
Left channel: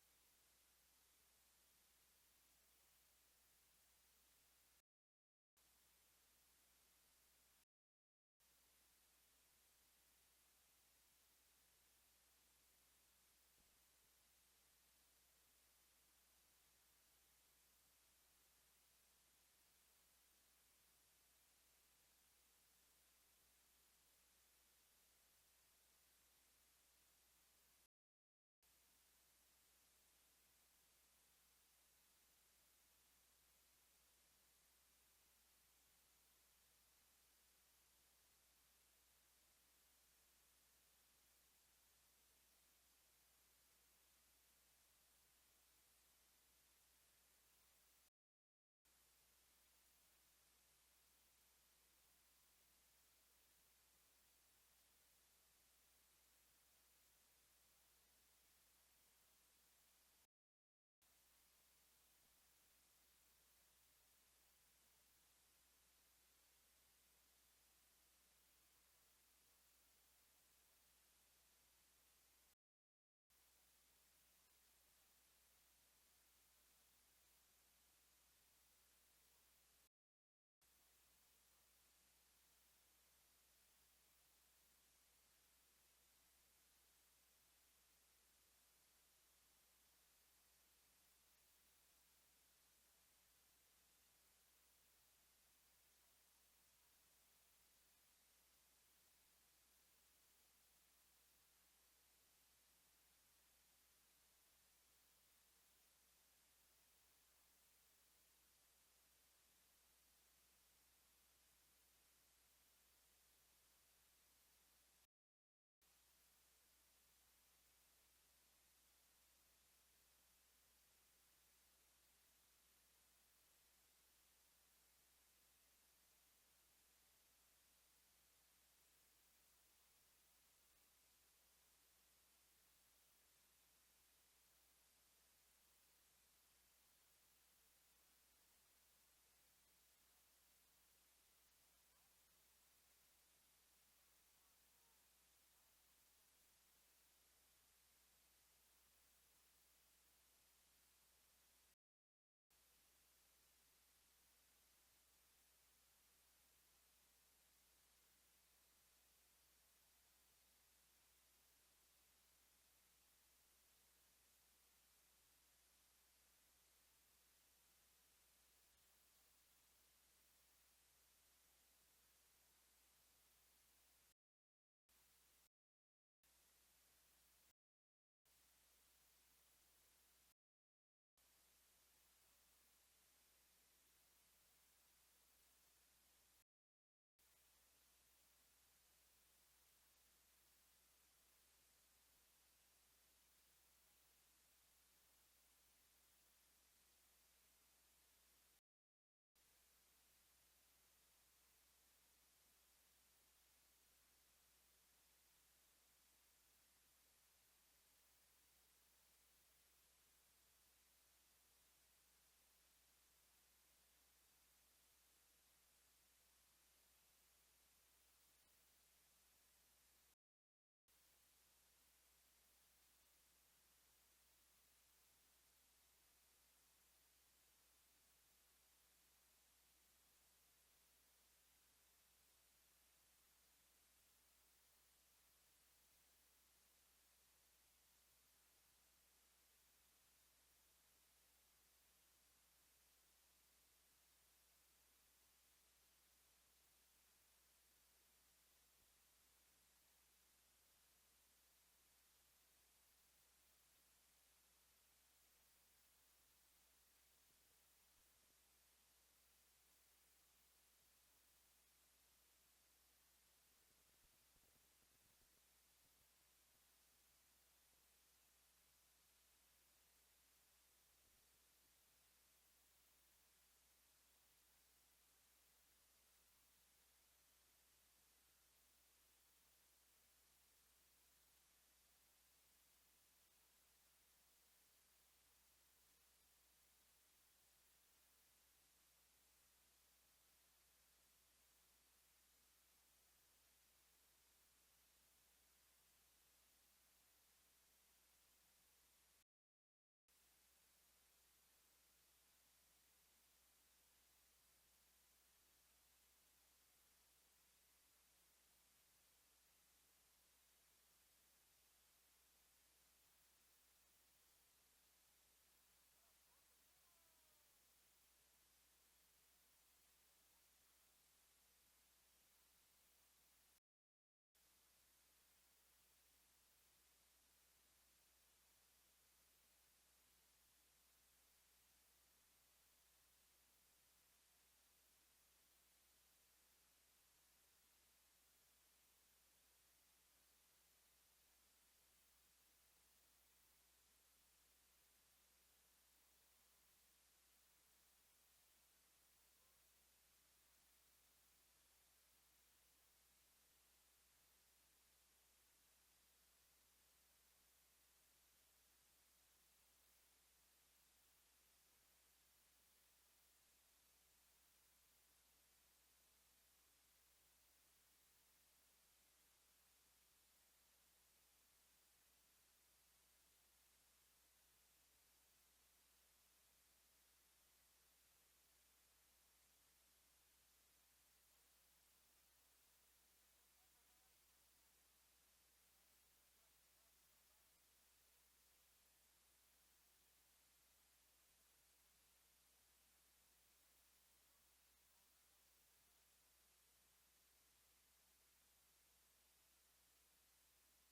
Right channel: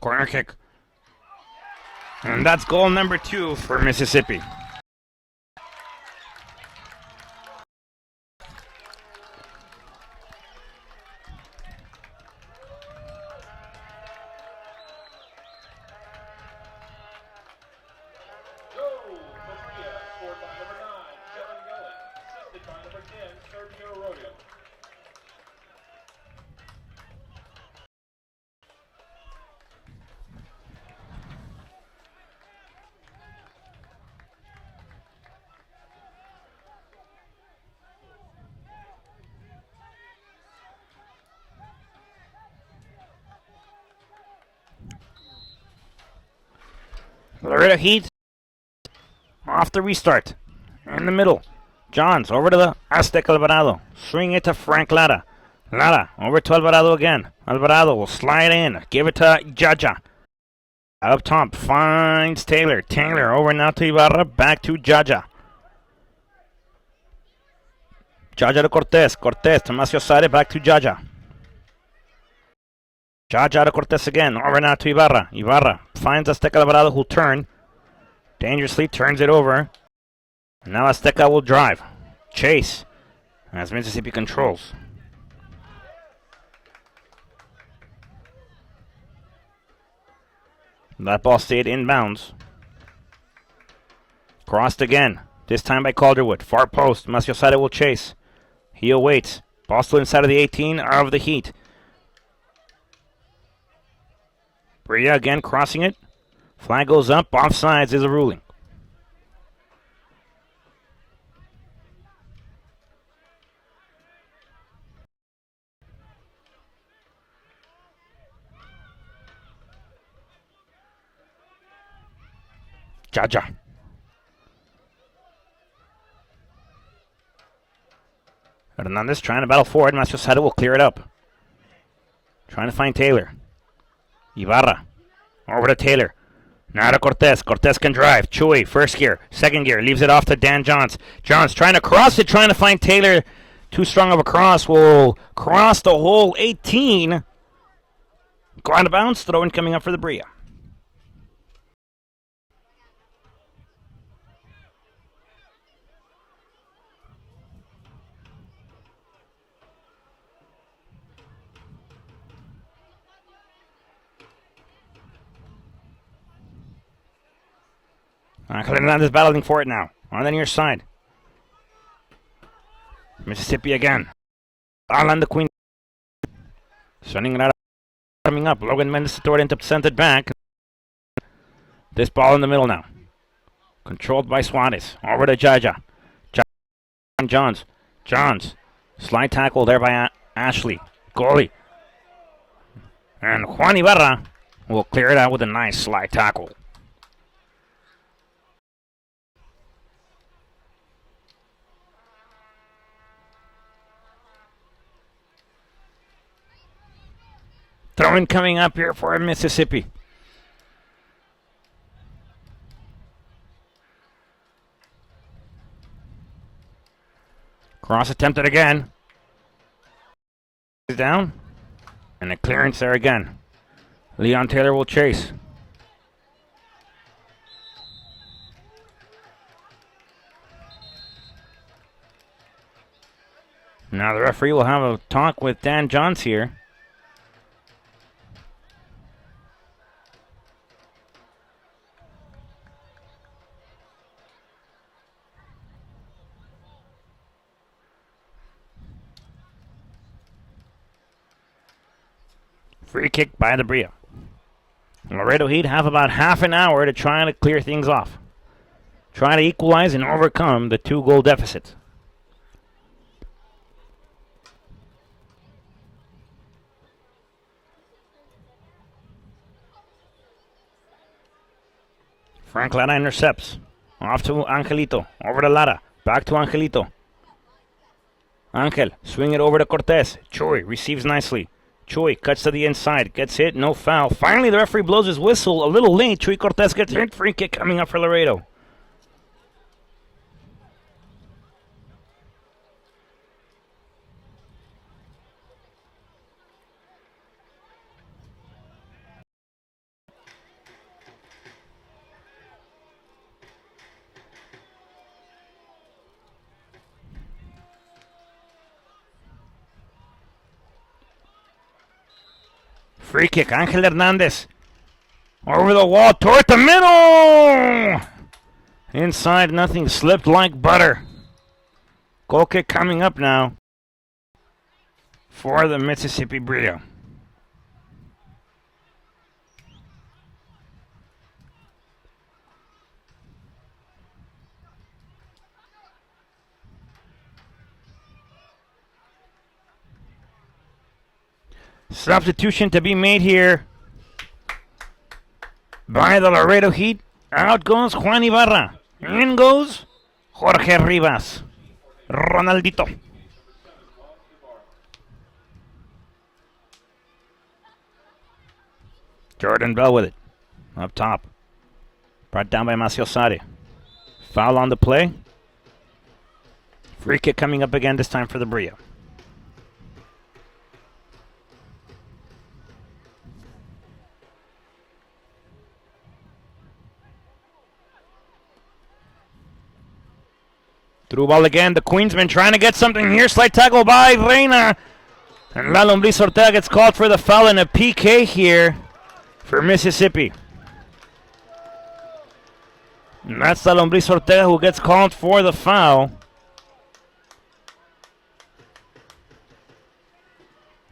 Corner kick. And that's goal number 2 for Mississippi. Laredo Heat off the restart. In the middle. Johns over to the Aztec Alvarado. Swing it to Frank Lara. Lara over to Alvarado again. Alvarado will slide in. Give it to Jaja. Up top finds Taylor. Taylor over now to Ibarra. Back to Jaja. Jaja to Cortez. Cortez to Maciosare. Back to Jaja. Jaja to Cortez again. Over now to Ibarra. Ibarra finds Azteca Alvarado who'll turn. Dangerously turns it over. Now Azteca will drive. Chase as Mississippi controls. That ball stayed inbounds. Crossed again. This time by Calderwood. Far post. Maciosare will chase. He awaits. Ball still inside of the 18 of the Heat. Brilla again crossing it. Flag goes up. Offsides is a ruling. Jaja. Hernandez trying to battle forward. Maciosare will clear it up. Trying to find Taylor. Ibarra. Over to Taylor. Now to Cortez. Cortez can drive. Chewy, first gear. Second gear. Leaves it off to Dan Johns. Johns trying to cross it. Trying to find Taylor. Too strong of a cross. Will cross the whole 18. Go out of bounds. Throw in coming up for the Brilla. Hernandez battling for it now. On the near side. Mississippi again. Alan the Queen. Sending it out. Coming up. Logan Mendes throw it intercepted back. This ball in the middle now. Controlled by Suarez. Over to Jaja. Johns. Johns. Slide tackle there by Ashley. Goalie. And Juan Ibarra will clear it out with a nice slide tackle. Throw-in coming up here for Mississippi. Cross attempted again. Down. And a clearance there again. Leon Taylor will chase. Now the referee will have a talk with Dan Johns here. Free kick by the Brilla. Laredo Heat have about half an hour to try to clear things off. Try to equalize and overcome the 2-goal deficit. Frank Lara intercepts. Off to Angelito. Over to Lara. Back to Angelito. Angel. Swing it over to Cortez. Choi receives nicely. Choi cuts to the inside. Gets hit. No foul. Finally, the referee blows his whistle a little late. Choi Cortez gets hit. Free kick coming up for Laredo. Free kick, Angel Hernandez. Over the wall, toward the middle! Inside, nothing slipped like butter. Goal kick coming up now for the Mississippi Brilla. Substitution to be made here by the Laredo Heat. Out goes Juan Ibarra. In goes Jorge Rivas. Ronaldito. Jordan Bell with it. Up top. Brought down by Maciosari. Foul on the play. Free kick coming up again, this time for the Brilla. Through ball again. The Queensman trying to get something here. Slight tackle by Reina. And La Lombriz Ortega gets called for the foul and a PK here for Mississippi. And that's La Lombriz Ortega who gets called for the foul.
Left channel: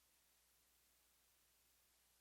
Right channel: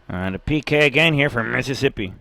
And a PK again here for Mississippi.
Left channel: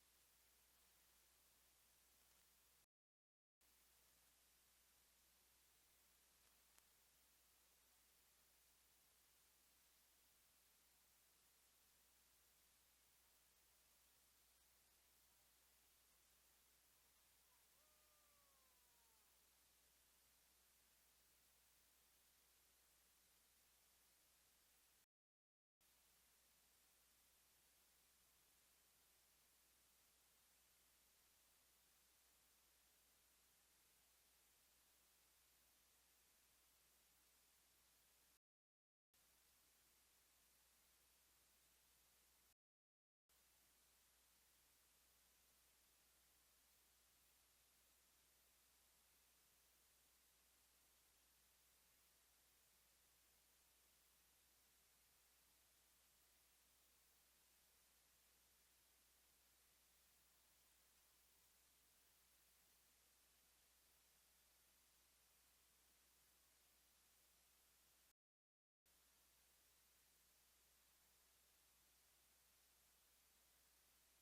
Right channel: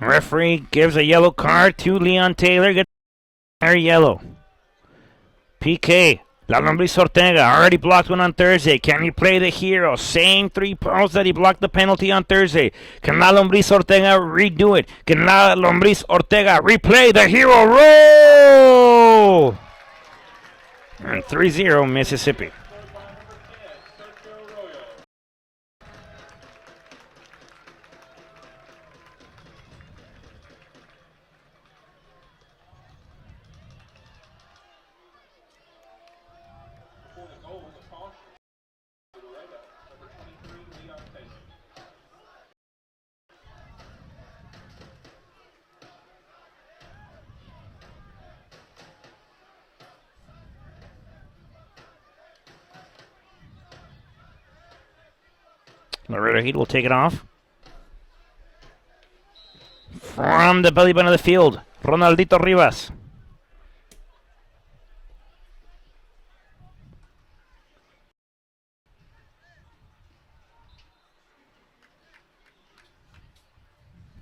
Referee gives a yellow card to Leon Taylor. Gets yellow. PK. La Lombriz Ortega already blocked one on Thursday. Can he play the hero? Same 3 points that he blocked the penalty on Thursday. Can La Lombriz Ortega redo it? Can La Lombriz Ortega replay the hero roll? And 3-0 Mississippi. Laredo Heat will take it off. From the belly button of the field, Ronaldito Rivas.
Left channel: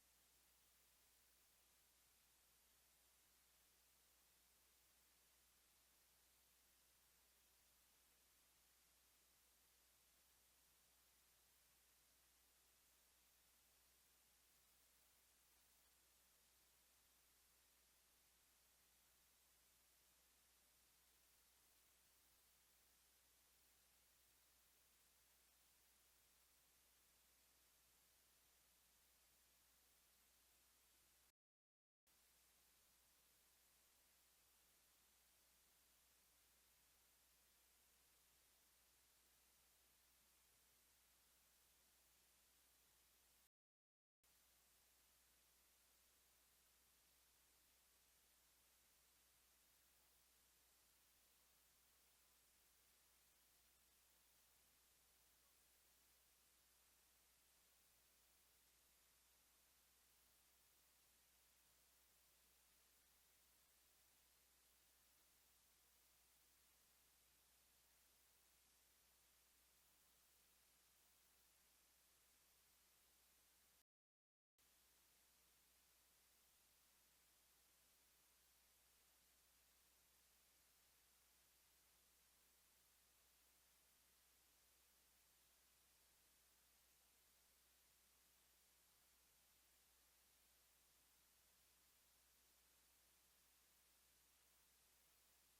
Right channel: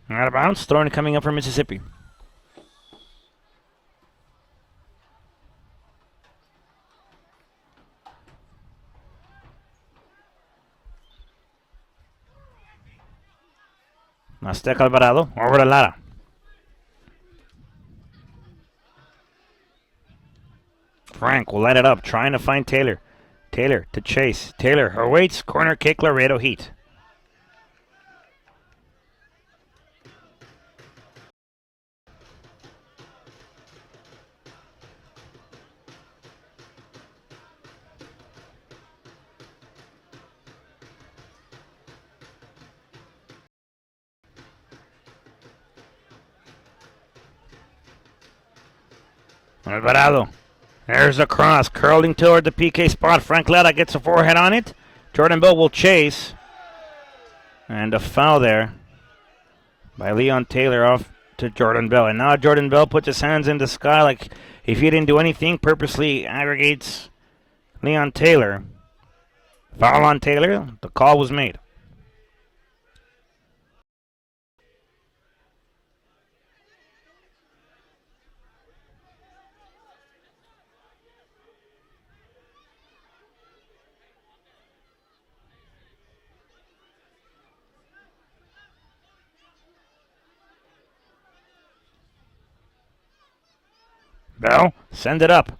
Out of bounds, throwing coming up for Mississippi. Azteca Alvarado over to Lara. Frank will light it up, trying to find Taylor. Taylor to Chase. Taylor awaits, corner kick, Laredo Heat. Alvarado. There's a cross, curling toward the PK spot. Frank Lara gets a forehead on it. Jordan Bell will chase. And a foul there by Leon Taylor off to Jordan Bell. And now Jordan Bell puts his hands in the sky like if he didn't do anything, purposely aggregates Leon Taylor. Foul on Taylor. The call was made. Bell, send it up.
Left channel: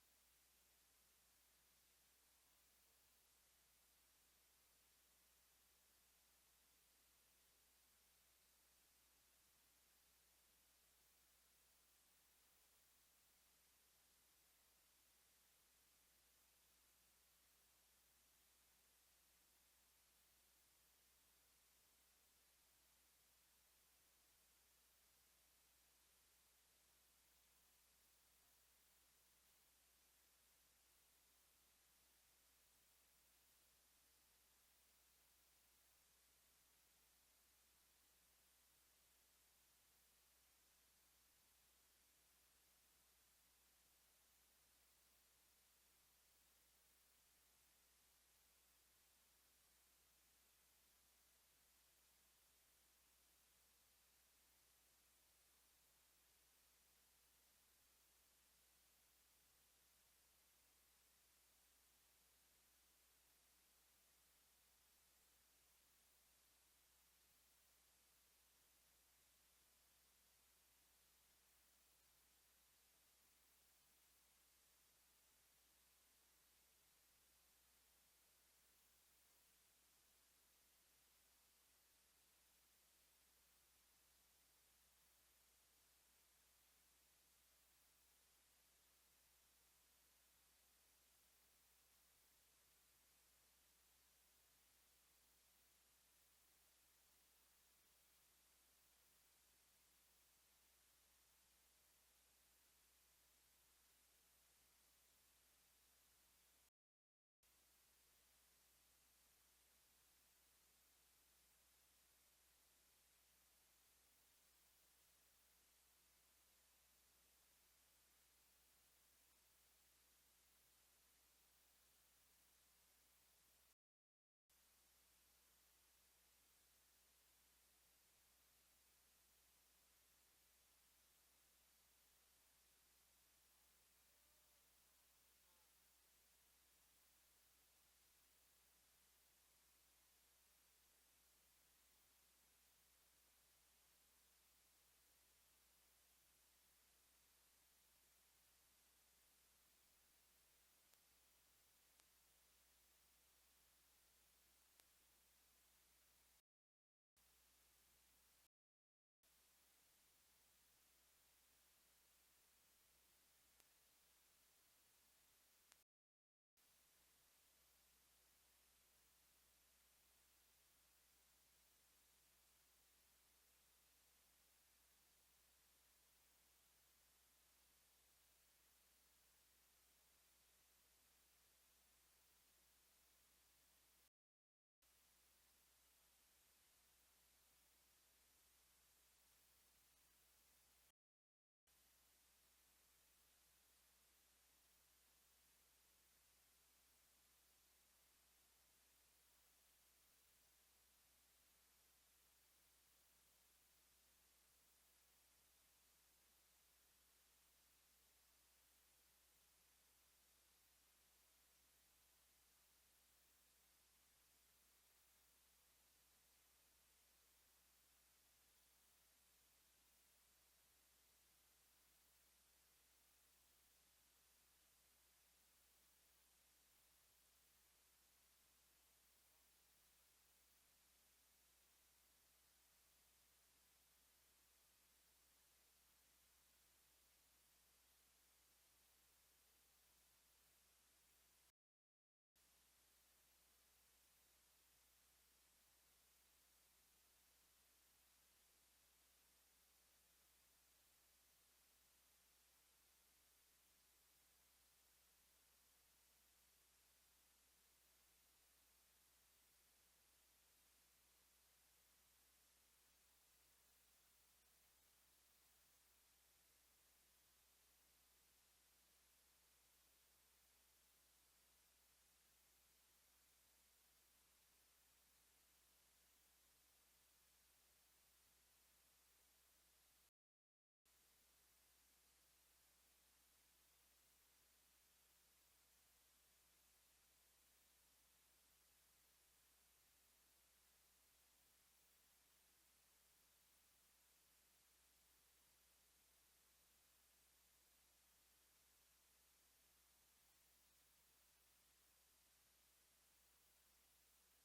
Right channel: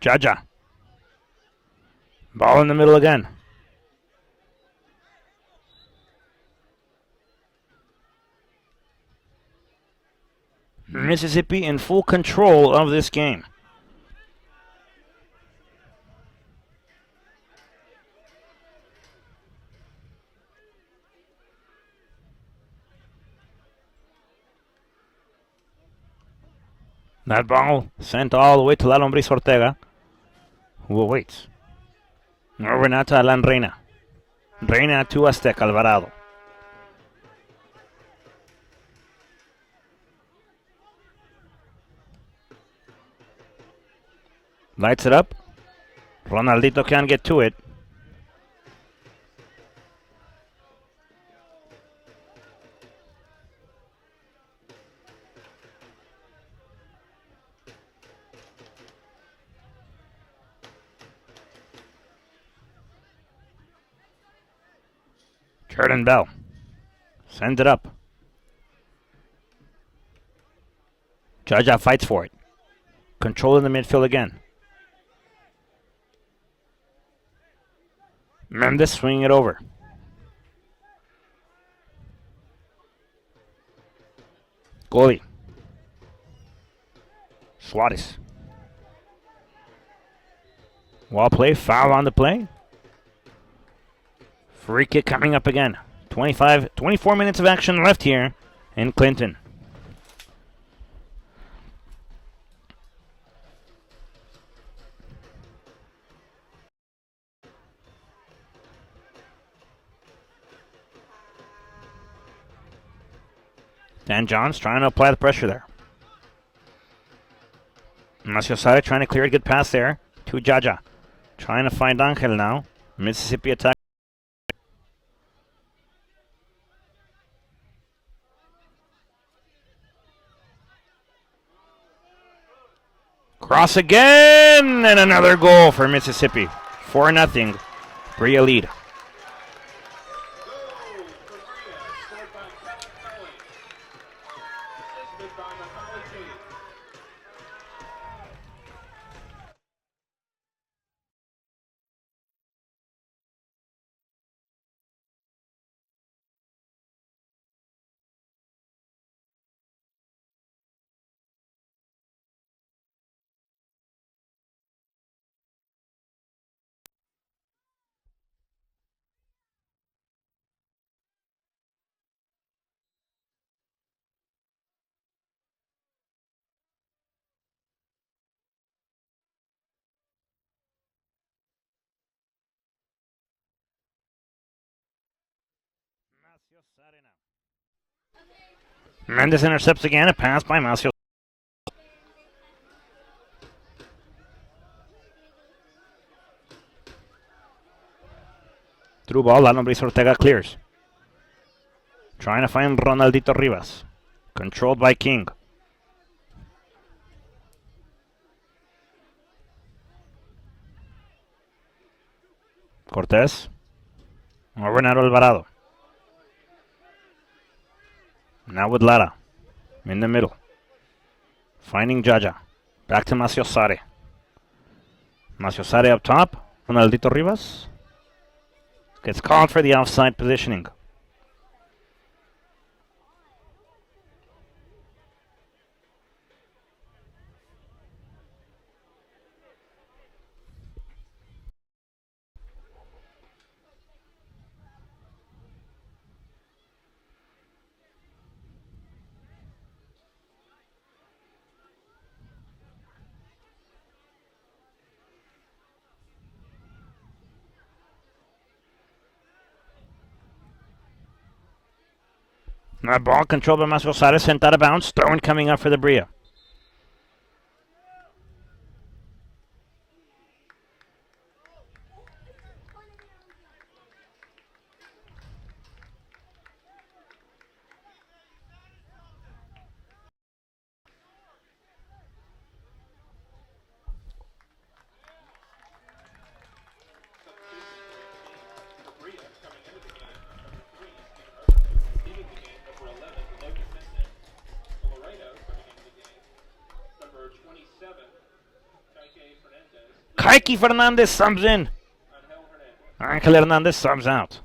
Jaja. Ball in the middle again. Mississippi in full control of this game. That ball sent all the way to La Lombriz Ortega, who awaits. Over now to Alan Reina. Reina to Azteca Alvarado. Lights it up. Ronaldito can't get to it. Jordan Bell sends it up. Jaja fights for it. Control in the midfield again. Mendes swinging it over. Goalie. Suarez. Well play, foul on the play. Free kick coming up again. 24 minutes of action left here in Clinton. Dan Johns trying to apply the pressure there. Maciosare trying to clear a good pass there to Jaja. Trying to find Angel now. Mississippi attack. Cross again, and another goal for Mississippi. 4-0. Brilla lead. Mendes intercepts again, a pass by Macios. Through ball, Luis Ortega clears. Trying to find Ronaldito Rivas. Controlled by King. Cortez. Renato Alvarado. Now with Lara. In the middle. Finding Jaja. Back to Maciosare. Maciosare up top. Ronaldito Rivas. Gets called for the offside positioning. That ball controlled by Maciosare, sent out of bounds. Throw-in coming up for the Brilla. Kike Fernandez subs in. Angel Hernandez subs out.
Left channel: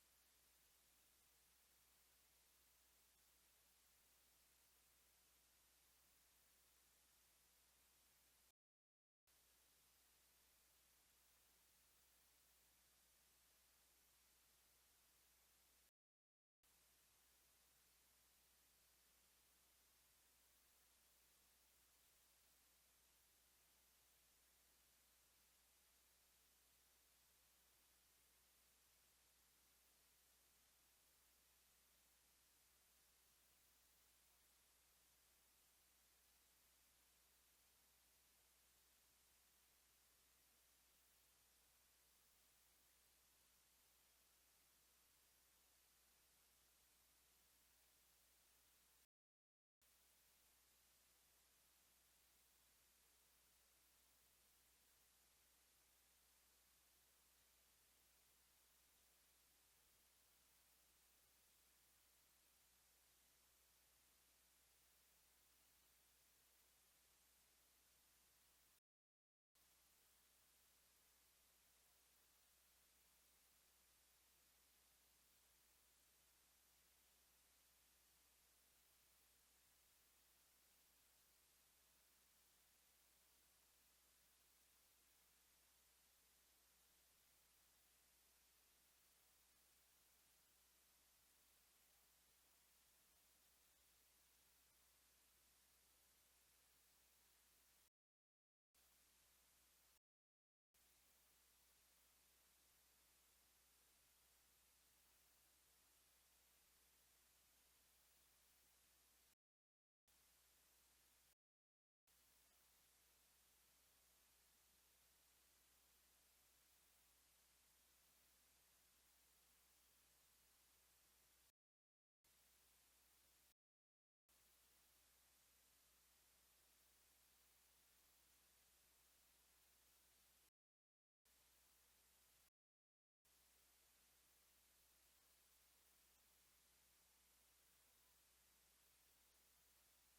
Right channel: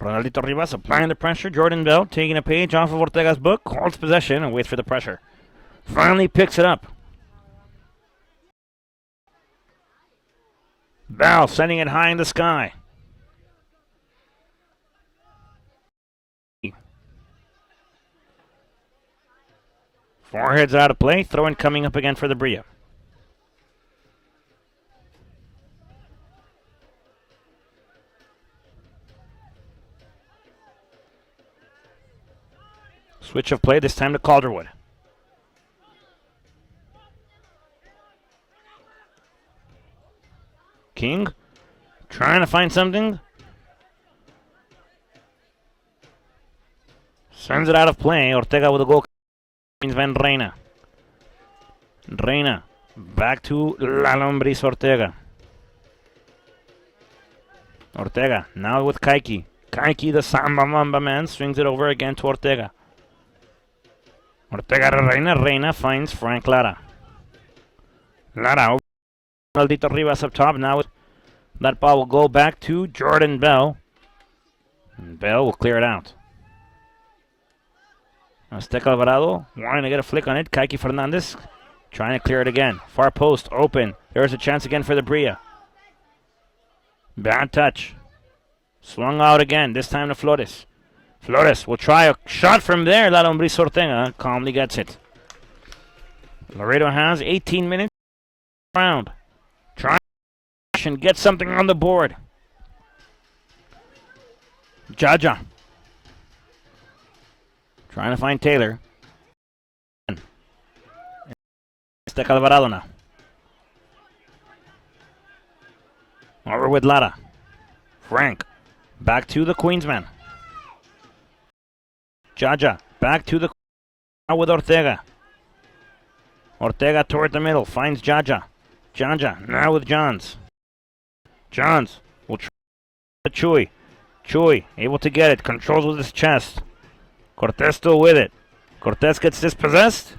Ronaldito Rivas applying the pressure. Jordan Bell taking a page off of Ortega's book. Holds possession and waits for the pressure. Finally picks it up. Bell sending it high in the sky. Forehead's out of play. Throw in coming up again for the Brilla. Switch of play, this time to Calderwood. King trying to find something. Sends it out of play. Ortega with a goal. Van Reina. Reina. Back to La Lombriz Ortega. Ortega now with Kaiki. Kaiki, the Samba Mamba man, swings it over again to Ortega. Ortega to Reina. Reina finds Frank Lara. Lara over. Maldito Rivas up top. Now that ball will go back to Jordan Bell. And Bell will clear it out. Azteca Alvarado wanting to get a flick on it. Kaiki Fernandez trying to clear it again. Far post open. There's a chance again for the Brilla. Bad touch. Swung out again. This time to Flores. Flores will try a shot from there. La Lombriz Ortega calmly gets it. Laredo has 18 minutes round. Try and get something on the board. Jaja. Trying to find Taylor. Azteca Alvarado now. Over with Lara. Frank. Back to the Queensman. Jaja. Back to the now with Ortega. Ortega toward the middle. Finds Jaja. Jaja now with Johns. Johns will try Chuy. Chuy able to get it. Controls with his chest. Cortez still with it. Cortez gets dispossessed.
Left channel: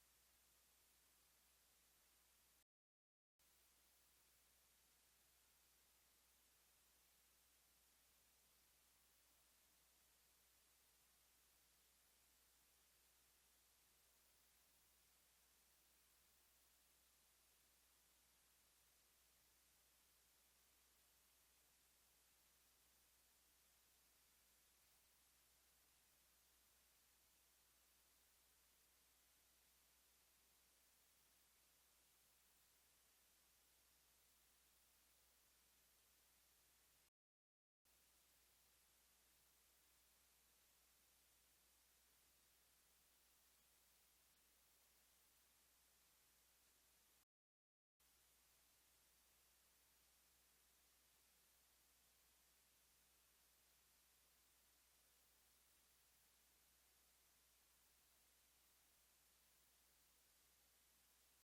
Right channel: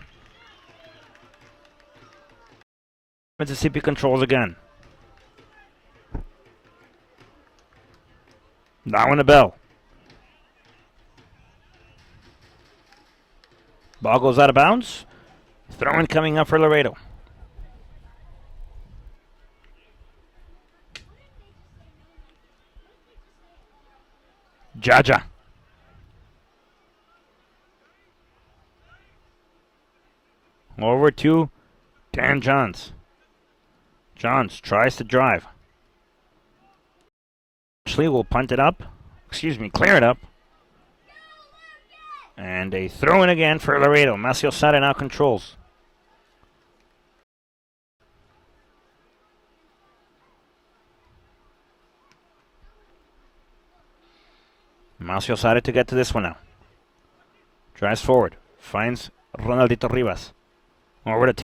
Mississippi controls again. Now in the bell. Ball goes out of bounds. Throw in coming up for Laredo. Jaja. Over to Dan Johns. Johns tries to drive. Ashley will punt it up. Clear it up. And a throw in again for Laredo. Macio Sada now controls. Macio Sada to get to this one now. Drives forward. Finds Ronaldito Rivas. Over to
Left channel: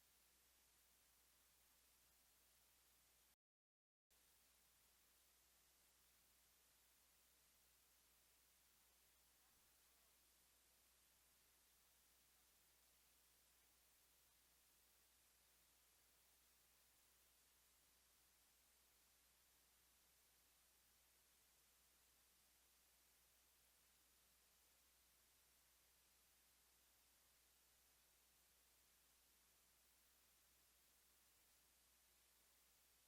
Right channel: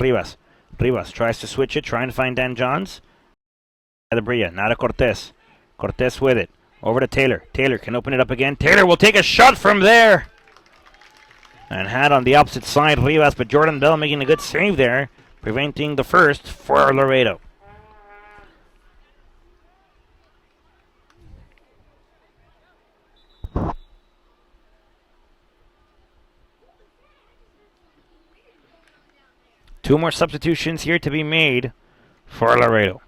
Rivas. Rivas tries to switch it, trying to find Dan Johns. The Brilla, now to Cortez. Cortez with it. Over to Taylor. Taylor can open it up again. Taylor will take a shot from there. And had on the opposite side Rivas, but Jordan Bell making a good save there, preventing the first for Laredo. Two more substitutions here to be made for Laredo.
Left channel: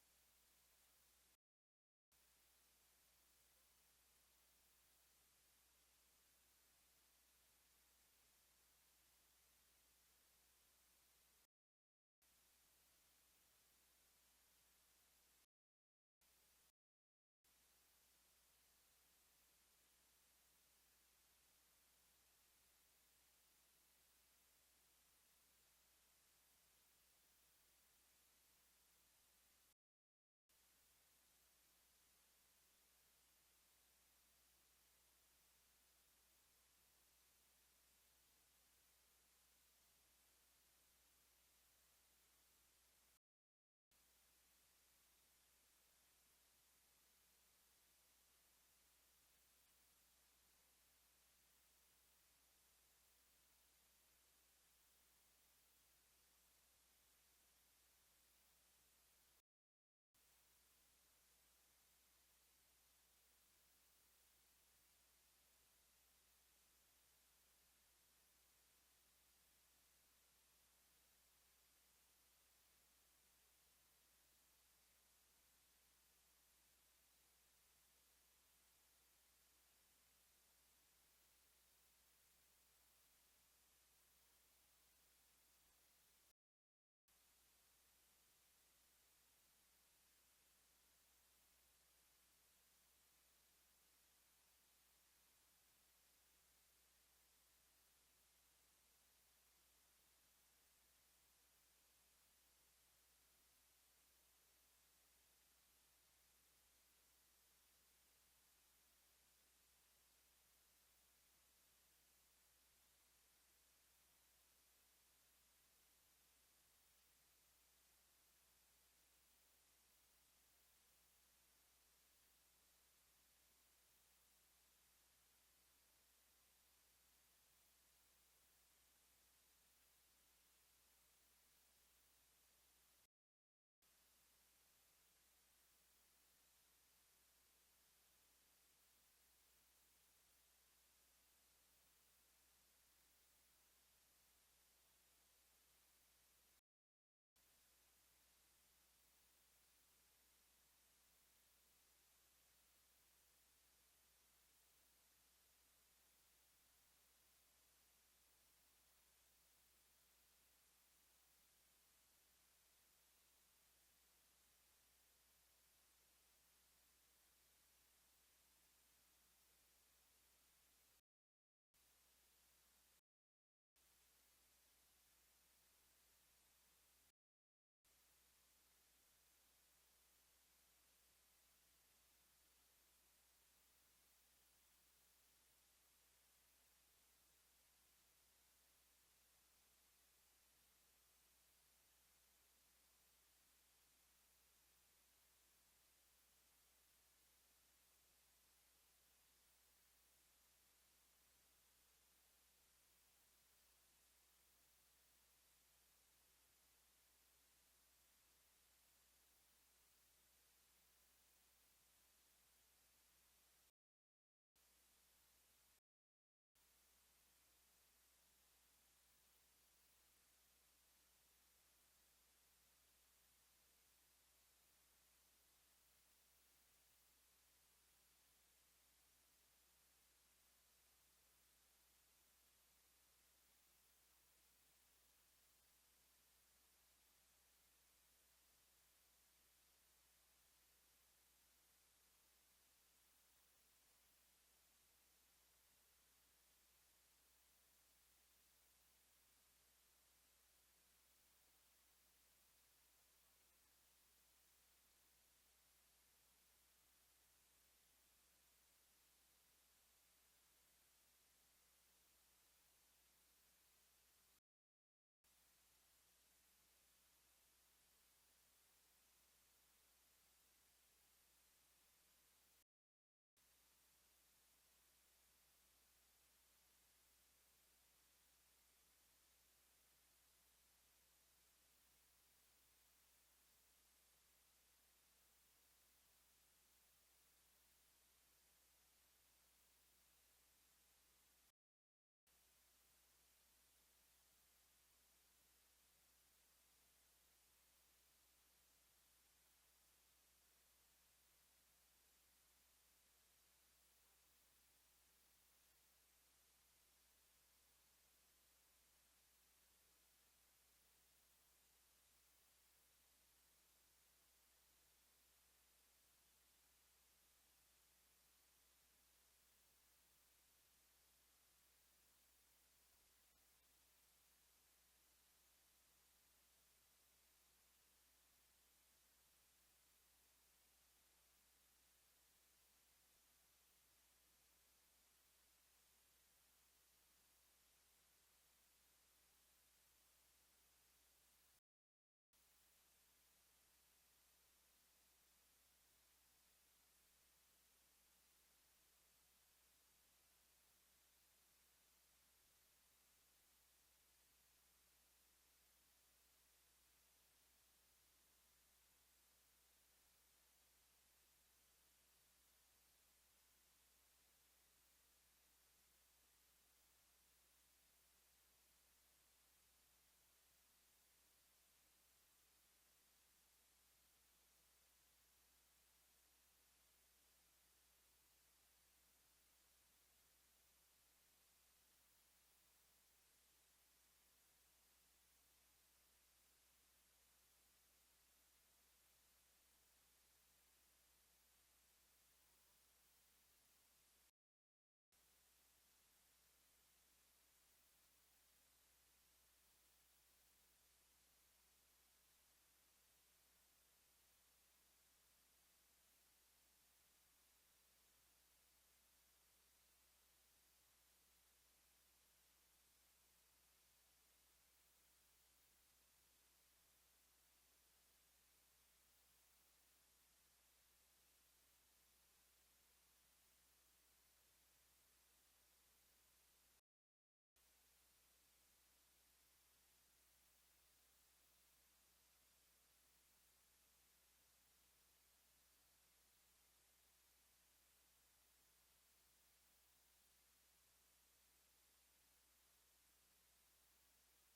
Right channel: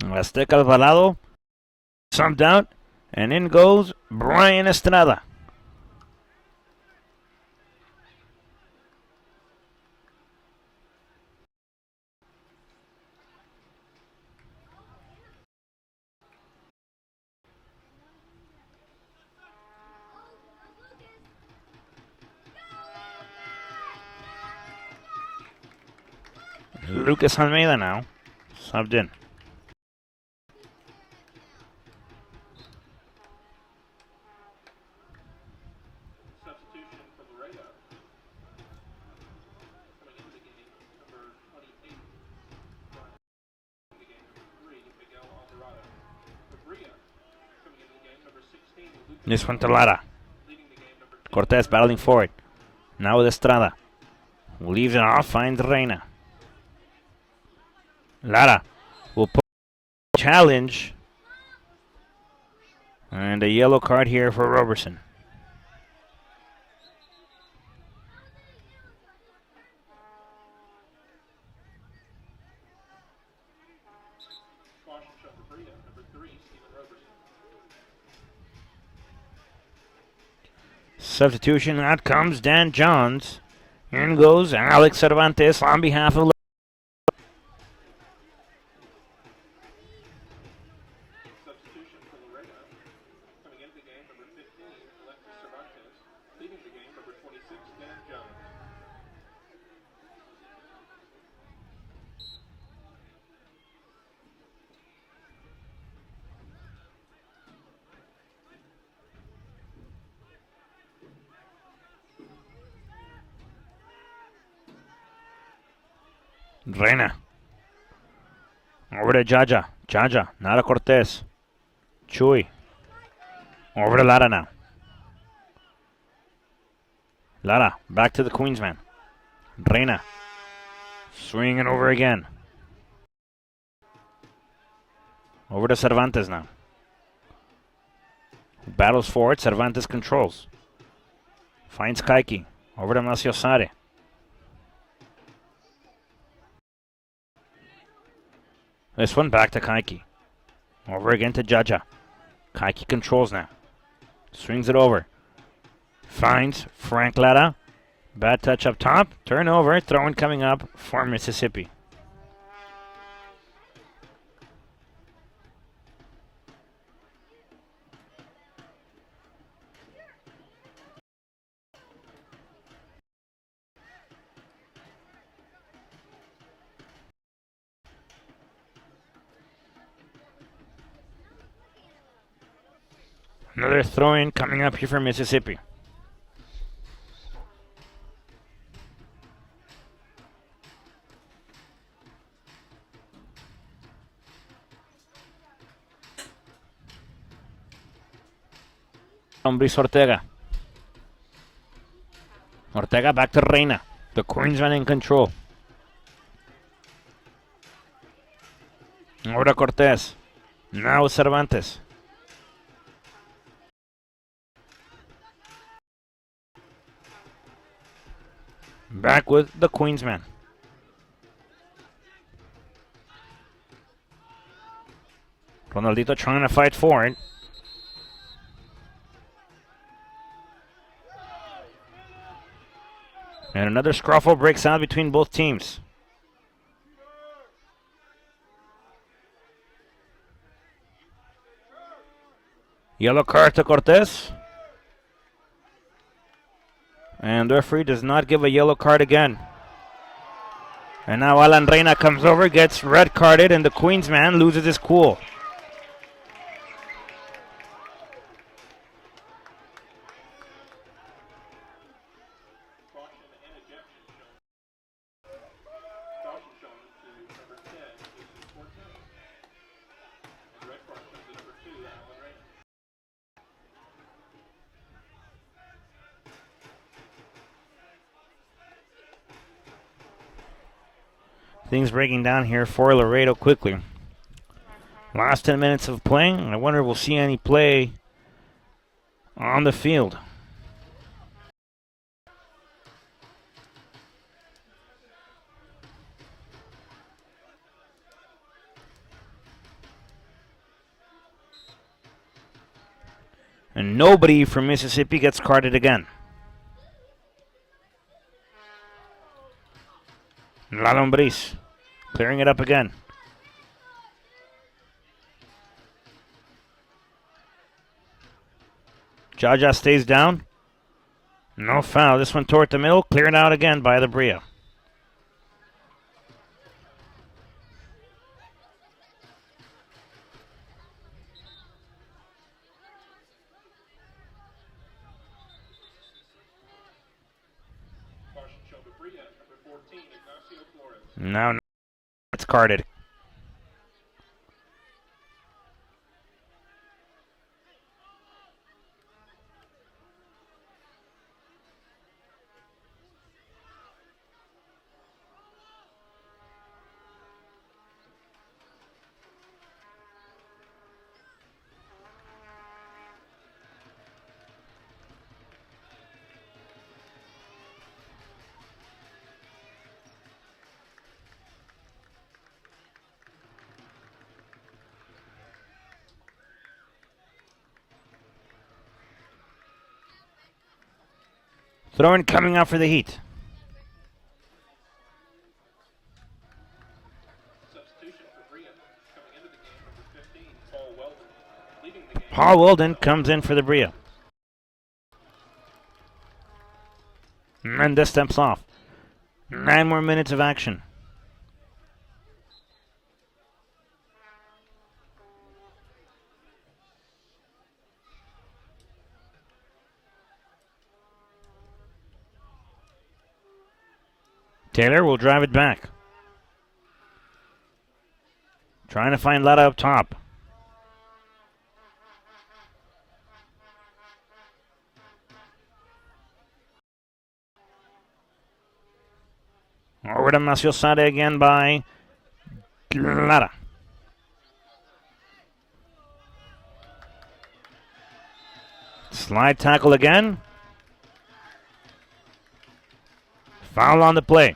Azteca Alvarado subbed out, and in goes Brian Estrada. Lucas Almeida now subbed in. Substitution for Laredo. Coming into the game, number 28. The game, number 3, Miguel Alvarado. For Brilla, coming into the game, number 16. This one to Lara. Leading the game, number 2. Cortez battling forward. Now with Estrada. Leaves it off, finds Reina. Lara will put challenge. And a yellow card here for Roberson. Substitution. Out comes Dan Johns. In goes Alex Cervantes on behalf of. Substitution for Laredo. Coming into the game, number 15, Alexis Cervantes. Leaving the game, number 26, Dan Jones. Reina. Over to Jaja. Jaja. Nada Cortez. Chuy. Over to Lara now. Lara. Back to the Queensman. Reina. Swinging over again. Over to Cervantes now. Battles forward. Cervantes controls. Finds Kaiki. Over to Maciosare. This one back to Kaiki. Over again to Jaja. Kaiki controls now. Swings it over. Finds Frank Lara. Bad touch up top. Turnover. Throw-in coming up for Mississippi. Another throw-in coming up here for Mississippi. Luis Ortega. Ortega back to Reina. The Queensman in control. Over to Cortez. Now Cervantes. Back with the Queensman. Ronaldito trying to fight for it. And another scruffle breaks out between both teams. Yellow card to Cortez. And the referee does not give a yellow card again. And now Alan Reina comes over, gets red carded, and the Queensman loses his cool. Caution and ejection shown. Caution shown to number 10, Jason Cortez. And red card shown to number 2, Alan Reyna. Things breaking down here for Laredo quickly. Last 10 minutes of playing. I wonder if we'll see any play on the field. And nobody from Mississippi gets carded again. La Lombriz clearing it up again. Jaja stays down. No foul. This one toward the middle. Cleared out again by the Brilla. Caution shown to Brilla, number 14, Ignacio Flores. Now it's carded. Throw-in coming up for the Heat. Substitution for Brilla. Coming into the game, number 15, Paul Weldon. Leading the game. Paul Weldon comes in for the Brilla. Mendes steps off. 9 more minutes of action. Taylor will drive it back. Trying to find Laredo up top. Over to Maciosade again by Lara. Slide tackle again. Foul on the play.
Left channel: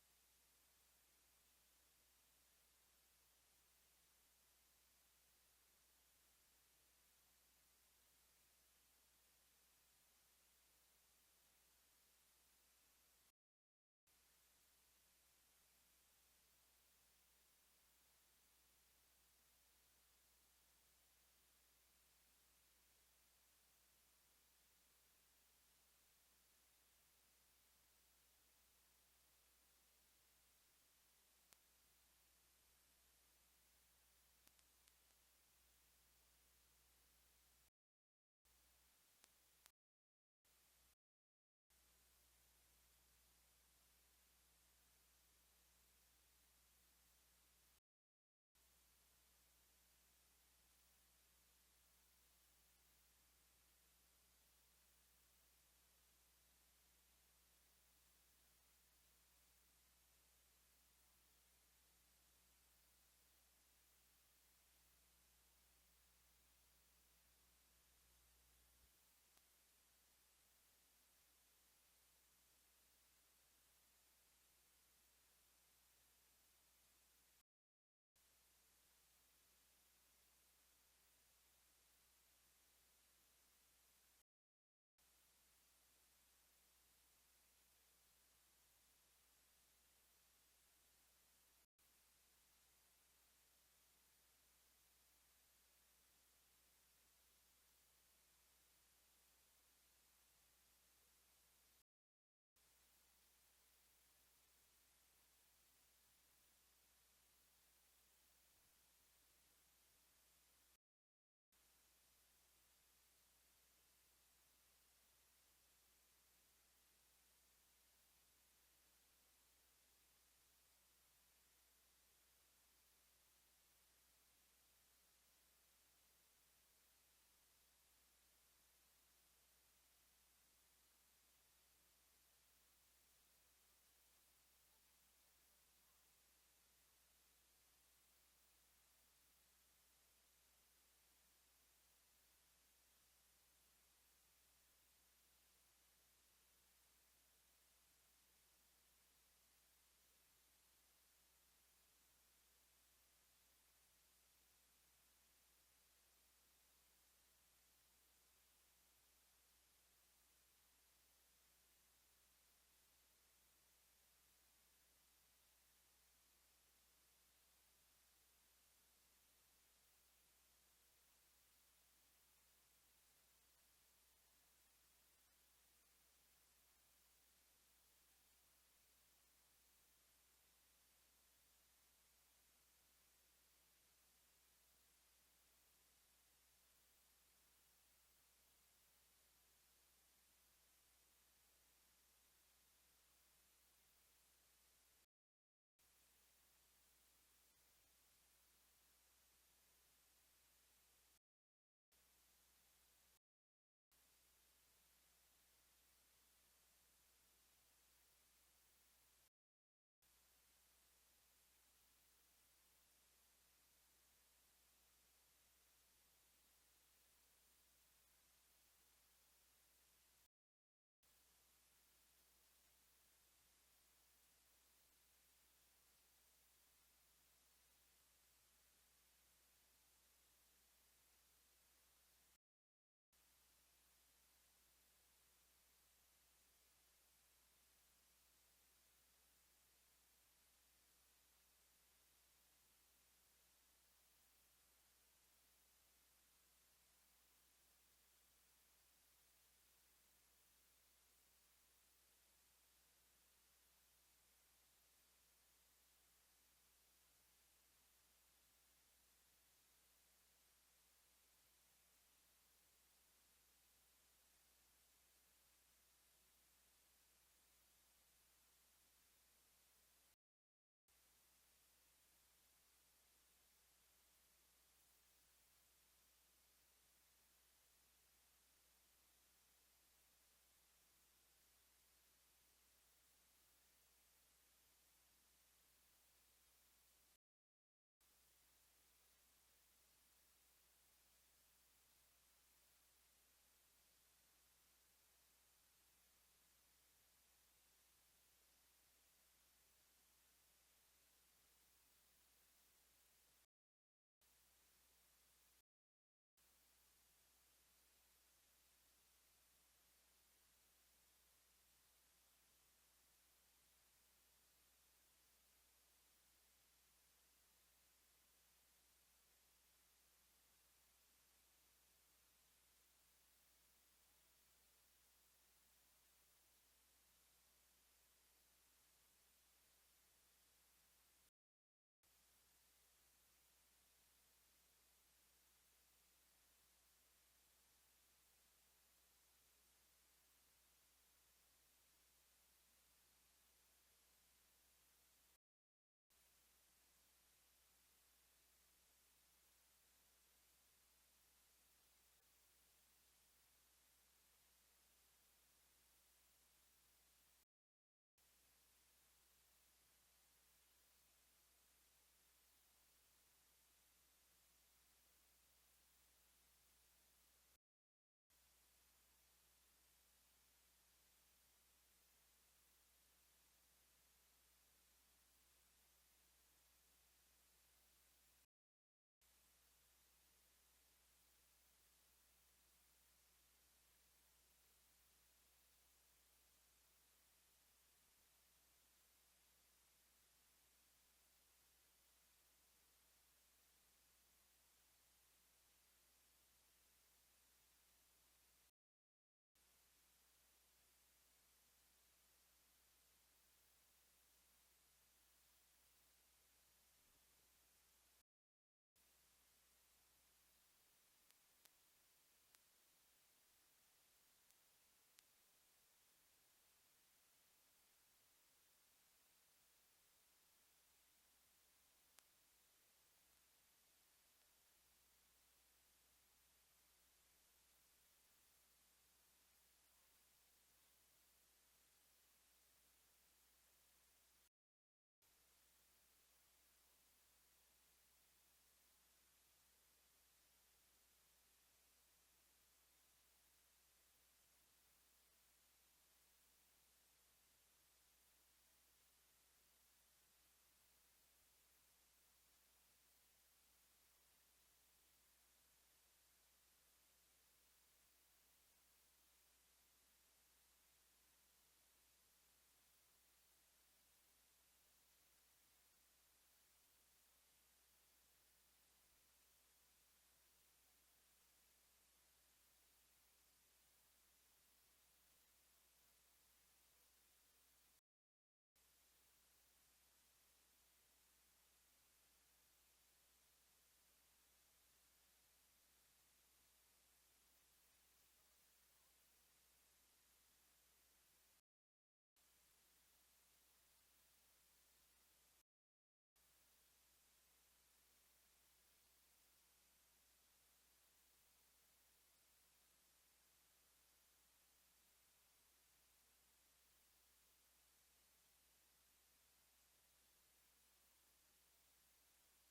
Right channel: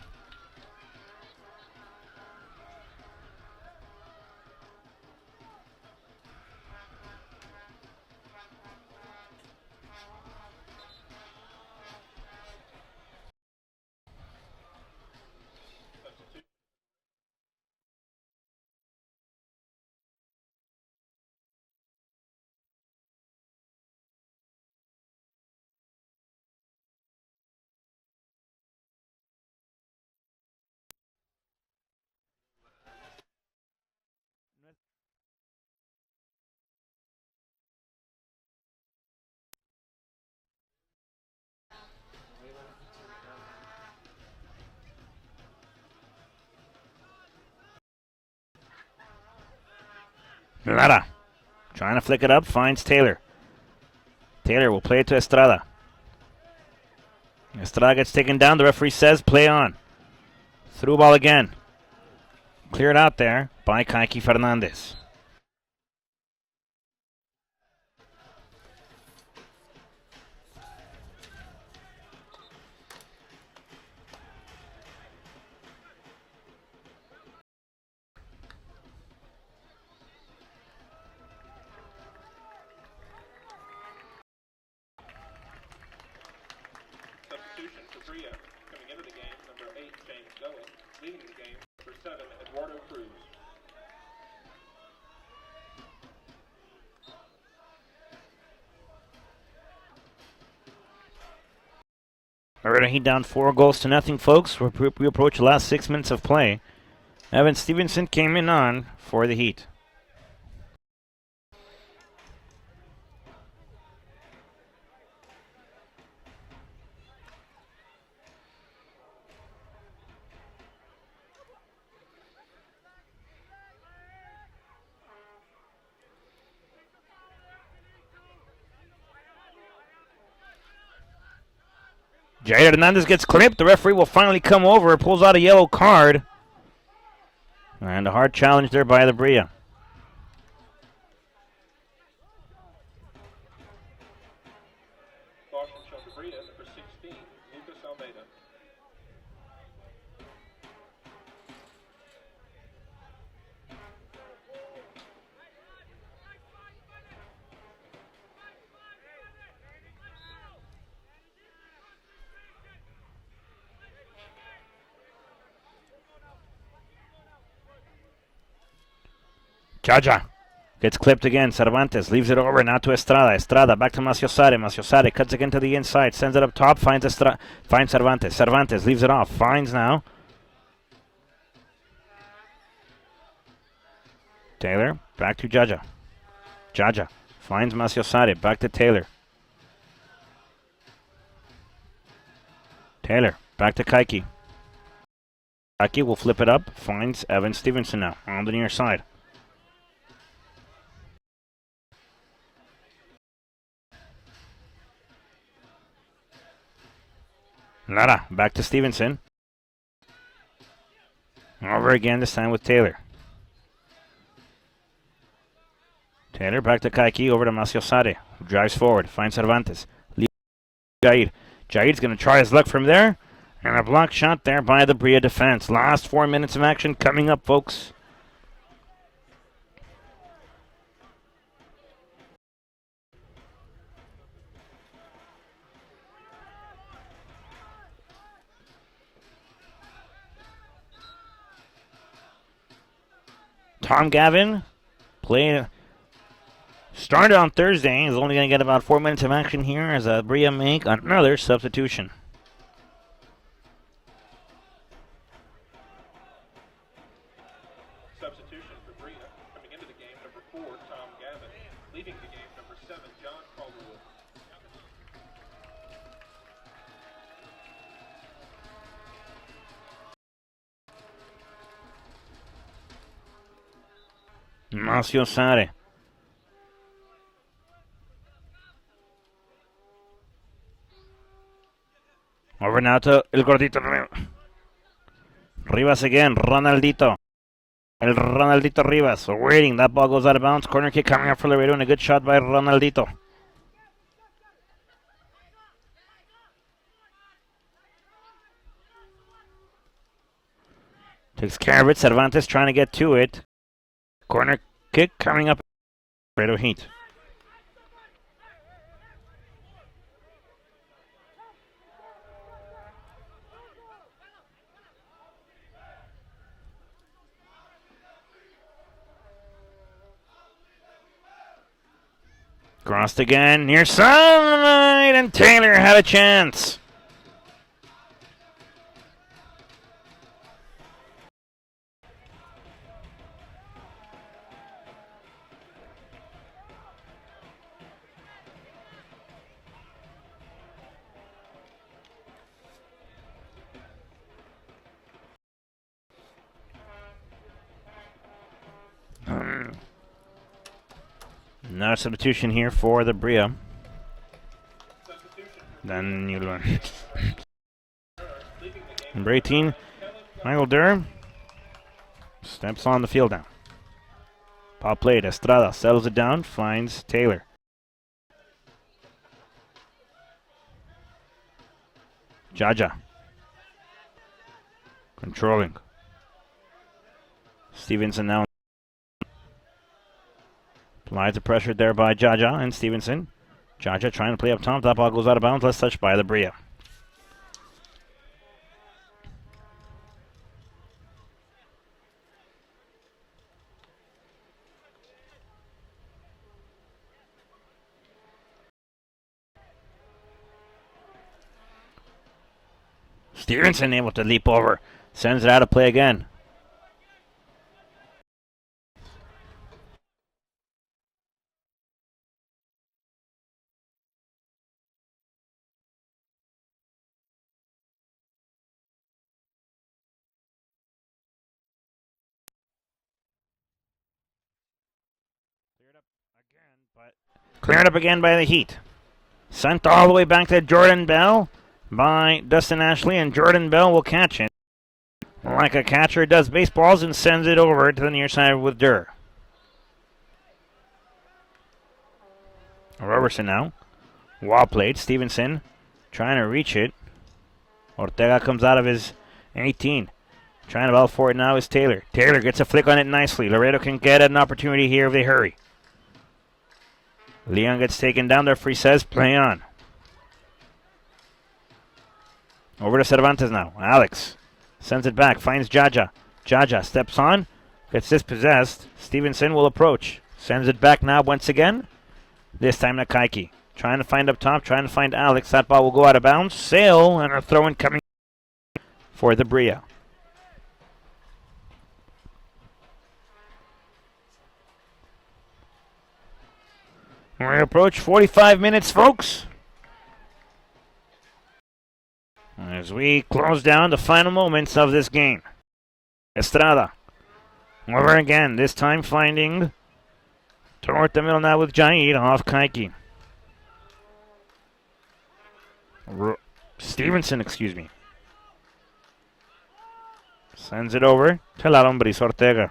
Lara trying to flick it up, finds Taylor. Taylor will play it to Estrada. Estrada gets taken down. The referee says play on. Through ball again. Cleared out there by Kaiki Fernandez. Substitution for Brilla. Coming into the game, number 8, James Dillon. Leading the game, number 7, Eduardo Cruz. Laredo Heat down 4-0, folks. We approach the last 6 minutes of play. Evan Stevenson came in on for the Heat. Jair Hernandez gets clipped. The referee will finally come over, pulls out a yellow card. And a hard challenge there by the Brilla. Caution shown to Brilla, number 16, Lucas Almeida. Jaja gets clipped again. Cervantes leaves it over now to Estrada. Estrada back to Maciosade. Maciosade cuts again to the inside. Sends it up top. Finds Cervantes. Cervantes leaves it off. Finds now. Taylor back to Jaja. Jaja finds Maciosade. Back to Taylor. Taylor back to Kaiki. Kaiki will flip it up. Finds Evan Stevenson now on the near side. Lara back to Stevenson. Over again, this time with Taylor. Taylor back to Kaiki, over to Maciosade, who drives forward, finds Cervantes. Leaves Jair. Jair's going to try his luck from there. And a block shot there by the Brilla defense. Last 4 minutes of action coming up, folks. Tom Gavin started on Thursday. He's only going to get about 4 minutes of action here as Brilla make another substitution. Substitution for Brilla. Coming into the game, number 4, Tom Gavin. Leaving the game, number 7, John Calderwood. Marcio Sare. Over now to El Gordito Rivas again. Ronaldito. El Ronaldito Rivas waiting. That ball goes out of bounds. Corner kick coming up for Laredo and a good shot by Ronaldito. Takes care of it. Cervantes trying to get to it. Corner kick coming up. Laredo Heat. Crossed again, near side, and Taylor had a chance. Another substitution here for the Brilla. Then you learn. Number 18, Michael Durr steps on the field now. Pop played. Estrada settles it down, finds Taylor. Jaja. Controlling. Stevenson now. Applies the pressure there by Jaja and Stevenson. Jaja trying to play up top. That ball goes out of bounds. Last touch by the Brilla. Stevenson able to leap over. Sends it out of play again. Cleared up again by the Heat. Sent all the way back to Jordan Bell by Dustin Ashley, and Jordan Bell will catch it. Like a catcher does baseballs and sends it over to the near side with Durr. Robertson now. Wall played. Stevenson trying to reach it. Ortega comes out of his 18. Trying to ball for it now is Taylor. Taylor gets a flick on it nicely. Laredo can get an opportunity here if they hurry. Leon gets taken down. The referee says play on. Over to Cervantes now. Alex sends it back. Finds Jaja. Jaja steps on. Gets dispossessed. Stevenson will approach. Sends it back now once again. This time to Kaiki. Trying to find up top. Trying to find Alex. That ball will go out of bounds. Sale and a throw-in coming for the Brilla. We approach 45 minutes, folks. As we close down the final moments of this game. Estrada. Over again, this time finding toward the middle now with Jaid off Kaiki. Stevenson, excuse me. Sends it over to La Lombris Ortega.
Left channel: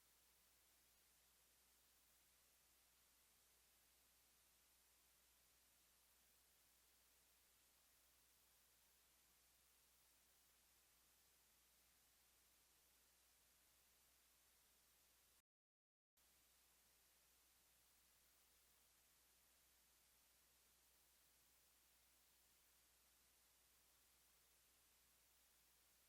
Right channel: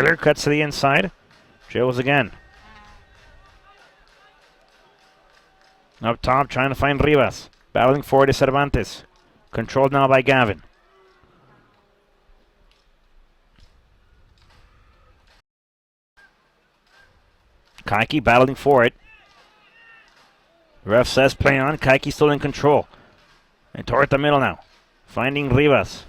Taylor cuts to the inside. Drills again. Up top, trying to find Rivas. Battling forward to Cervantes. Controlled now by Gavin. Kaiki battling for it. Ref says play on. Kaiki still in control. And toward the middle now. Finding Rivas.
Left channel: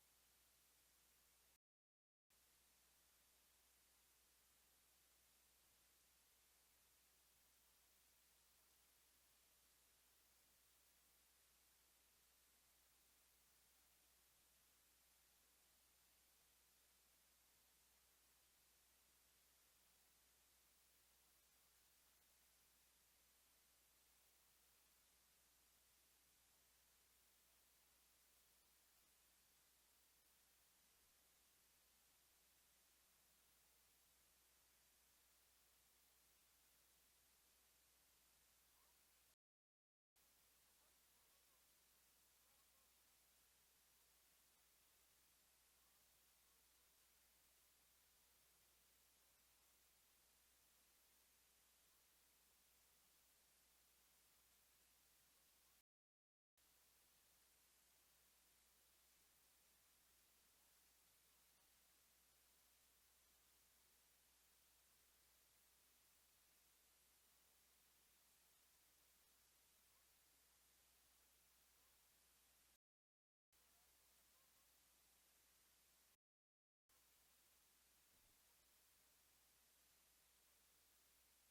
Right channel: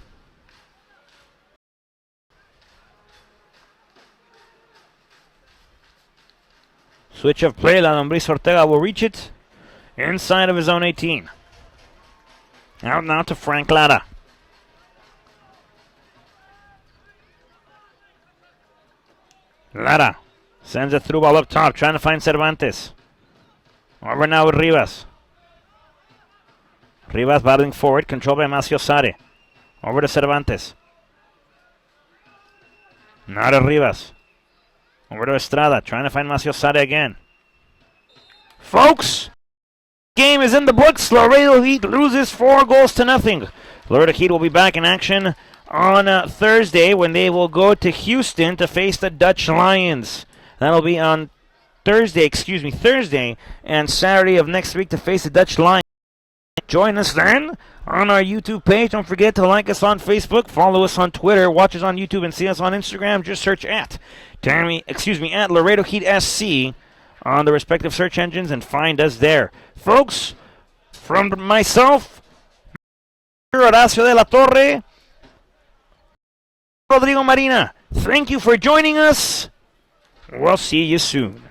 Switch of play. La Lombriz Ortega will reach it inside of his own 18. Out now to Frank Lara. Lara sends a through ball up top, trying to find Cervantes. Over now with Rivas. Rivas battling forward, controlled by Macio Sare. Over to Cervantes. Now to Rivas. Over to Estrada, trying to find Macio Sare again. Folks, game is in the books. Laredo Heat loses 4-0. Laredo Heat will be back in action on Thursday when they will go to Houston to face the Dutch Lions. That'll be on Thursday and Saturday of next week to face the Dutch Lions. Join us then on our YouTube page. Don't forget to like us on Facebook, follow us on Twitter, watch us on YouTube, and see us on Instagram. Just search at Laredo Heat SC on the respective search engines and find us there. Folks, from myself, Horacio de la Torre, Rodrigo Marina, thank you for joining us. We'll see you soon.